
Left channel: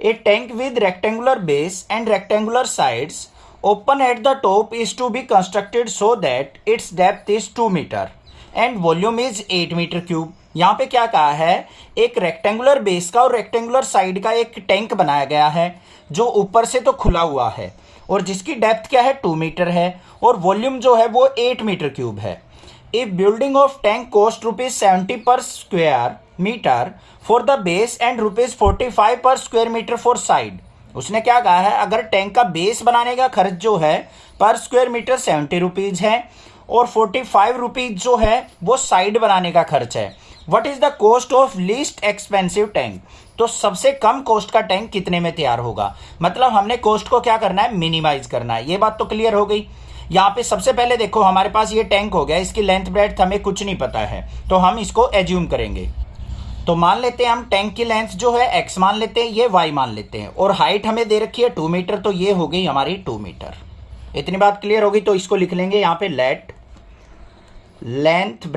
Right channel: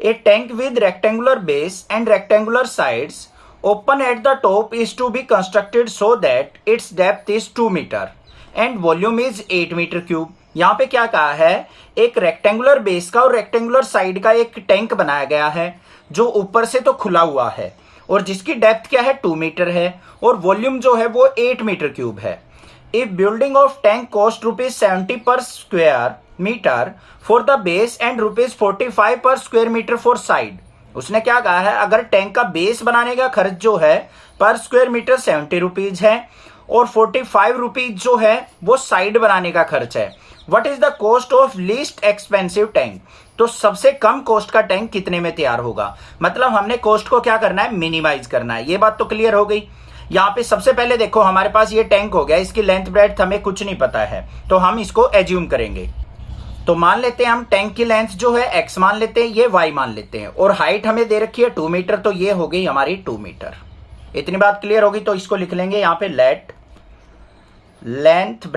A tank with rectangular base and rectangular sides open at the top is to be constructed so that its depth is 2 metre and volume is 8 metre cube. यहाँ पे क्या कहा है, एक रेक्टेंगुलर बेस का और रेक्टेंगुलर साइड का एक टैंक बनाया गया है जो ऊपर से तो खुला हुआ है और जिसकी डेप्थ क्या है, 2 मीटर है और वॉल्यूम जो है वो 8 मीटर क्यूब है। If building of tank cost ₹70 per square meter for the base and ₹45 per square meter for side। उसने क्या कहा है, अगर टैंक का बेस बनाने का खर्च जो है पर स्क्वायर मीटर 70 रुपीज है और 45 रुपीज जो है वो साइड बनाने का खर्च है। What is the cost of least expensive tank, तो सबसे कम कॉस्ट का टैंक कितने में तैयार होगा, मतलब हमने कॉस्ट को क्या करना है, मिनिमाइज करना है। ये बात तो क्लियर हो गई। यहाँ पे सबसे पहले देखो हमारे पास ये टैंक हो गया, इसकी लेंथ ब्रेड्थ हमें कुछ नहीं पता है तो हम इसको एज्यूम करेंगे। तो मान लेते हैं हम टैंक की लेंथ जो है x मान लेते हैं, ये y मान लेते हैं और हाइट हमें दे रखी है 2 मीटर, तो ये हो गई हमारी 2 मीटर। इतनी बात क्लियर होगी तो इसको लिख लेंगे यहाँ पे, let length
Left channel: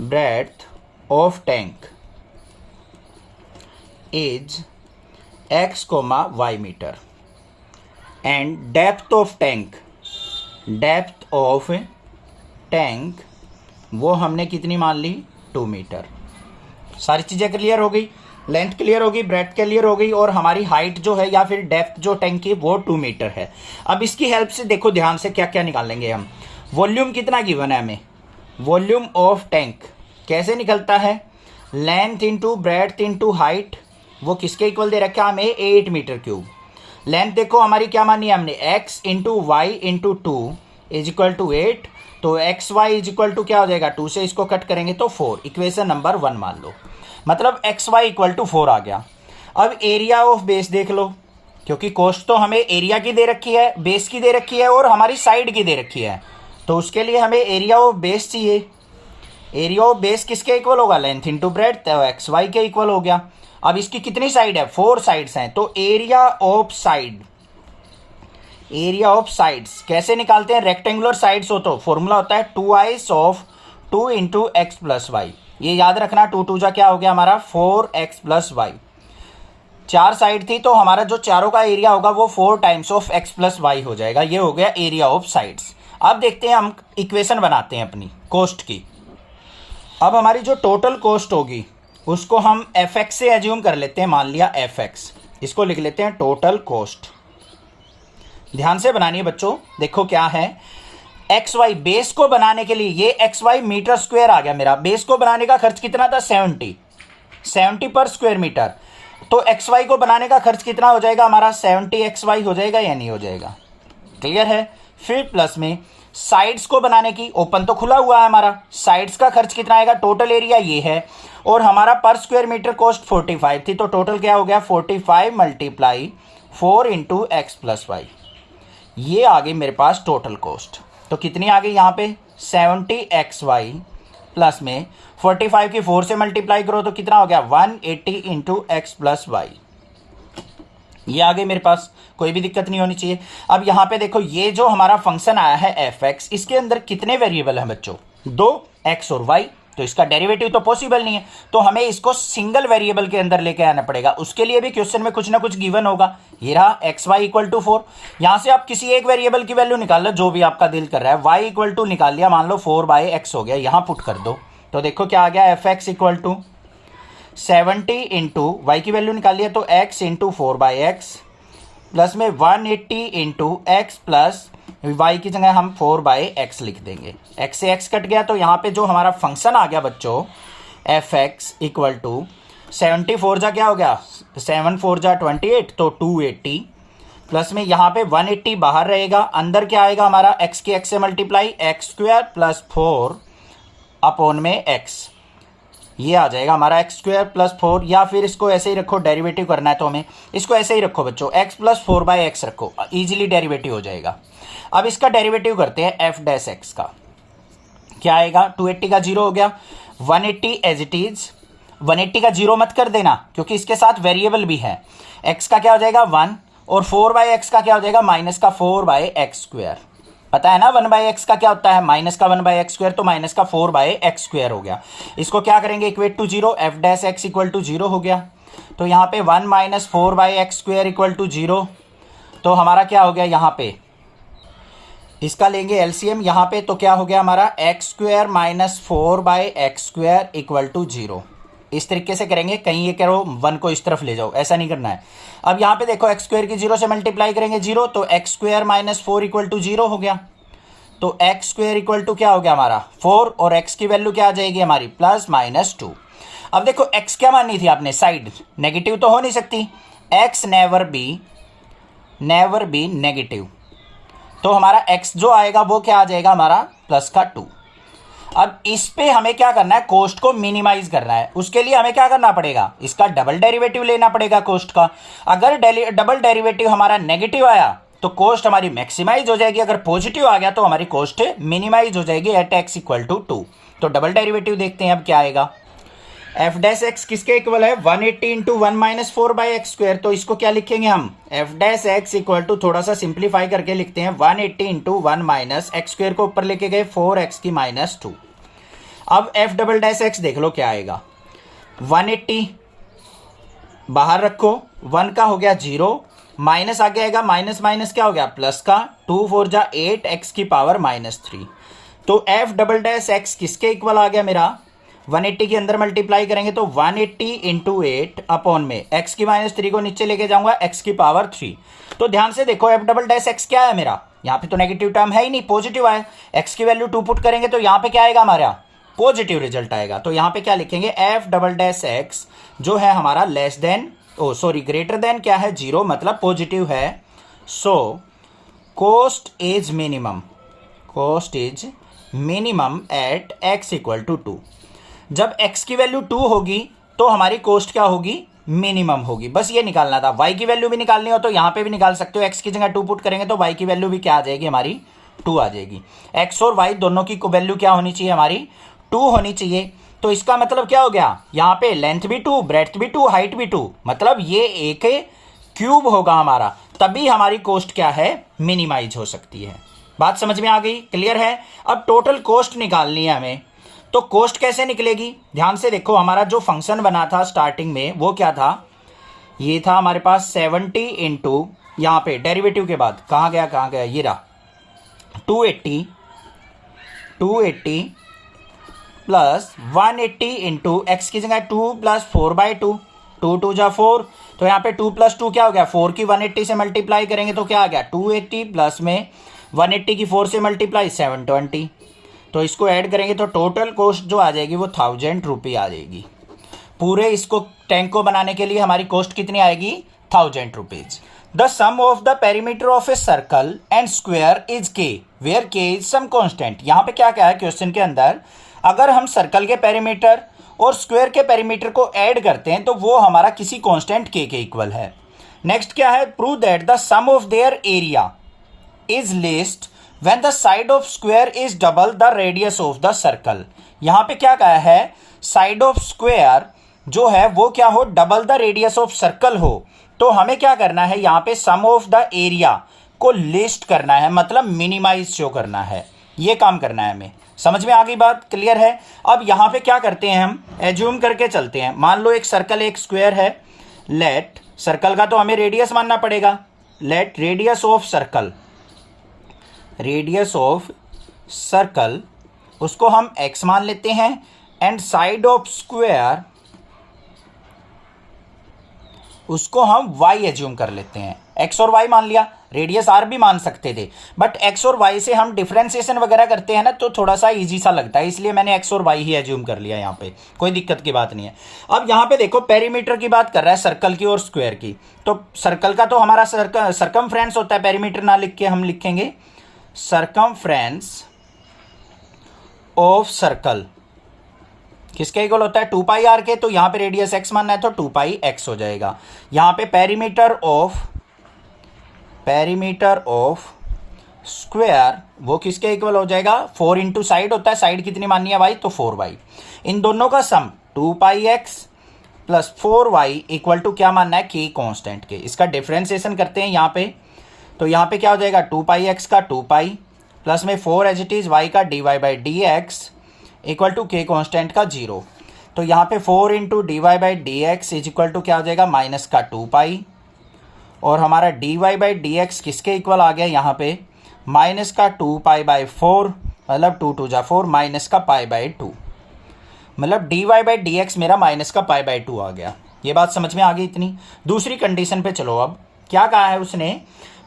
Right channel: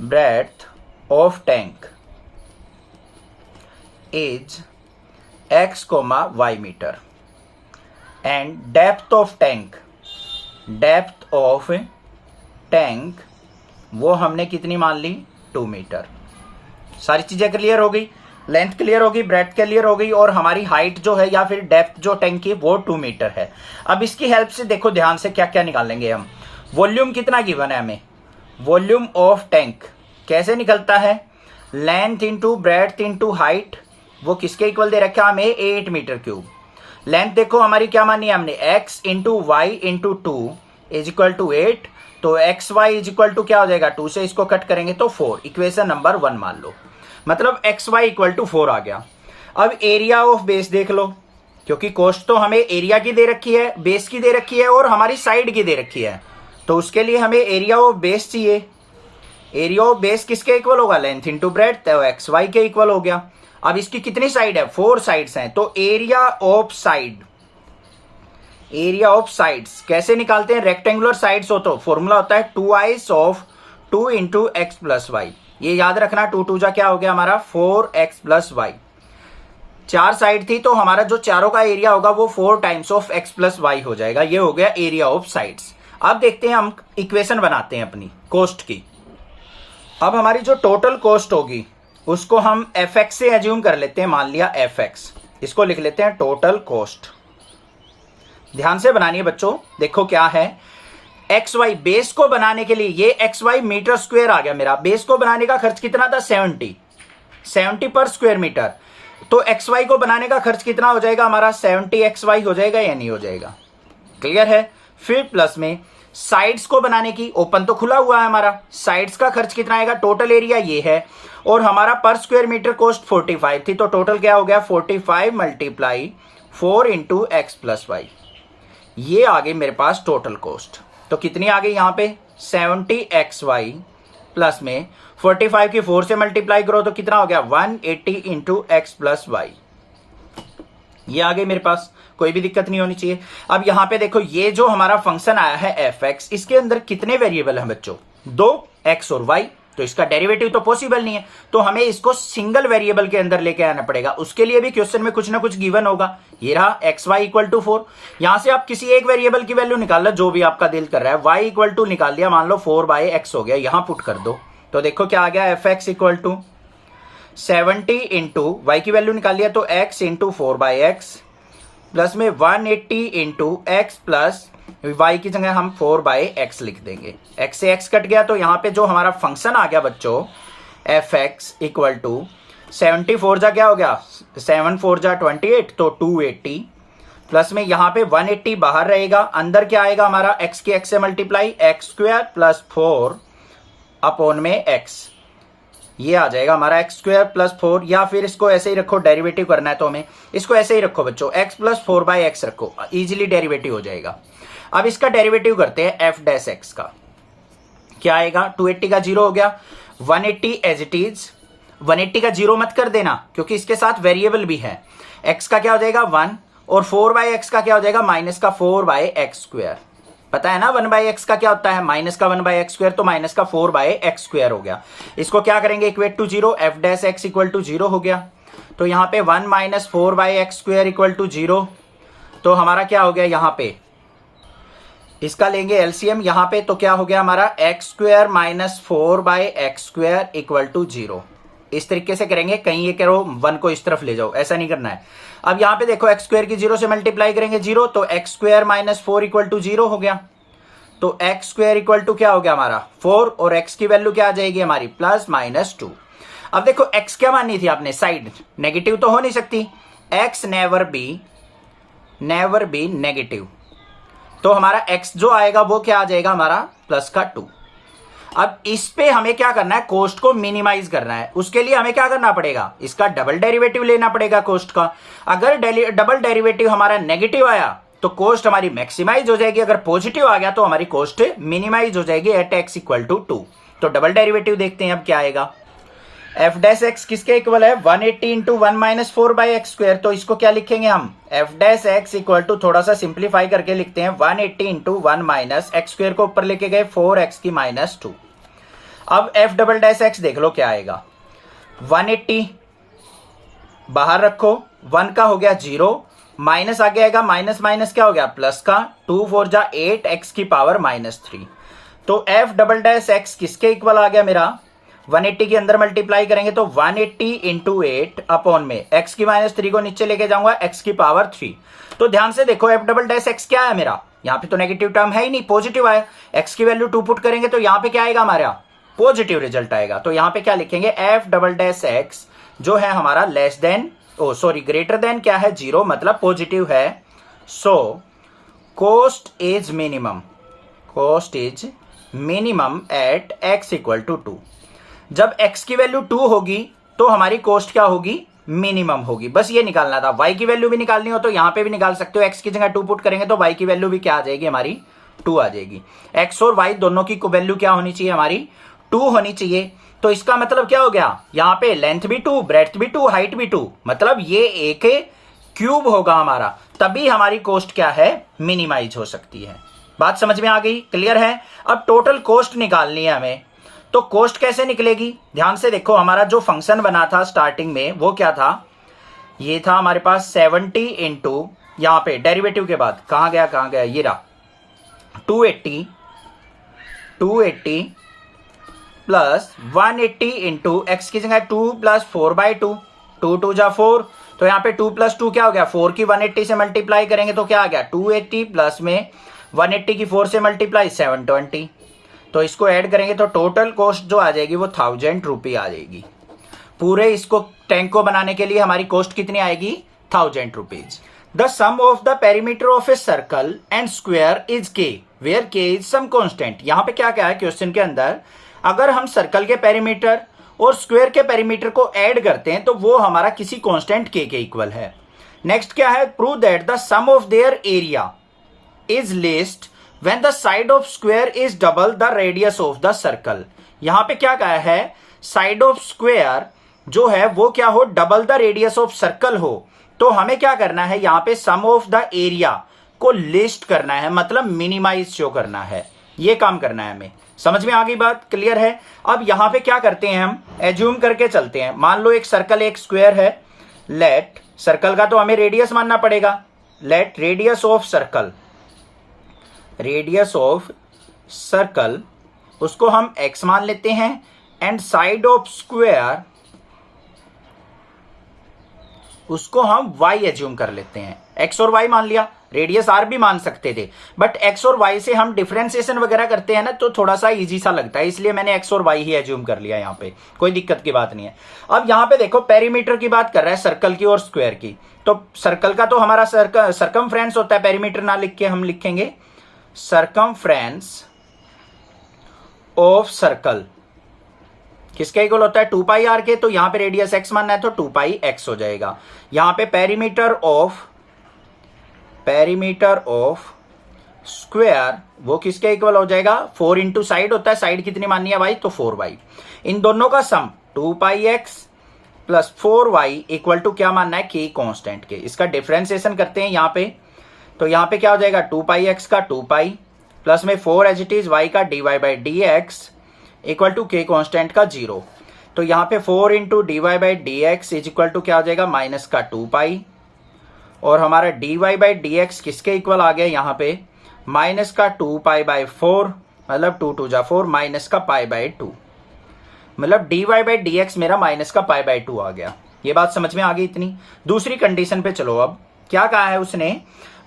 breadth of tank is x, y metre and depth of tank वो हमने कितनी मान ली, 2 मीटर। सारी चीजें क्लियर हो गई, लेंथ क्लियर होगी, ब्रेड्थ क्लियर हो गई और हमारी हाइट जो है या फिर डेप्थ जो टैंक की वो 2 मीटर है। अब इसकी हेल्प से देखो ध्यान से क्या क्या निकालेंगे हम। वॉल्यूम कितना गिवन है हमें, वॉल्यूम ऑफ टैंक कैसे निकलता है, length into breadth into height, वो किसके इक्वल दे रखा है हमें, 8 मीटर क्यूब। लेंथ देखो हमारी क्या मानी है हमने, x into y into 2 is equal to 8, तो x y is equal to क्या हो जाएगा, 2 से इसको कट करेंगे तो 4, इक्वेशन नंबर 1 मान लो, मतलब एक्स वाई इक्वल टू 4 आ गया। अब एरिया ऑफ बेस देख लो, क्योंकि कॉस्ट तो हमें एरिया की दे रखी है, बेस की दे रखी है और हमारी साइड की दे रखी है, तो उसके लिए हमें एरिया ऑफ बेस चाहिए। एरिया ऑफ बेस किसके इक्वल होगा, लेंथ इंटू ब्रेड्थ, तो एक्स वाई के इक्वल हो गया। अब इसकी कितनी साइड है, 4 साइड्स हैं, तो एरिया ऑफ साइड्स कैसे निकालते हैं, रेक्टेंगुलर साइड्स हो तो फॉर्मूला होता है 2i of 2 into x plus y. ये याद रखना, 2 2 जा क्या हो गया हमारा 4x प्लस वाई। 4 साइड थी तो हमारा जो चारों का एरिया होगा वो 4 times of x plus y हो जाएगा। ये हो गया एरिया ऑफ साइड्स। अब देखते हैं हम इक्वेशन बनाते हैं अपनी कॉस्ट की। अब हमारी जो टोटल कॉस्ट होगी उसको हम fx से एज्यूम कर लेते हैं, मान लिया fx, इसको लिख लेते हैं टोटल कॉस्ट। ध्यान से बनानी है बच्चों, देखो क्या है, एक्स वाई बेस को बनाने के लिए ये एक्स वाई मीटर स्क्वायर आ गया मेरा, बेस को बनाने का खर्च कितना था 70 पर स्क्वायर मीटर, तो एक्स वाई को बनाने का खर्च कितना हो जाएगा हमारा 70 एक्स वाई हो जाएगा या नहीं हो जाएगा, क्लियर है। फिर प्लस में साइड्स को बनाने की, ओपन तो खुला हुआ है हमारा, साइड्स का खर्च कितना आएगा, टोटल एरिया ये है और हमारा पर स्क्वायर मीटर कॉस्ट 45 थी, तो टोटल क्या हो गया 45 multiply 4 into x plus y. ये आ गई मेरे पास टोटल कॉस्ट, तो कितनी आ गई यहाँ पे 70 एक्स वाई प्लस में 45 की 4 से मल्टीप्लाई करो तो कितना हो गया 180 इंटू एक्स प्लस वाई। ये आ गई मेरे पास, कोई भी दिक्कत नहीं होनी चाहिए। अब यहाँ पे देखो ये जो हमारा फंक्शन आया है एफ एक्स, इसके अंदर कितने वेरिएबल हैं बच्चों, 2 एक्स और वाई, तो इसका डेरिवेटिव तो पॉसिबल नहीं है, तो हमें इसको सिंगल वेरिएबल के अंदर लेके आना पड़ेगा। उसके लिए भी क्वेश्चन में कुछ ना कुछ गिवन होगा। ये रहा एक्स वाई इक्वल टू 4, यहां से आप किसी एक वेरिएबल की वैल्यू निकाल लो, जो भी आपका दिल कर रहा है। वाई इक्वल टू निकाल लिया, मान लो 4/x हो गया, यहां पुट कर दो तो देखो क्या आ गया, f x equal to 70 into y की वैल्यू निकाल लिया तो x इंटू 4/x प्लस में 180 इंटू एक्स प्लस y की जगह हम 4/x लिख देंगे। x से x कट गया तो यहाँ पे जो हमारा फंक्शन आ गया बच्चों एफ एक्स इक्वल टू 74 जा क्या हो गया, 7 4 जा 28 तो 280 प्लस में यहाँ पे 180 बाहर रहेगा, अंदर क्या आएगा हमारा x के x से multiply x square plus 4 upon में x, ये आ जाएगा हमारा एक्स स्क्वायर प्लस 4, या फिर इसको ऐसे ही रखो, डेरिवेटिव करना है तो हमें इसको ऐसे ही रखो बच्चों, x प्लस 4/x रखो, इजीली डेरिवेटिव हो जाएगा। अब इसका डेरिवेटिव करते हैं एफ डैश एक्स का, क्या आएगा, 280 का 0 हो गया, 180 एज इट इज, 180 का 0 मत कर देना क्योंकि इसके साथ वेरिएबल भी है, x का क्या हो जाएगा 1 और 4/x का क्या हो जाएगा माइनस का 4/x स्क्वायर, पता है ना 1/x का क्या होता है, माइनस का 1/x स्क्वायर, तो माइनस का 4/x स्क्वायर हो गया। इसको क्या करेंगे equate to 0, f dash x equal to 0 हो गया, तो यहाँ पे 1 minus 4/x square equal to 0, तो हमारा क्या हो गया यहाँ पे, इसका लेंगे एलसीएम यहाँ पे, तो क्या हो गया हमारा x square minus 4/x square equal to 0। इस तरीके से करेंगे, कहीं ये करो 1 को इस तरफ ले जाओ, ऐसा नहीं करना है। अब यहाँ पे देखो एक्स स्क्वायर की 0 से मल्टीप्लाई करेंगे 0, तो x square minus 4 equal to 0 हो गया, तो एक्स स्क्वायर इक्वल टू क्या हो गया हमारा 4, और एक्स की वैल्यू क्या आ जाएगी हमारी प्लस माइनस 2। अब देखो एक्स क्या माननी थी आपने, साइड, नेगेटिव तो हो नहीं सकती, एक्स नेवर बी नेगेटिव, तो हमारा x जो आएगा वो क्या आ जाएगा हमारा प्लस का 2। अब इस पे हमें क्या करना है, कोस्ट को मिनिमाइज करना है, उसके लिए हमें क्या करना पड़ेगा, इसका डबल डेरिवेटिव लेना पड़ेगा कोस्ट का। अगर डबल डेरिवेटिव हमारा नेगेटिव आया तो कोस्ट हमारी मैक्सिमाइज हो जाएगी, अगर पॉजिटिव आ गया तो हमारी कोस्ट मिनिमाइज हो जाएगी एट x इक्वल टू 2। तो डबल डेरिवेटिव देखते हैं अब क्या आएगा, एफ डैश एक्स किसके इक्वल है 180 इंटू 1 माइनस 4/x स्क्वायर, तो इसको क्या लिखेंगे हम, f dash x equal to, थोड़ा सा सिंप्लीफाई करके लिखते हैं 180 इंटू 1 माइनस एक्स स्क्वायर को ऊपर लेके गए 4x की माइनस 2। अब एफ डबल डैश एक्स देख लो क्या आएगा, 180 बाहर रखो, 1 का हो गया 0, माइनस आगे आएगा, माइनस माइनस क्या हो गया प्लस का, 2 4 जा 8 x की पावर माइनस 3। तो एफ डबल डैश एक्स किसके इक्वल आ गया मेरा, 180 के अंदर मल्टीप्लाई करेंगे तो 180 इंटू 8 अपॉन में x की माइनस 3 को नीचे लेके जाऊंगा x की पावर 3। तो ध्यान से देखो एफ डबल डैश एक्स क्या है मेरा, यहाँ पे तो नेगेटिव टर्म है ही नहीं, पॉजिटिव आया, x की वैल्यू 2 पुट करेंगे तो यहाँ पे क्या आएगा हमारा पॉजिटिव रिजल्ट आएगा। तो यहाँ पे क्या लिखेंगे, एफ डबल डैश एक्स जो है हमारा लेस देन ग्रेटर देन क्या है 0, मतलब पॉजिटिव है। So cost is minimum at x equal to 2। जब x की वैल्यू 2 होगी तो हमारी कोस्ट क्या होगी, मिनिमम होगी, बस ये निकालना था। y की वैल्यू भी निकालनी हो तो यहां पे भी निकाल सकते हो, x की जगह 2 पुट करेंगे तो y की वैल्यू भी क्या आ जाएगी हमारी 2 आ जाएगी। x और y दोनों की वैल्यू क्या होनी चाहिए हमारी 2 होनी चाहिए। तो इसका मतलब क्या हो गया, यहाँ पे लेंथ भी 2, ब्रेड्थ भी 2, हाइट भी 2, मतलब ये एक क्यूब होगा हमारा, तभी हमारी कोस्ट क्या है मिनिमाइज हो सकती है। बात समझ में आ गई, क्लियर है। अब टोटल कोस्ट निकालनी है हमें, तो कोस्ट कैसे निकलेगी, ध्यान से देखो, हमारा जो फंक्शन बना था स्टार्टिंग में वो क्या था, ये था हमारे पास 70 इंटू, यहां पे डेरिवेटिव के बाद कहां गया, ये रहा 280 प्लस 180 इंटू एक्स की जगह 2 प्लस 4/2, 2 2 जा 4, तो यहाँ पे 2 प्लस 2 क्या हो गया 4 की 180 से मल्टीप्लाई करेंगे तो क्या आ गया 280 प्लस में 180 की 4 से मल्टीप्लाई 720, तो इसको ऐड करेंगे तो टोटल कॉस्ट जो आ जाएगी वो 1000 रुपये आ जाएगी। पूरे इसको टैंक को बनाने के लिए हमारी कॉस्ट कितनी आएगी 1000 rupees. The sum of the perimeter of a circle and square is k, where k is some constant. यहाँ पे क्या क्या है क्वेश्चन के अंदर, अगर हम सर्कल के पेरीमीटर और स्क्वायर के पेरीमीटर को ऐड करते हैं तो वो हमारा किसी कांस्टेंट के इक्वल है। नेक्स्ट क्या है, prove that the sum of their area is least when the side of square is double the radius of the circle. यहां पे क्या कहा है, साइड ऑफ स्क्वायर जो है वो क्या हो, double the radius of circle हो। तो हमें क्या करना है, यहां पे सम ऑफ द एरिया को लिस्ट करना है, मतलब मिनिमाइज शो करना है, ये काम करना है हमें। समझ में आ गई बात, क्लियर है। अब यहां पे क्या करते हैं, हम एज्यूम करके चलते हैं। मान लो एक सर्कल एक स्क्वायर है, लेट सर्कल का तो हमें रेडियस मानना पड़ेगा, let radius of circle, radius of circle उसको हम x मान लेते हैं, एंड साइड ऑफ स्क्वायर उसको हम y एज्यूम कर लेते हैं। x और y मान लिया, रेडियस r भी मान सकते थे, बट x और y से हम डिफरेंशिएशन वगैरह करते हैं ना, तो थोड़ा सा इजी सा लगता है, इसलिए मैंने x और y ही एज्यूम कर लिया। यहाँ पे कोई दिक्कत की बात नहीं है। अब यहाँ पे देखो पेरीमीटर की बात कर रहा है, सर्कल की और स्क्वायर की, तो सर्कल का तो हमारा सरकमफ्रेंस होता है, पेरीमीटर ना लिख के हम लिखेंगे सरकमफ्रेंस ऑफ सर्कल किसके इक्वल होता है, 2 पाई आर के। तो यहां पे रेडियस x मानना है तो 2 पाई x हो जाएगा। यहां पे पेरीमीटर ऑफ स्क्वायर वो किसके इक्वल हो जाएगा, 4 इंटू साइड होता है, साइड कितनी माननी है y, तो 4y। इन दोनों का sum 2 pi x plus 4y equal to क्या मानना है, k कांस्टेंट के। इसका डिफरेंशिएशन करते हैं यहाँ पे, तो यहाँ पे क्या हो जाएगा, 2 पाई x का 2 पाई प्लस में 4 एज इट इज y का dy by d x equal to k constant का 0। तो यहाँ पे 4 into d y by d x is equal to क्या हो जाएगा, माइनस का 2 पाई, और हमारा dy बाई डी एक्स किसके इक्वल आ गया, यहाँ पे माइनस का 2 पाई बाई 4, मतलब 2 2 जा 4, माइनस का पाई बाई 2, मतलब dy बाई डी एक्स मेरा माइनस का पाई बाई 2 आ गया। ये बात समझ में आ गई इतनी। दूसरी कंडीशन पे चलो, अब क्या कहा है उसने,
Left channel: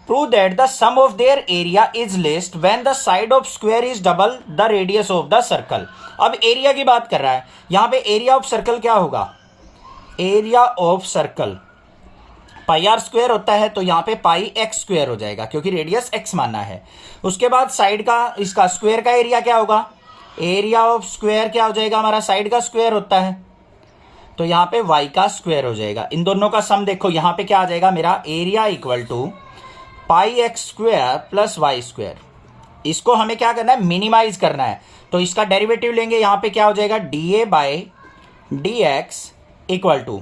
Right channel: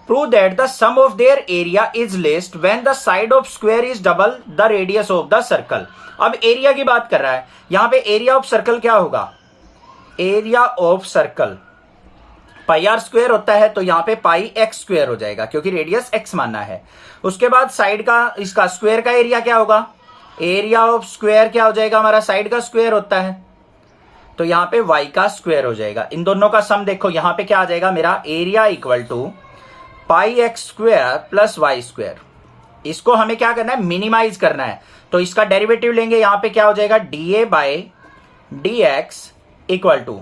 prove that the sum of their area is least when the side of square is double the radius of the circle। अब एरिया की बात कर रहा है, यहां पे एरिया ऑफ सर्कल क्या होगा, area of circle pi r square होता है, तो यहां पे पाई एक्स स्क्वायर हो जाएगा क्योंकि रेडियस एक्स मानना है। उसके बाद साइड का, इसका स्क्वायर का एरिया क्या होगा, एरिया ऑफ स्क्वायर क्या हो जाएगा, हमारा साइड का स्क्वायर होता है, तो यहां पे y का स्क्वायर हो जाएगा। इन दोनों का सम देखो, यहां पे क्या आ जाएगा मेरा, area equal to pi x square plus y square. इसको हमें क्या करना है, मिनिमाइज करना है, तो इसका डेरिवेटिव लेंगे, यहां पे क्या हो जाएगा, dA by d x equal to,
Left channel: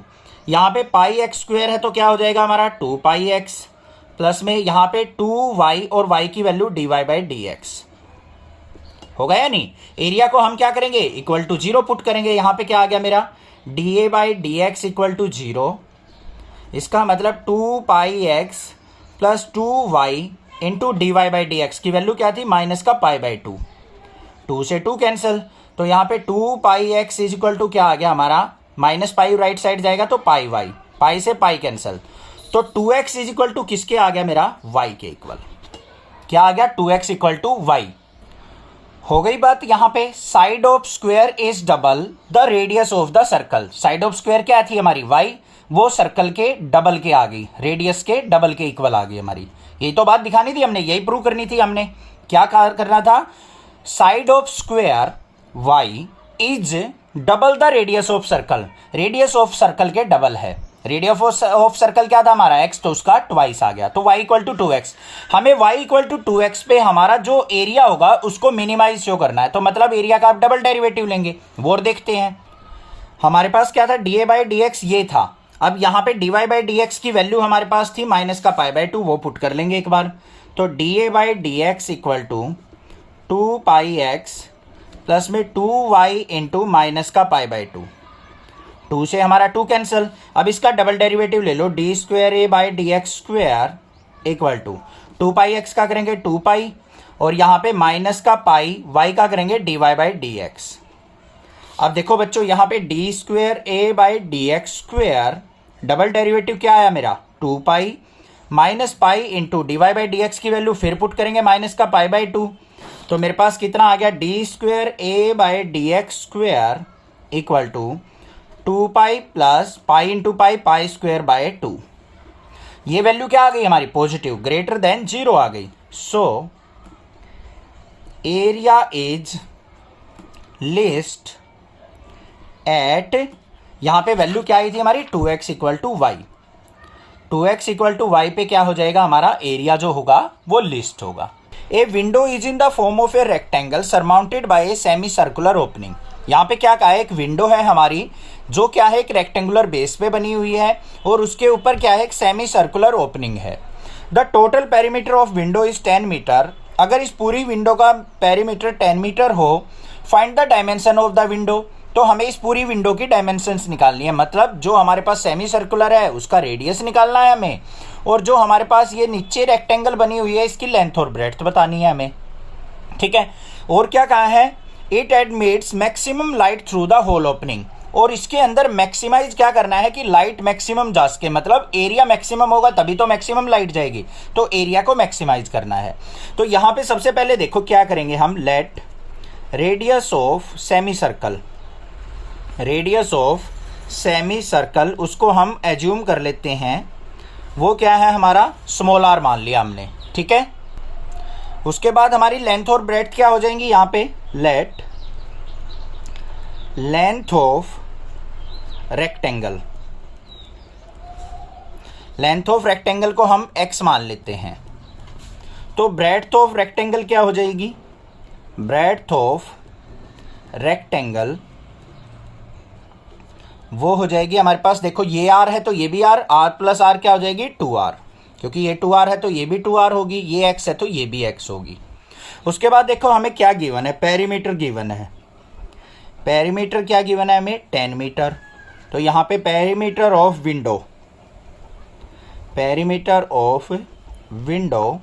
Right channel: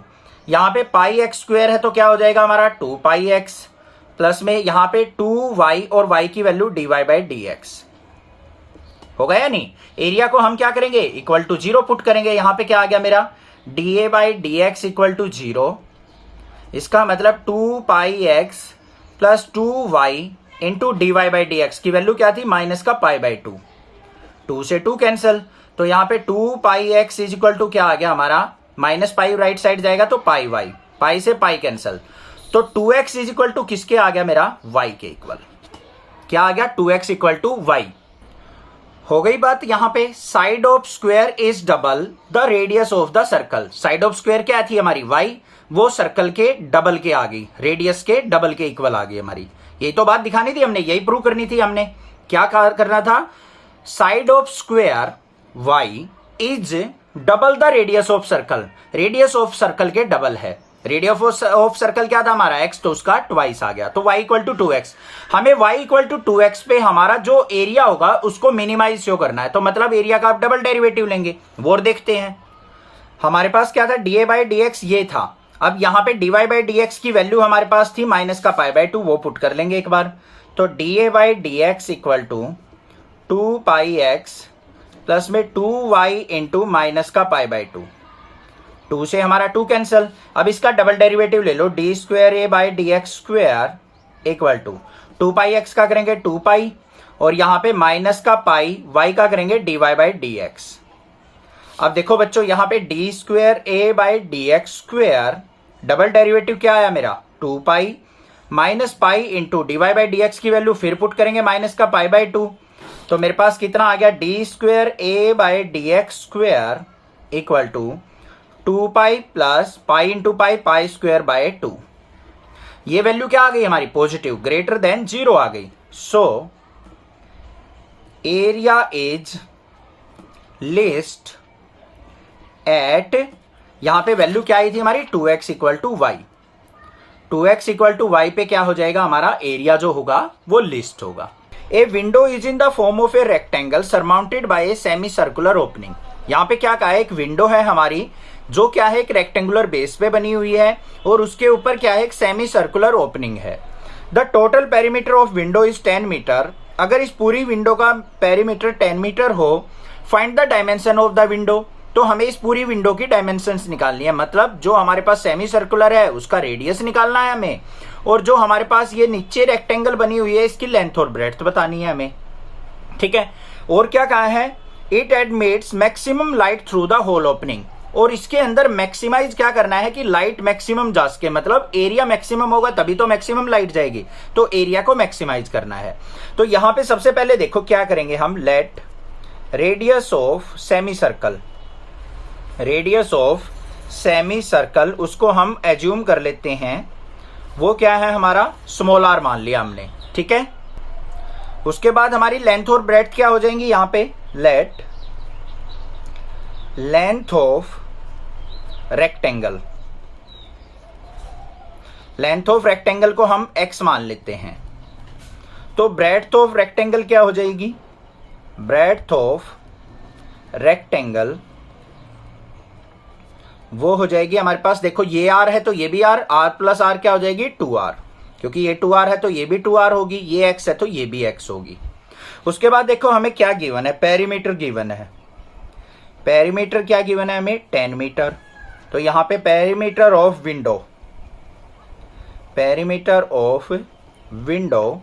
यहां पे पाई एक्स स्क्वायर है तो क्या हो जाएगा हमारा 2 पाई एक्स प्लस में यहां पे 2y और y की value dy by d x हो गया नहीं। एरिया को हम क्या करेंगे, इक्वल टू 0 पुट करेंगे, यहां पे क्या आ गया मेरा, dA by d x equal to 0। इसका मतलब 2 pi x plus 2y into d y by d x की वैल्यू क्या थी, माइनस का पाई बाई 2, 2 से 2 कैंसिल, तो यहाँ पे 2 pi x is equal to क्या आ गया हमारा, माइनस पाई राइट साइड जाएगा तो पाई वाई, पाई से पाई कैंसिल, तो 2x इज इक्वल टू किसके आ गया मेरा, y के इक्वल। क्या आ गया, 2x इक्वल टू y। हो गई बात। यहां पे side of square is double the radius of the circle. Side of square क्या थी हमारी, y, वो सर्कल के डबल के आ गई, रेडियस के डबल के इक्वल आ गई हमारी। यही तो बात दिखानी थी हमने, यही प्रूव करनी थी हमने। क्या करना था, side of square y is double the radius of circle, radius of circle के डबल है। रेडियस ऑफ सर्कल क्या था हमारा, x, तो उसका ट्वाइस आ गया, तो y इक्वल टू 2x। हमें y इक्वल टू 2x पे हमारा जो एरिया होगा उसको मिनिमाइज शो करना है, तो मतलब एरिया का आप डबल डेरिवेटिव लेंगे, वो देखते हैं। हमारे पास क्या था, dA बाई डी एक्स ये था। अब यहां पे dy बाई डी एक्स की वैल्यू हमारे पास थी माइनस का पाई बाई 2, वो पुट कर लेंगे एक बार, तो dA by d x equal to 2 pi x plus में 2y इंटू माइनस का पाई बाई 2, 2 से हमारा 2 कैंसिल। अब इसका डबल डेरिवेटिव ले लो, d square A by d x square equal to 2 pi x का करेंगे 2 पाई, और यहां पे माइनस का पाई y का करेंगे dy बाई डी एक्स। अब देखो बच्चों, यहां पे d square A by d x square double derivative क्या आया मेरा, 2 pi minus pi into d y by d x की वैल्यू फिर पुट करेंगे माइनस का पाई बाई 2, तो मेरे पास कितना आ गया, d square A by d x square equal to 2 pi plus pi into pi, pi square by 2। ये वैल्यू क्या आ गई हमारी, पॉजिटिव, ग्रेटर देन 0 आ गई। So area is least at, यहां पे वैल्यू क्या आई थी हमारी, 2x equal to y. 2x equal to y पे क्या हो जाएगा हमारा, एरिया जो होगा वो लिस्ट होगा। A window is in the form of a rectangle surmounted bye a semi circular opening. यहां पे क्या कहा है, एक विंडो है हमारी जो क्या है, एक रेक्टेंगुलर बेस पे बनी हुई है, और उसके ऊपर क्या है, एक सेमी सर्कुलर ओपनिंग है। The total perimeter of window is 10 metre अगर इस पूरी विंडो का पेरीमीटर 10 मीटर हो, find the dimension of the window. तो हमें इस पूरी विंडो की डायमेंशंस निकालनी है, मतलब जो हमारे पास सेमी सर्कुलर है उसका रेडियस निकालना है हमें, और जो हमारे पास ये नीचे रेक्टेंगल बनी हुई है इसकी लेंथ और ब्रेड्थ बतानी है हमें। ठीक है, और क्या कहा है, it admits maximum light through the whole opening, और इसके अंदर मैक्सिमाइज क्या करना है कि लाइट मैक्सिमम जा सके, मतलब एरिया मैक्सिमम होगा तभी तो मैक्सिमम लाइट जाएगी, तो एरिया को मैक्सिमाइज करना है। तो यहां पे सबसे पहले देखो क्या करेंगे हम, let radius of semi circle, radius of semi circle उसको हम एज्यूम कर लेते हैं, वो क्या है हमारा स्मॉल आर मान लिया हमने। ठीक है, उसके बाद हमारी लेंथ और ब्रेड्थ क्या हो जाएंगी, यहां पे let length of rectangle, length of rectangle को हम x मान लेते हैं, तो ब्रेड्थ ऑफ रेक्टेंगल क्या हो जाएगी, ब्रेड्थ ऑफ रेक्टेंगल वो हो जाएगी हमारे पास, देखो ये r है तो ये भी r, r प्लस r क्या हो जाएगी 2r, क्योंकि ये 2r है तो ये भी 2r होगी, ये x है तो ये भी x होगी। उसके बाद देखो हमें क्या गिवन है, पेरीमीटर गिवन है, पेरीमीटर क्या गिवन है हमें 10 मीटर, तो यहां पे perimeter of window, perimeter of window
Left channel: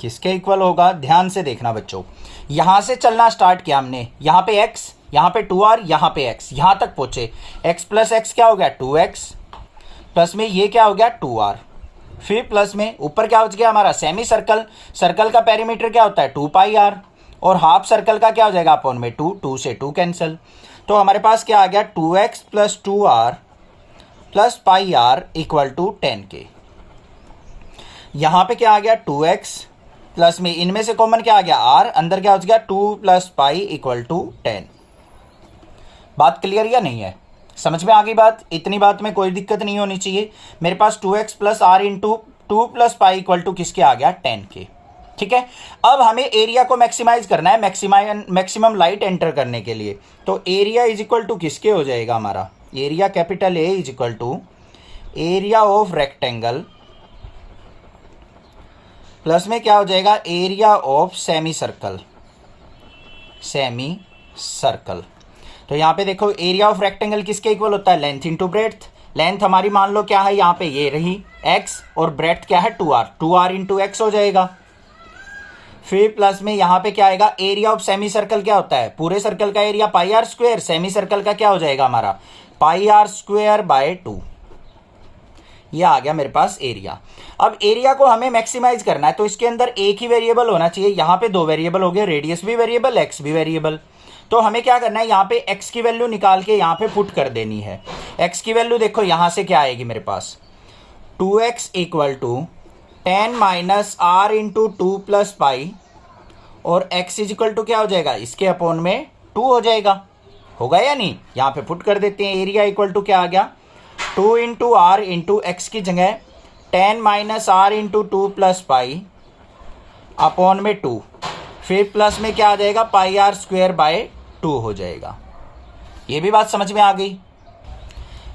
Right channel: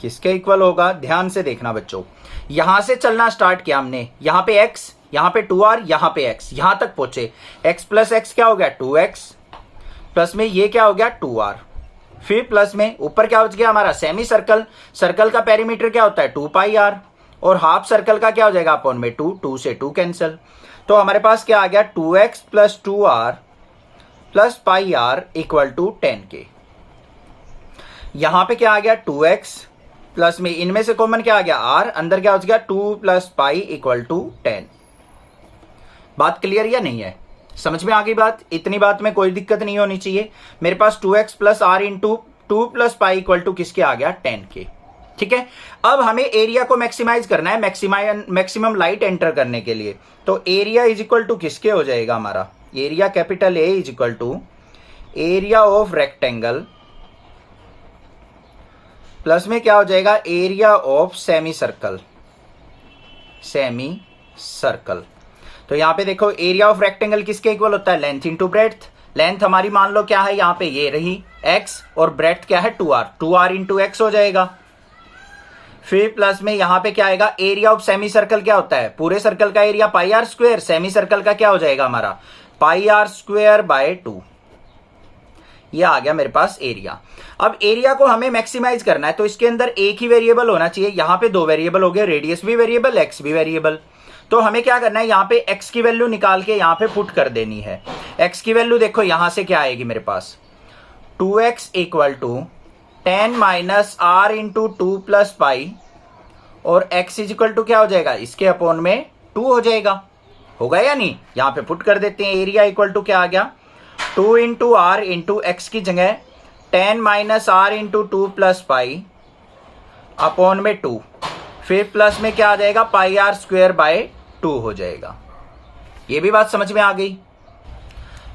किसके इक्वल होगा, ध्यान से देखना बच्चों, यहां से चलना स्टार्ट किया हमने, यहां पे x, यहां पे 2r, यहां पे x, यहां तक पहुंचे, x प्लस x क्या हो गया 2x, प्लस में ये क्या हो गया 2r, फिर प्लस में ऊपर क्या हो गया हमारा सेमी सर्कल, सर्कल का पेरीमीटर क्या होता है 2 पाई r, और हाफ सर्कल का क्या हो जाएगा अपॉन में 2, 2 से 2 कैंसिल, तो हमारे पास क्या आ गया 2x plus 2r plus pi r equal to 10k। यहां पे क्या आ गया 2x प्लस में इनमें से कॉमन क्या आ गया r, अंदर क्या हो गया 2 प्लस पाई इक्वल टू 10। बात क्लियर या नहीं है, समझ में आ गई बात, इतनी बात में कोई दिक्कत नहीं होनी चाहिए। मेरे पास 2x plus r into 2 plus pi equal to किसके आ गया 10k। ठीक है, अब हमें एरिया को मैक्सिमाइज करना है, मैक्सिमम लाइट एंटर करने के लिए, तो एरिया इज इक्वल टू किसके हो जाएगा हमारा, area capital A is equal to area of rectangle plus में क्या हो जाएगा area of semi circle, semi circle. तो यहां पे देखो एरिया ऑफ रेक्टेंगल किसके इक्वल होता है, लेंथ इंटू ब्रेड्थ, लेंथ हमारी मान लो क्या है यहां पे ये रही x, और ब्रेड्थ क्या है 2r, 2r इंटू x हो जाएगा, फिर प्लस में यहां पे क्या आएगा, एरिया ऑफ सेमी सर्कल क्या होता है, पूरे सर्कल का area pi r square, semi circle का क्या हो जाएगा हमारा पाई आर स्क्वायर बाय 2, ये आ गया मेरे पास एरिया। अब एरिया को हमें मैक्सिमाइज करना है, तो इसके अंदर एक ही वेरिएबल होना चाहिए, यहां पे 2 वेरिएबल हो गए, रेडियस भी वेरिएबल x भी वेरिएबल, तो हमें क्या करना है यहाँ पे x की वैल्यू निकाल के यहाँ पे पुट कर देनी है। x की वैल्यू देखो यहां से क्या आएगी मेरे पास 2x equal to 10 minus r into 2 plus pi, और x इज इक्वल टू क्या हो जाएगा इसके अपॉन में 2 हो जाएगा, होगा या नहीं, यहां पे पुट कर देते हैं, एरिया इक्वल टू क्या आ गया 2 इंटू आर इंटू एक्स की जगह 10 minus r into 2 plus pi upon में 2, फिर प्लस में क्या आ जाएगा पाई आर स्क्वायर बाय 2 हो जाएगा। ये भी बात समझ में आ गई।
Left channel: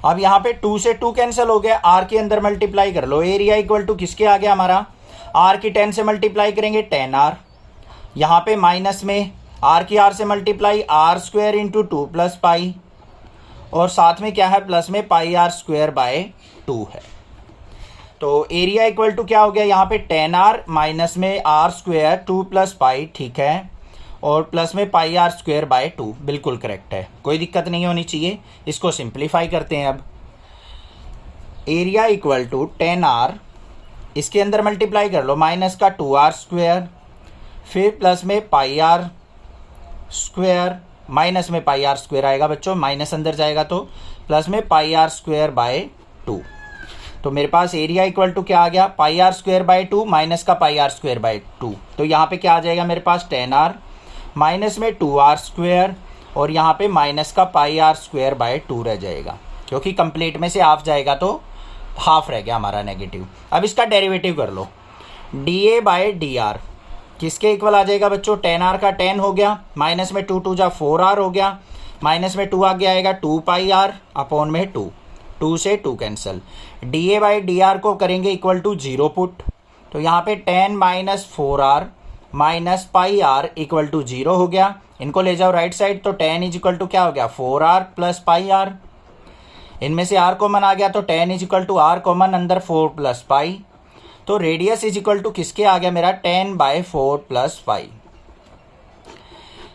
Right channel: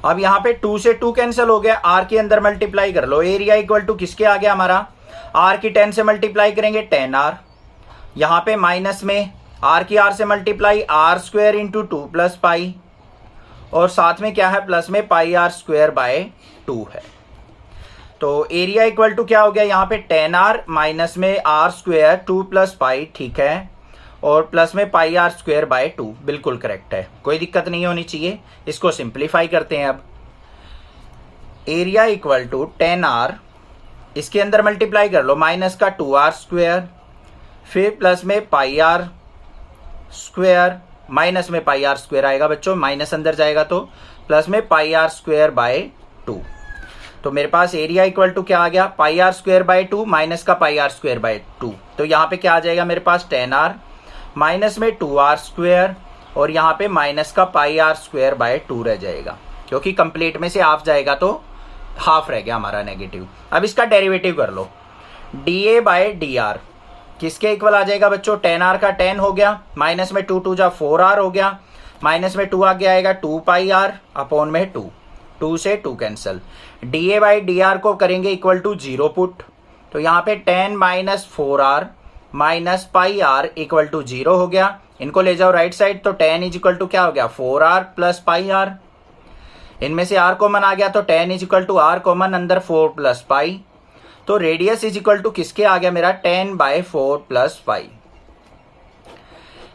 अब यहां पे 2 से 2 कैंसिल हो गया, r के अंदर मल्टीप्लाई कर लो, एरिया इक्वल टू किसके आ गया हमारा, r की 10 से मल्टीप्लाई करेंगे 10r, यहां पे माइनस में r की r से multiply r square into 2 plus pi, और साथ में क्या है प्लस में पाई आर स्क्वायर बाय 2 है। तो एरिया इक्वल टू क्या हो गया यहाँ पे 10r माइनस में r स्क्वायर 2 प्लस पाई, ठीक है, और प्लस में पाई आर स्क्वायर बाय 2, बिल्कुल करेक्ट है, कोई दिक्कत नहीं होनी चाहिए। इसको सिंप्लीफाई करते हैं। अब एरिया इक्वल टू 10r, इसके अंदर मल्टीप्लाई कर लो, माइनस का 2r स्क्वायर, फिर प्लस में पाई आर स्क्वायर, माइनस में पाई आर स्क्वायर आएगा बच्चों, माइनस अंदर जाएगा तो प्लस में पाई आर स्क्वायर बाय 2। तो मेरे पास एरिया इक्वल टू क्या आ गया पाई आर स्क्वायर बाय 2 माइनस का पाई आर स्क्वायर बाय 2, तो यहाँ पे क्या आ जाएगा मेरे पास 10r माइनस में 2r स्क्वायर, और यहाँ पे माइनस का पाई आर स्क्वायर बाय 2 रह जाएगा, क्योंकि कंप्लीट में से हाफ जाएगा तो हाफ रह गया हमारा नेगेटिव। अब इसका डेरिवेटिव कर लो, dA बाय dr किसके इक्वल आ जाएगा बच्चों, 10r का 10 हो गया, माइनस में 2 2 जा 4r हो गया, माइनस में 2 आगे आएगा 2 पाई r अपॉन में 2, 2 से 2 कैंसिल, dA बाई dr को करेंगे इक्वल टू 0 पुट, तो यहाँ पे 10 minus 4r minus pi r equal to 0 हो गया। इनको ले जाओ राइट साइड, तो tan इज इक्वल टू क्या हो गया 4r प्लस पाई आर। इनमें से r कॉमन आ गया तो tan is equal to r common अंदर 4 प्लस पाई। तो रेडियस इज इक्वल टू किसके आ गया मेरा 10/4 प्लस पाई।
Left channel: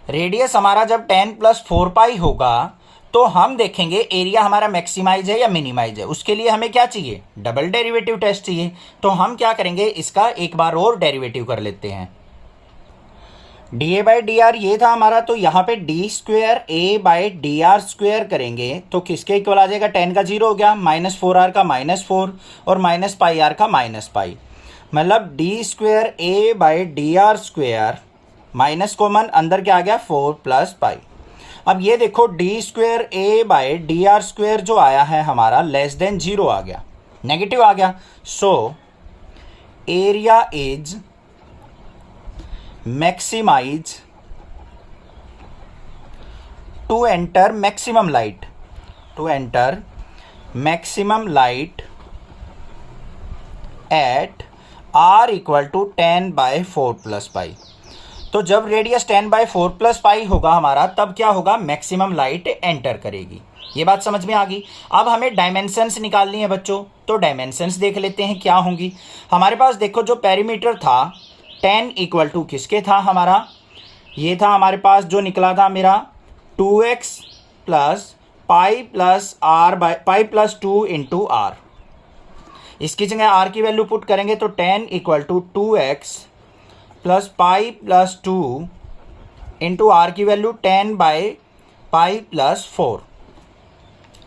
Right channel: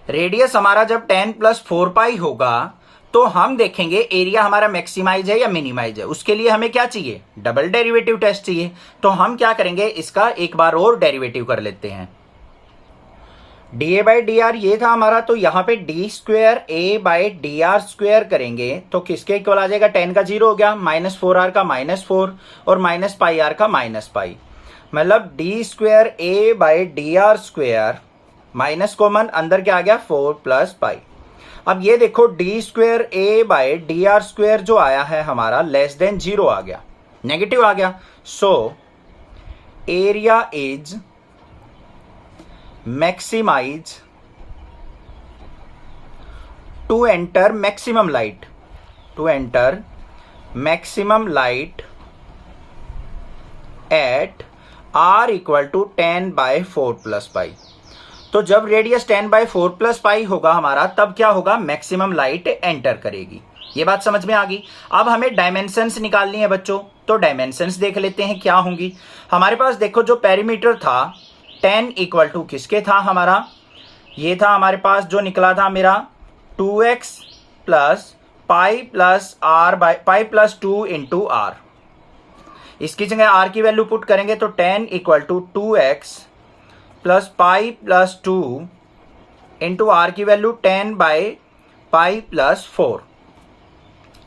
रेडियस हमारा जब 10 प्लस 4 पाई होगा तो हम देखेंगे एरिया हमारा मैक्सिमाइज है या मिनिमाइज है। उसके लिए हमें क्या चाहिए, डबल डेरिवेटिव टेस्ट चाहिए। तो हम क्या करेंगे, इसका एक बार और डेरिवेटिव कर लेते हैं। dA/dr ये था हमारा, तो यहां पे d²a/dr² करेंगे तो किसके इक्वल आ जाएगा, 10 का 0 हो गया, -4r का -4 और -πr का -π। मतलब d²a/dr² माइनस कॉमन अंदर क्या आ गया 4 प्लस पाई। अब ये देखो d²a/dr² जो आया है हमारा लेस देन 0 आ गया, नेगेटिव आ गया। So area is maximize to enter maximum light, at r equal to 10/4 plus pi. तो जब रेडियस 10/4 प्लस पाई होगा हमारा, तब क्या होगा, मैक्सिमम लाइट एंटर करेगी। ये बात समझ में आ गई। अब हमें डायमेंशंस निकालनी है बच्चों, तो डायमेंशंस देख लेते हैं क्या होंगी। हमारे पास देखो जो पेरीमीटर था 10 इक्वल टू किसके था हमारा, ये था हमारे पास जो निकला था मेरा 2x plus pi plus 2 into r। इसकी जगह r की वैल्यू पुट करेंगे तो 10 equal to 2x plus pi plus 2 into r की वैल्यू 10/पाई प्लस 4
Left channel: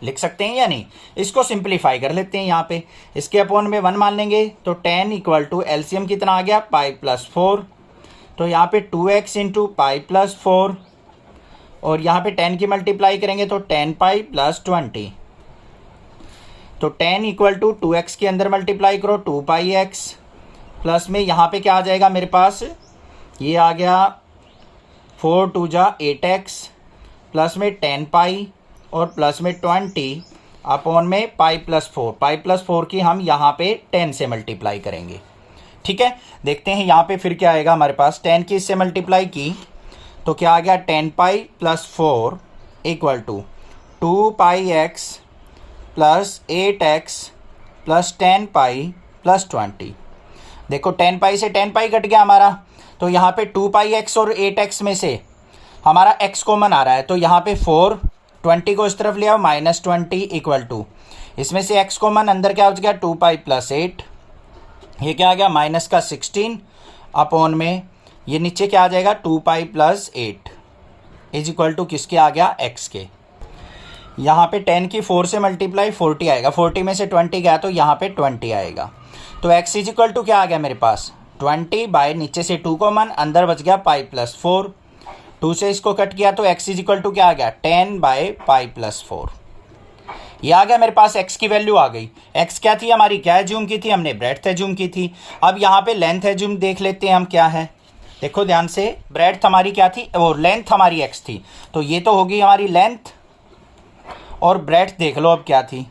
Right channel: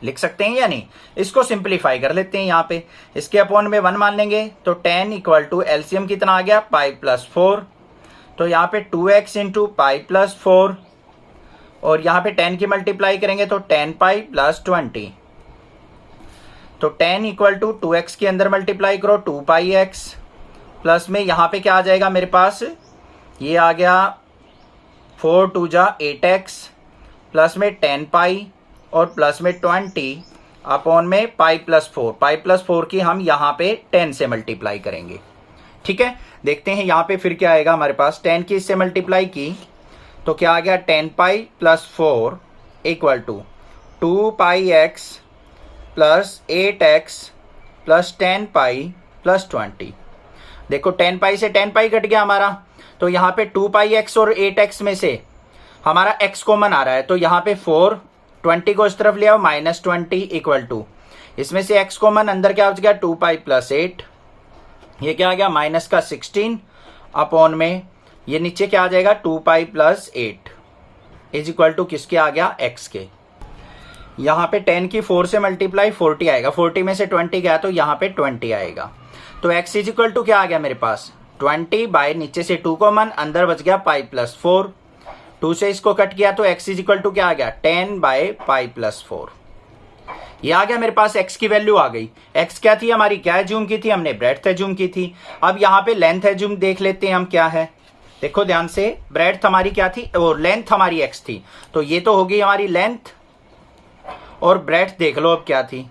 लिख सकते हैं या नहीं। इसको सिंप्लीफाई कर लेते हैं, यहाँ पे इसके अपॉन में 1 मान लेंगे तो 10 इक्वल टू एलसीएम कितना आ गया पाई प्लस 4। तो यहाँ पे 2x इंटू पाई प्लस 4 और यहाँ पे 10 की मल्टीप्लाई करेंगे तो 10 प्लस 20। तो 10 इक्वल टू 2x के अंदर मल्टीप्लाई करो 2πx प्लस में यहाँ पे क्या आ जाएगा मेरे पास, ये आ गया 4 2 जा 8x प्लस में 10 पाई और प्लस में 20 अपॉन में पाई प्लस 4 की हम यहाँ पे 10 से मल्टीप्लाई करेंगे। ठीक है, देखते हैं यहाँ पे फिर क्या आएगा हमारे पास। 10 की इससे मल्टीप्लाई की तो क्या आ गया 10 pi plus 4 equal to 2πx plus 8x plus 10 pi plus 20। देखो 10 पाई से 10 पाई कट गया हमारा, तो यहाँ पे 2πx और 8x में से हमारा x कॉमन आ रहा है, तो यहाँ पे 4 20 को इस तरफ ले आओ -20 इक्वल टू इसमें से x कॉमन अंदर क्या हो गया 2π प्लस 8, ये क्या आ गया माइनस का 16 अपॉन में ये नीचे क्या आ जाएगा 2π प्लस 8 इज इक्वल टू किसके आ गया x के। यहाँ पे 10 की 4 से मल्टीप्लाई 40 आएगा, 40 में से 20 गया तो यहाँ पे 20 आएगा। तो x इज इक्वल टू क्या आ गया मेरे पास 20 बाय नीचे से 2 कॉमन अंदर बच गया पाई प्लस 4, 2 से इसको कट किया तो x इज इक्वल टू क्या आ गया 10/पाई प्लस 4। ये आ गया मेरे पास, x की वैल्यू आ गई। x क्या थी हमारी, क्या एज्यूम की थी हमने, ब्रेड्थ एज्यूम की थी। अब यहाँ पे लेंथ एज्यूम देख लेते हैं हम क्या है। देखो ध्यान से, ब्रेड्थ हमारी क्या थी और लेंथ हमारी x थी, तो ये तो होगी हमारी लेंथ। और ब्रेड्थ देख लो अब क्या थी,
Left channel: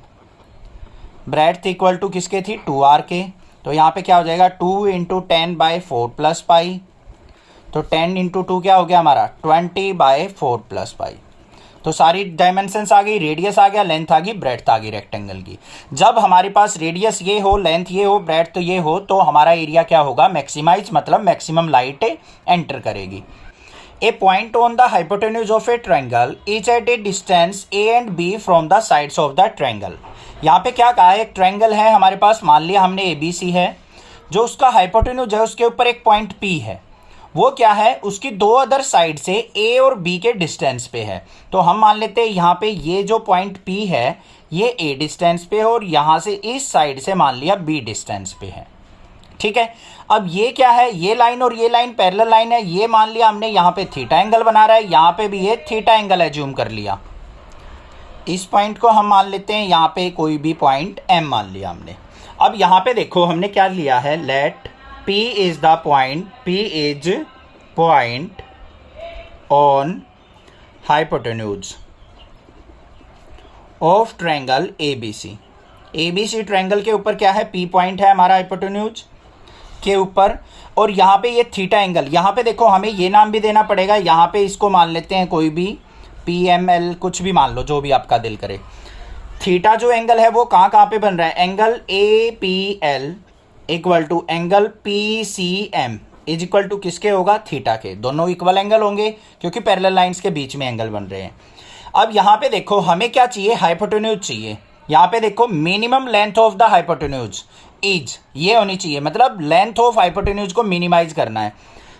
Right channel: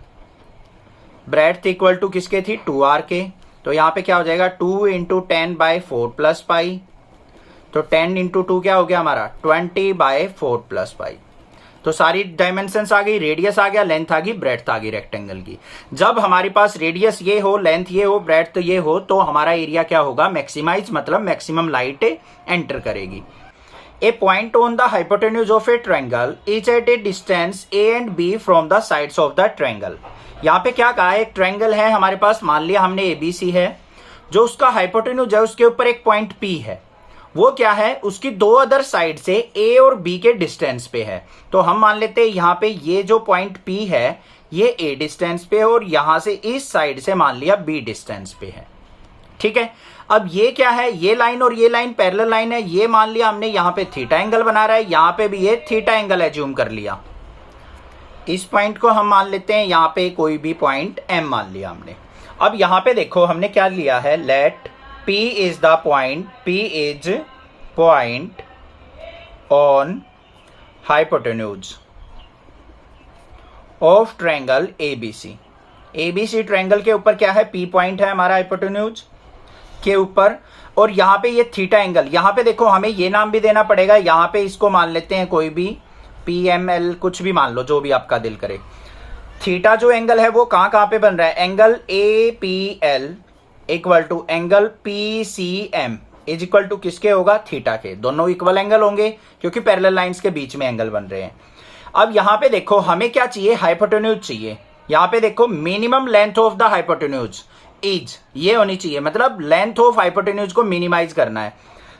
ब्रेड्थ इक्वल टू किसके थी 2r के, तो यहाँ पे क्या हो जाएगा 2 इंटू 10/4 प्लस पाई, तो 10 इंटू 2 क्या हो गया हमारा 20/4 प्लस पाई। तो सारी डायमेंशंस आ गई, रेडियस आ गया, लेंथ आ गई, ब्रेड्थ आ गई रेक्टेंगल की। जब हमारे पास रेडियस ये हो, लेंथ ये हो, ब्रेड्थ तो ये हो, तो हमारा एरिया क्या होगा मैक्सिमाइज, मतलब मैक्सिमम लाइट एंटर करेगी। A point on the hypotenuse of a triangle is at a distance A and B from the sides of the triangle। यहाँ पे क्या कहा है, एक ट्रायंगल है हमारे पास, मान लिया हमने ABC है, जो उसका हाइपोटेन्यूज है उसके ऊपर एक पॉइंट P है, वो क्या है उसकी दो अदर साइड से A और B के डिस्टेंस पे है। तो हम मान लेते हैं यहाँ पे ये जो पॉइंट P है ये A डिस्टेंस पे है और यहाँ से इस साइड से मान लिया B डिस्टेंस पे है। ठीक है, अब ये क्या है, ये लाइन और ये लाइन पैरेलल लाइन है, ये मान लिया हमने यहाँ पे थीटा एंगल बना रहा है, यहाँ पे भी ये थीटा एंगल एज्यूम कर लिया। इस पॉइंट को हम मान लेते हैं यहाँ पे कोई भी पॉइंट M मान लिया हमने। अब यहाँ पे देखो हमने क्या लिया है, let P is the point, P is point on hypotenuse of triangle ABC। ABC triangle के ऊपर क्या है, P पॉइंट है हमारा हाइपोटेन्यूज। के ऊपर, और यहाँ पे ये थीटा एंगल, यहाँ पे देखो हमें ये नाम भी देना पड़ेगा, यहाँ पे इसको मान लेते हैं कोई भी PML, कुछ भी मान लो जो भी आपका दिल करे। थीटा जो एंगल है वो कहाँ कहाँ पे बन रहा है, angle APL equal to angle PCM is equal to किसके होगा, थीटा के। दोनों इक्वल एंगल होंगे क्योंकि पैरेलल लाइंस के बीच में एंगल बन रहे हैं। अब यहाँ पे देखो हमें क्या चाहिए, हाइपोटेन्यूज चाहिए। यहाँ पे देखो minimum length of the hypotenuse is, ये होनी चाहिए, मतलब लेंथ ऑफ हाइपोटेन्यूज को मिनिमाइज करना है।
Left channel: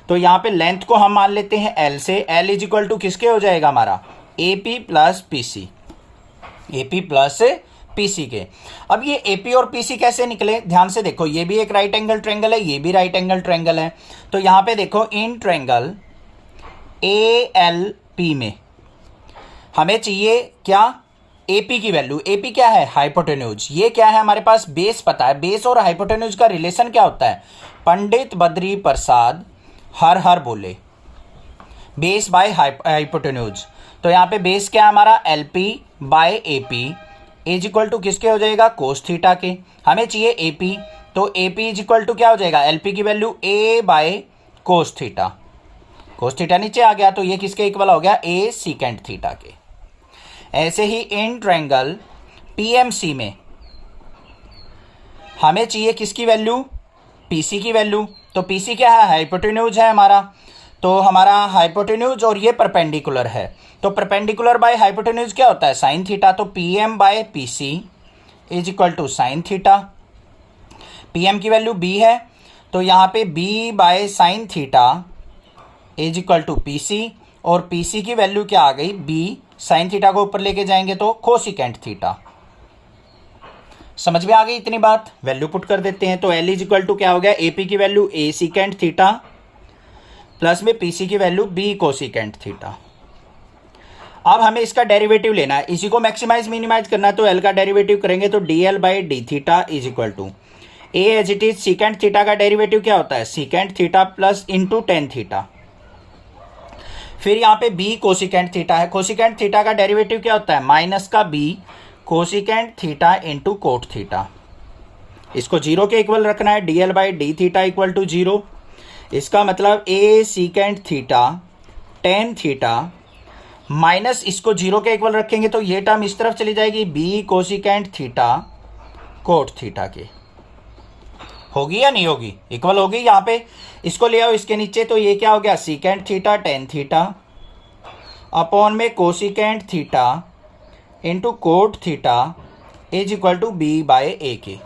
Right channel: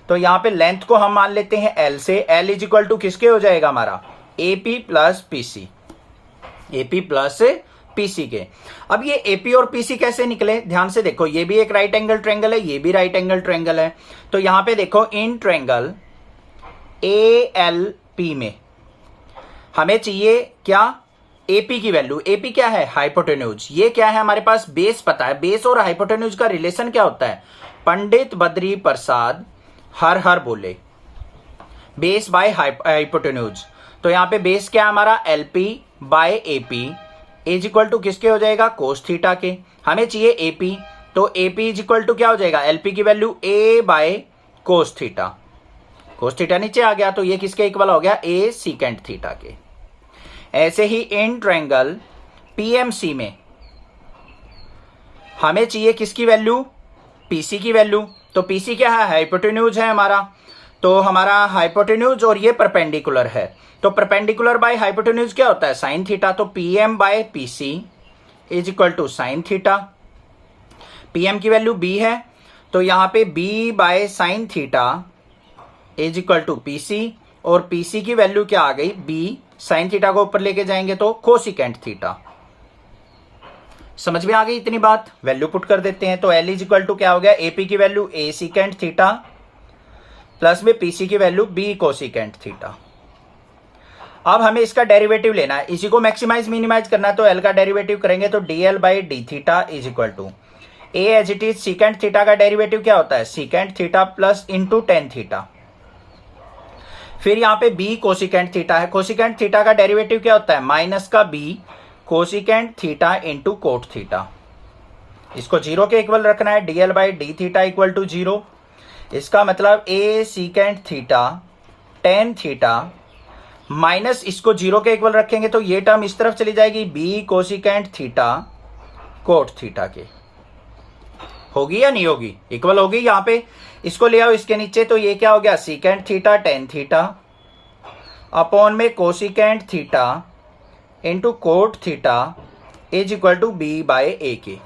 तो यहाँ पे लेंथ को हम मान लेते हैं L से, L इज इक्वल टू किसके हो जाएगा हमारा, AP plus PC, AP plus PC के। अब ये AP और PC कैसे निकले, ध्यान से देखो, ये भी एक राइट एंगल ट्रायंगल है, ये भी राइट एंगल ट्रायंगल है। तो यहाँ पे देखो इन ट्रायंगल ALP में हमें चाहिए क्या, AP की वैल्यू। AP क्या है, हाइपोटेन्यूज। ये क्या है हमारे पास, बेस पता है। बेस और हाइपोटेन्यूज का रिलेशन क्या होता है, पंडित बद्री प्रसाद हर हर बोले, बेस बाय हाइपोटेन्यूज। तो यहाँ पे बेस क्या है हमारा, LP by AP is equal to किसके हो जाएगा, कोस थीटा के। हमें चाहिए AP, तो AP इज इक्वल टू क्या हो जाएगा, LP की value A bye cos theta. Cos theta नीचे आ गया तो ये किसके इक्वल हो गया, A सीकेंट थीटा के। ऐसे ही इन ट्रायंगल PMC में हमें चाहिए किसकी वैल्यू, PC की वैल्यू। तो PC क्या है, हाइपोटेन्यूज है हमारा। तो हमारा हाइपोटेन्यूज और ये परपेंडिकुलर है, तो परपेंडिकुलर बाय हाइपोटेन्यूज क्या होता है, साइन थीटा। तो PM by PC is equal to sine theta. PM की वैल्यू B है, तो यहाँ पे B by sine theta is equal to PC, और PC की वैल्यू क्या आ गई, B। साइन थीटा को ऊपर लेके जाएंगे तो कोसिकेंट थीटा। समझ में आ गई इतनी बात, वैल्यू पुट कर देते हैं। तो L इज इक्वल टू क्या हो गया, AP की value A secant theta plus में PC की वैल्यू B कोसिकेंट थीटा। अब हमें इसका डेरिवेटिव लेना है, इसी को मैक्सिमाइज मिनिमाइज करना है। तो L का डेरिवेटिव करेंगे तो DL by d theta is equal to A as it is, secant theta का डेरिवेटिव क्या होता है, secant theta plus into tan theta. फिर यहाँ पे B कोसिकेंट थीटा है, कोसिकेंट थीटा का डेरिवेटिव क्या होता है, माइनस का B cosecant theta into cot theta. इसको जीरो के इक्वल रखना है, DL by d theta equal to zero. इसका मतलब A secant theta tan theta minus इसको जीरो के इक्वल रखेंगे तो ये टर्म इस तरफ चली जाएगी, B cosecant theta cot theta के। होगी या नहीं होगी, इक्वल होगी। यहाँ पे इसको ले आओ इसके नीचे, तो ये क्या हो गया, secant theta tan theta upon में cosecant theta into cot theta is equal to B by A के।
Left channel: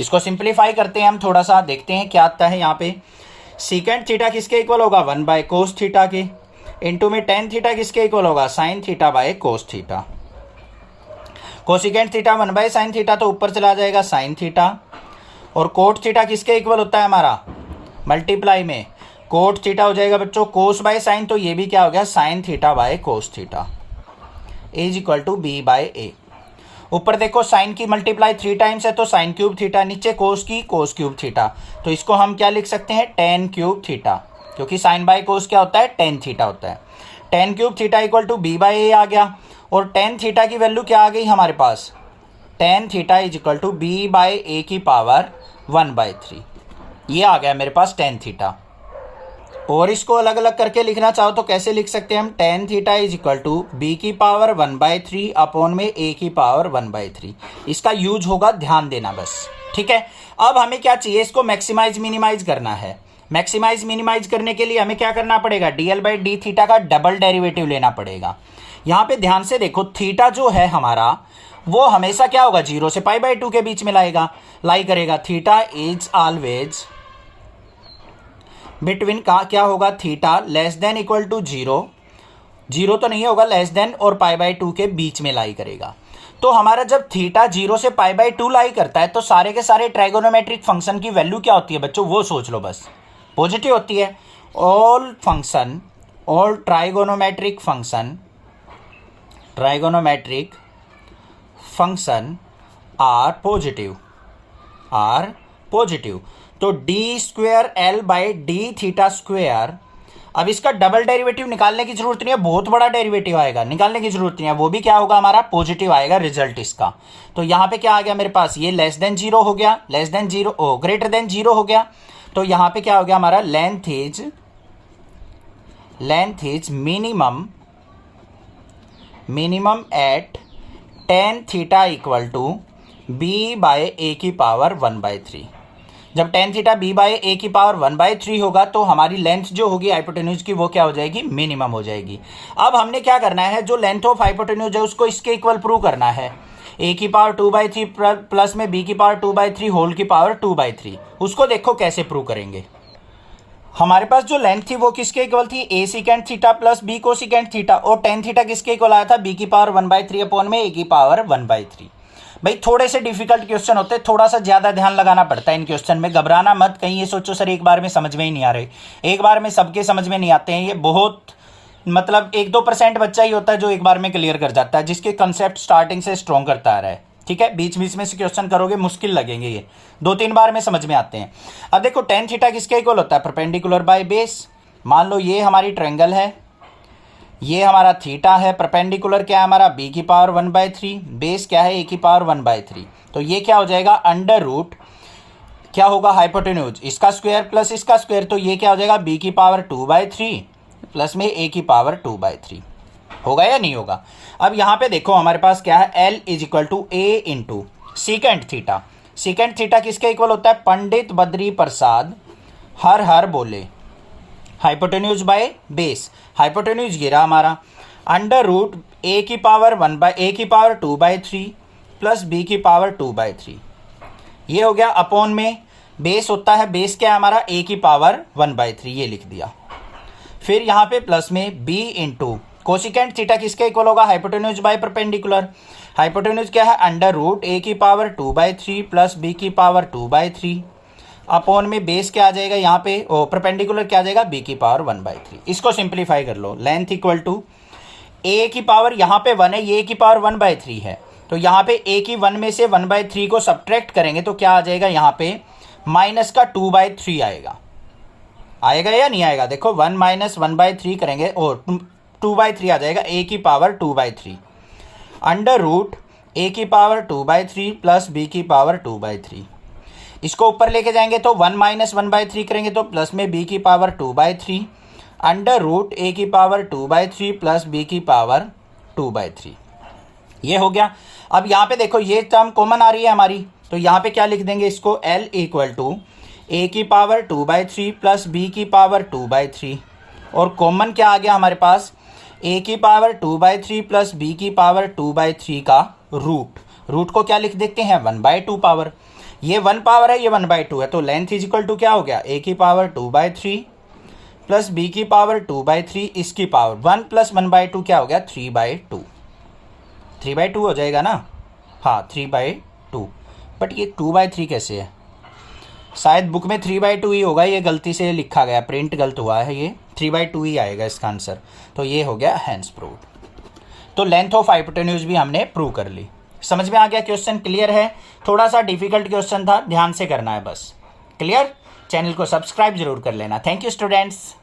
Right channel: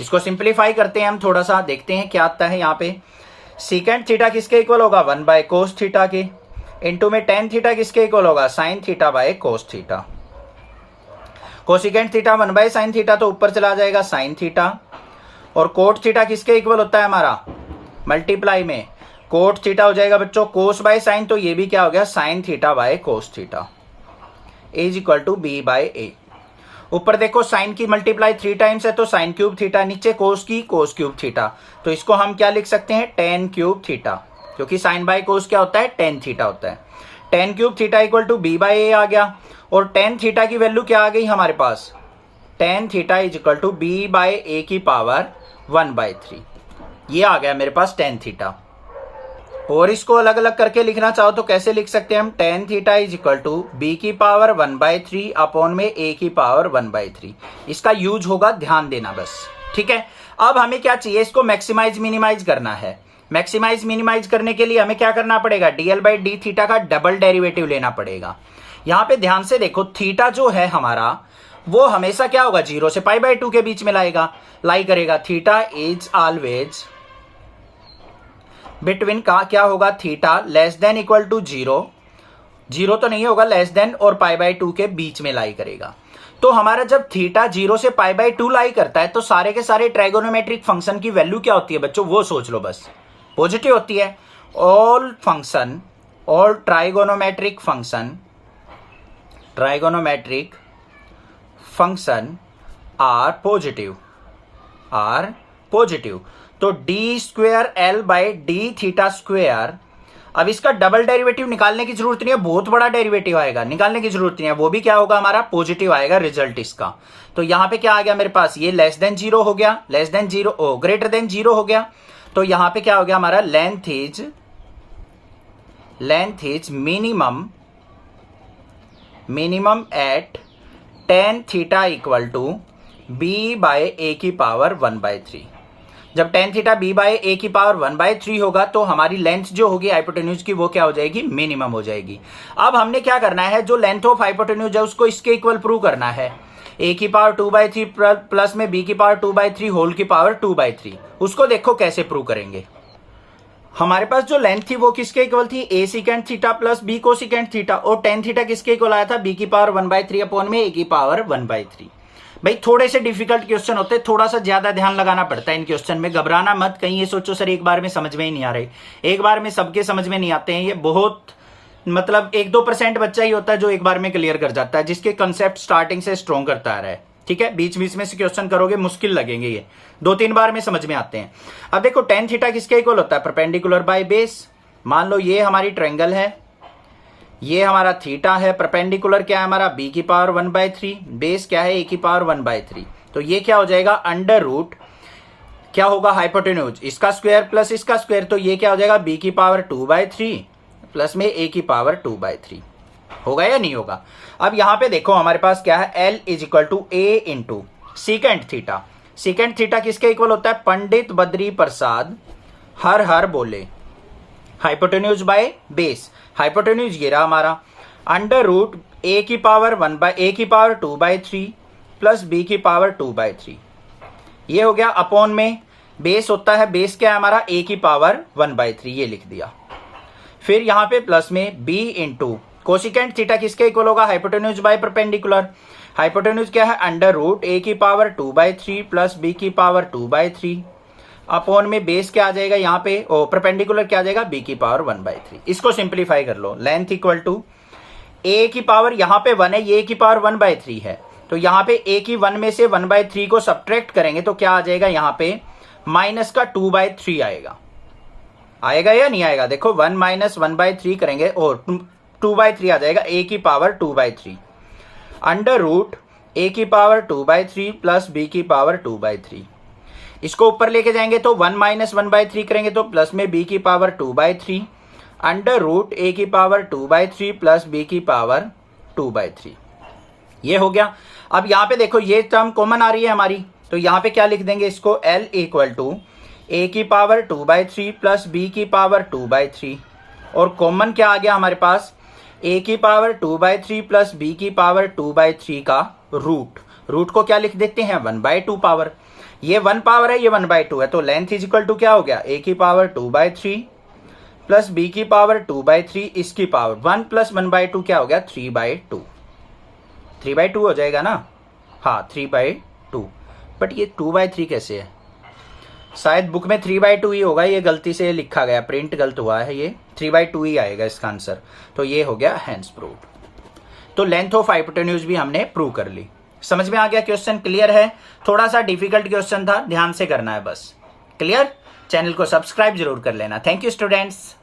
इसको सिंप्लीफाई करते हैं हम थोड़ा सा, देखते हैं क्या आता है। यहाँ पे सीकेंट थीटा किसके इक्वल होगा, वन बाय कोस थीटा के, इंटू में टेन थीटा किसके इक्वल होगा, sign theta by cos theta. Cosecant theta one by sine theta तो ऊपर चला जाएगा साइन थीटा, और कोट थीटा किसके इक्वल होता है हमारा, मल्टीप्लाई में कोट थीटा हो जाएगा बच्चों कोस बाय साइन, तो ये भी क्या हो गया, sine theta by cos theta is equal to B by A। ऊपर देखो साइन की मल्टीप्लाई 3 टाइम्स है तो साइन क्यूब थीटा, नीचे कोस की कोस क्यूब थीटा, तो इसको हम क्या लिख सकते हैं, टेन क्यूब थीटा, क्योंकि साइन बाय कोस क्या होता है, टेन थीटा होता है। Tan cube theta equal to B by A आ गया, और टेन थीटा की वैल्यू क्या आ गई हमारे पास, tan theta is equal to B by A की पावर 1/3। ये आ गया मेरे पास टेन थीटा। और इसको अलग अलग करके लिखना चाहो तो कैसे लिख सकते हैं हम, tan theta is equal to B की पावर 1/3 अपॉन में A की पावर 1/3। इसका यूज होगा, ध्यान देना बस, ठीक है। अब हमें क्या चाहिए, इसको मैक्सिमाइज मिनिमाइज करना है। मैक्सिमाइज मिनिमाइज करने के लिए हमें क्या करना पड़ेगा, DL बाई डी थीटा का डबल डेरिवेटिव लेना पड़ेगा। यहाँ पे ध्यान से देखो, थीटा जो है हमारा वो हमेशा क्या होगा, 0 से π/2 के बीच में लाई करेगा। थीटा इज ऑलवेज बिटवीन का क्या होगा, theta less than equal to 0, 0 तो नहीं होगा, लेस देन और π/2 के बीच में लाई करेगा। तो हमारा जब थीटा 0 से π/2 लाई करता है तो सारे के सारे ट्राइगोनोमेट्रिक फंक्शन की वैल्यू क्या होती है बच्चों, वो सोच लो बस, पॉजिटिव होती है। All trigonometric function are positive. तो d square L by d theta square अब इसका डबल डेरिवेटिव निकालने की जरूरत नहीं है, बहुत बड़ा डेरिवेटिव आएगा, निकालने की जरूरत नहीं है, वो भी क्या होगा हमारा पॉजिटिव आएगा रिजल्ट इसका। तो यहां पे क्या आ गया मेरे पास, ये लेस देन जीरो हो गया, लेस देन जीरो ओ ग्रेटर देन जीरो हो गया। तो यहां पे क्या हो गया हमारा length is minimum at tan theta equal to b by a की पावर 1/3। जब tan theta b by a की पावर 1/3 होगा तो हमारी लेंथ जो होगी हाइपोटेन्यूज की वो क्या हो जाएगी, मिनिमम हो जाएगी। अब हमने क्या करना है, जो लेंथ ऑफ हाइपोटेन्यूज है उसको इसके इक्वल प्रूव करना है, a की पावर 2/3 प्लस में b की पावर 2/3 होल की पावर 2/3। उसको देखो कैसे प्रूव करेंगे। हमारे पास जो लेंथ थी वो किसके इक्वल थी, a second theta plus b cosecant theta, और tan थीटा किसके इक्वल आया था, b की पावर 1/3 अपॉन में a की पावर 1/3। भाई थोड़े से डिफिकल्ट क्वेश्चन होते हैं, थोड़ा सा ज्यादा ध्यान लगाना पड़ता है इन क्वेश्चन में, घबराना मत, कहीं ये सोचो सर एक बार में समझ में ही नहीं आ रहे, एक बार में सबके समझ में नहीं आते हैं। ये बहुत मतलब 1-2% बच्चा ही होता है जो एक बार में क्लियर कर जाता है, जिसके कंसेप्ट स्टार्टिंग से स्ट्रॉन्ग करता आ रहा है। ठीक है, बीच बीच में से क्वेश्चन करोगे मुश्किल लगेंगे, ये 2-3 बार में समझ में आते हैं। अब देखो tan थीटा किसके इक्वल होता है, परपेंडिकुलर बाय बेस। मान लो ये हमारी ट्रायंगल है, ये हमारा थीटा है, परपेंडिकुलर क्या है हमारा b की पावर 1/3, बेस क्या है a की पावर 1/3। तो ये क्या हो जाएगा अंडर रूट क्या होगा हाइपोटेन्यूज, इसका स्क्वायर प्लस इसका स्क्वायर, तो ये क्या हो जाएगा b की पावर 2/3 प्लस में a की पावर 2/3। होगा या नहीं होगा। अब यहां पे देखो हमारे पास क्या है, L is equal to a into secant theta. Secant theta किसके इक्वल होता है, पंडित बद्री प्रसाद हर हर बोले, हाइपोटेन्यूज बाय बेस, हाइपोटेन्यूज ये रहा हमारा, अंडर रूट a की पावर 2/3 प्लस b की पावर 2/3। ये हो गया अपॉन में बेस होता है, बेस क्या है हमारा a की पावर 1/3, ये लिख दिया। फिर यहां पे प्लस में b इंटू कोसिकेंट थीटा किसके इक्वल होगा, हाइपोटेन्यूज बाय परपेंडिकुलर, हाइपोटेन्यूज क्या है अंडर रूट a की पावर 2/3 प्लस b की पावर 2/3 अपॉन में बेस क्या आ जाएगा यहाँ पे, ओ परपेंडिकुलर क्या आ जाएगा b की पावर 1/3। इसको सिंप्लीफाई कर लो, लेंथ इक्वल टू a की पावर यहाँ पे 1 है, ये a की पावर 1/3 है, तो यहाँ पे a की 1 में से 1/3 को सब्ट्रैक्ट करेंगे तो क्या आ जाएगा यहाँ पे माइनस का 2/3 आएगा, आएगा या नहीं आएगा। देखो 1 माइनस 1/3 करेंगे और 2/3 आ जाएगा, a की पावर 2/3 अंडर रूट a की पावर 2/3 प्लस b की पावर 2/3। इसको ऊपर लेके जाएंगे तो 1 माइनस 1/3 करेंगे तो प्लस में b की पावर 2/3 अंडर रूट a की पावर 2/3 प्लस b की पावर 2/3। ये हो गया। अब यहाँ पे देखो ये टर्म कॉमन आ रही है हमारी, तो यहाँ पे क्या लिख देंगे इसको, L इक्वल टू a की पावर 2/3 प्लस b की पावर 2/3, और कॉमन क्या आ गया हमारे पास, a की पावर 2/3 प्लस b की पावर 2/3 का रूट, रूट को क्या लिख देते हैं 1/2 पावर, ये 1 पावर है ये 1/2 है, तो लेंथ इज इक्वल टू क्या हो गया, a की पावर 2/3 प्लस b की पावर 2/3 इसकी पावर 1 प्लस 1/2 क्या हो गया 3/2, 3/2 हो जाएगा ना, हाँ 3/2। बट ये 2/3 कैसे है, शायद बुक में 3/2 ही होगा, ये गलती से लिखा गया, प्रिंट गलत हुआ है, ये 3/2 ही आएगा इसका आंसर। तो ये हो गया हैंस प्रूव्ड। तो लेंथ ऑफ हाइपोटेन्यूज भी हमने प्रूव कर ली। समझ में आ गया, क्वेश्चन क्लियर है, थोड़ा सा डिफिकल्ट क्वेश्चन था, ध्यान से करना है बस। क्लियर, चैनल को सब्सक्राइब जरूर कर लेना। Thank you students.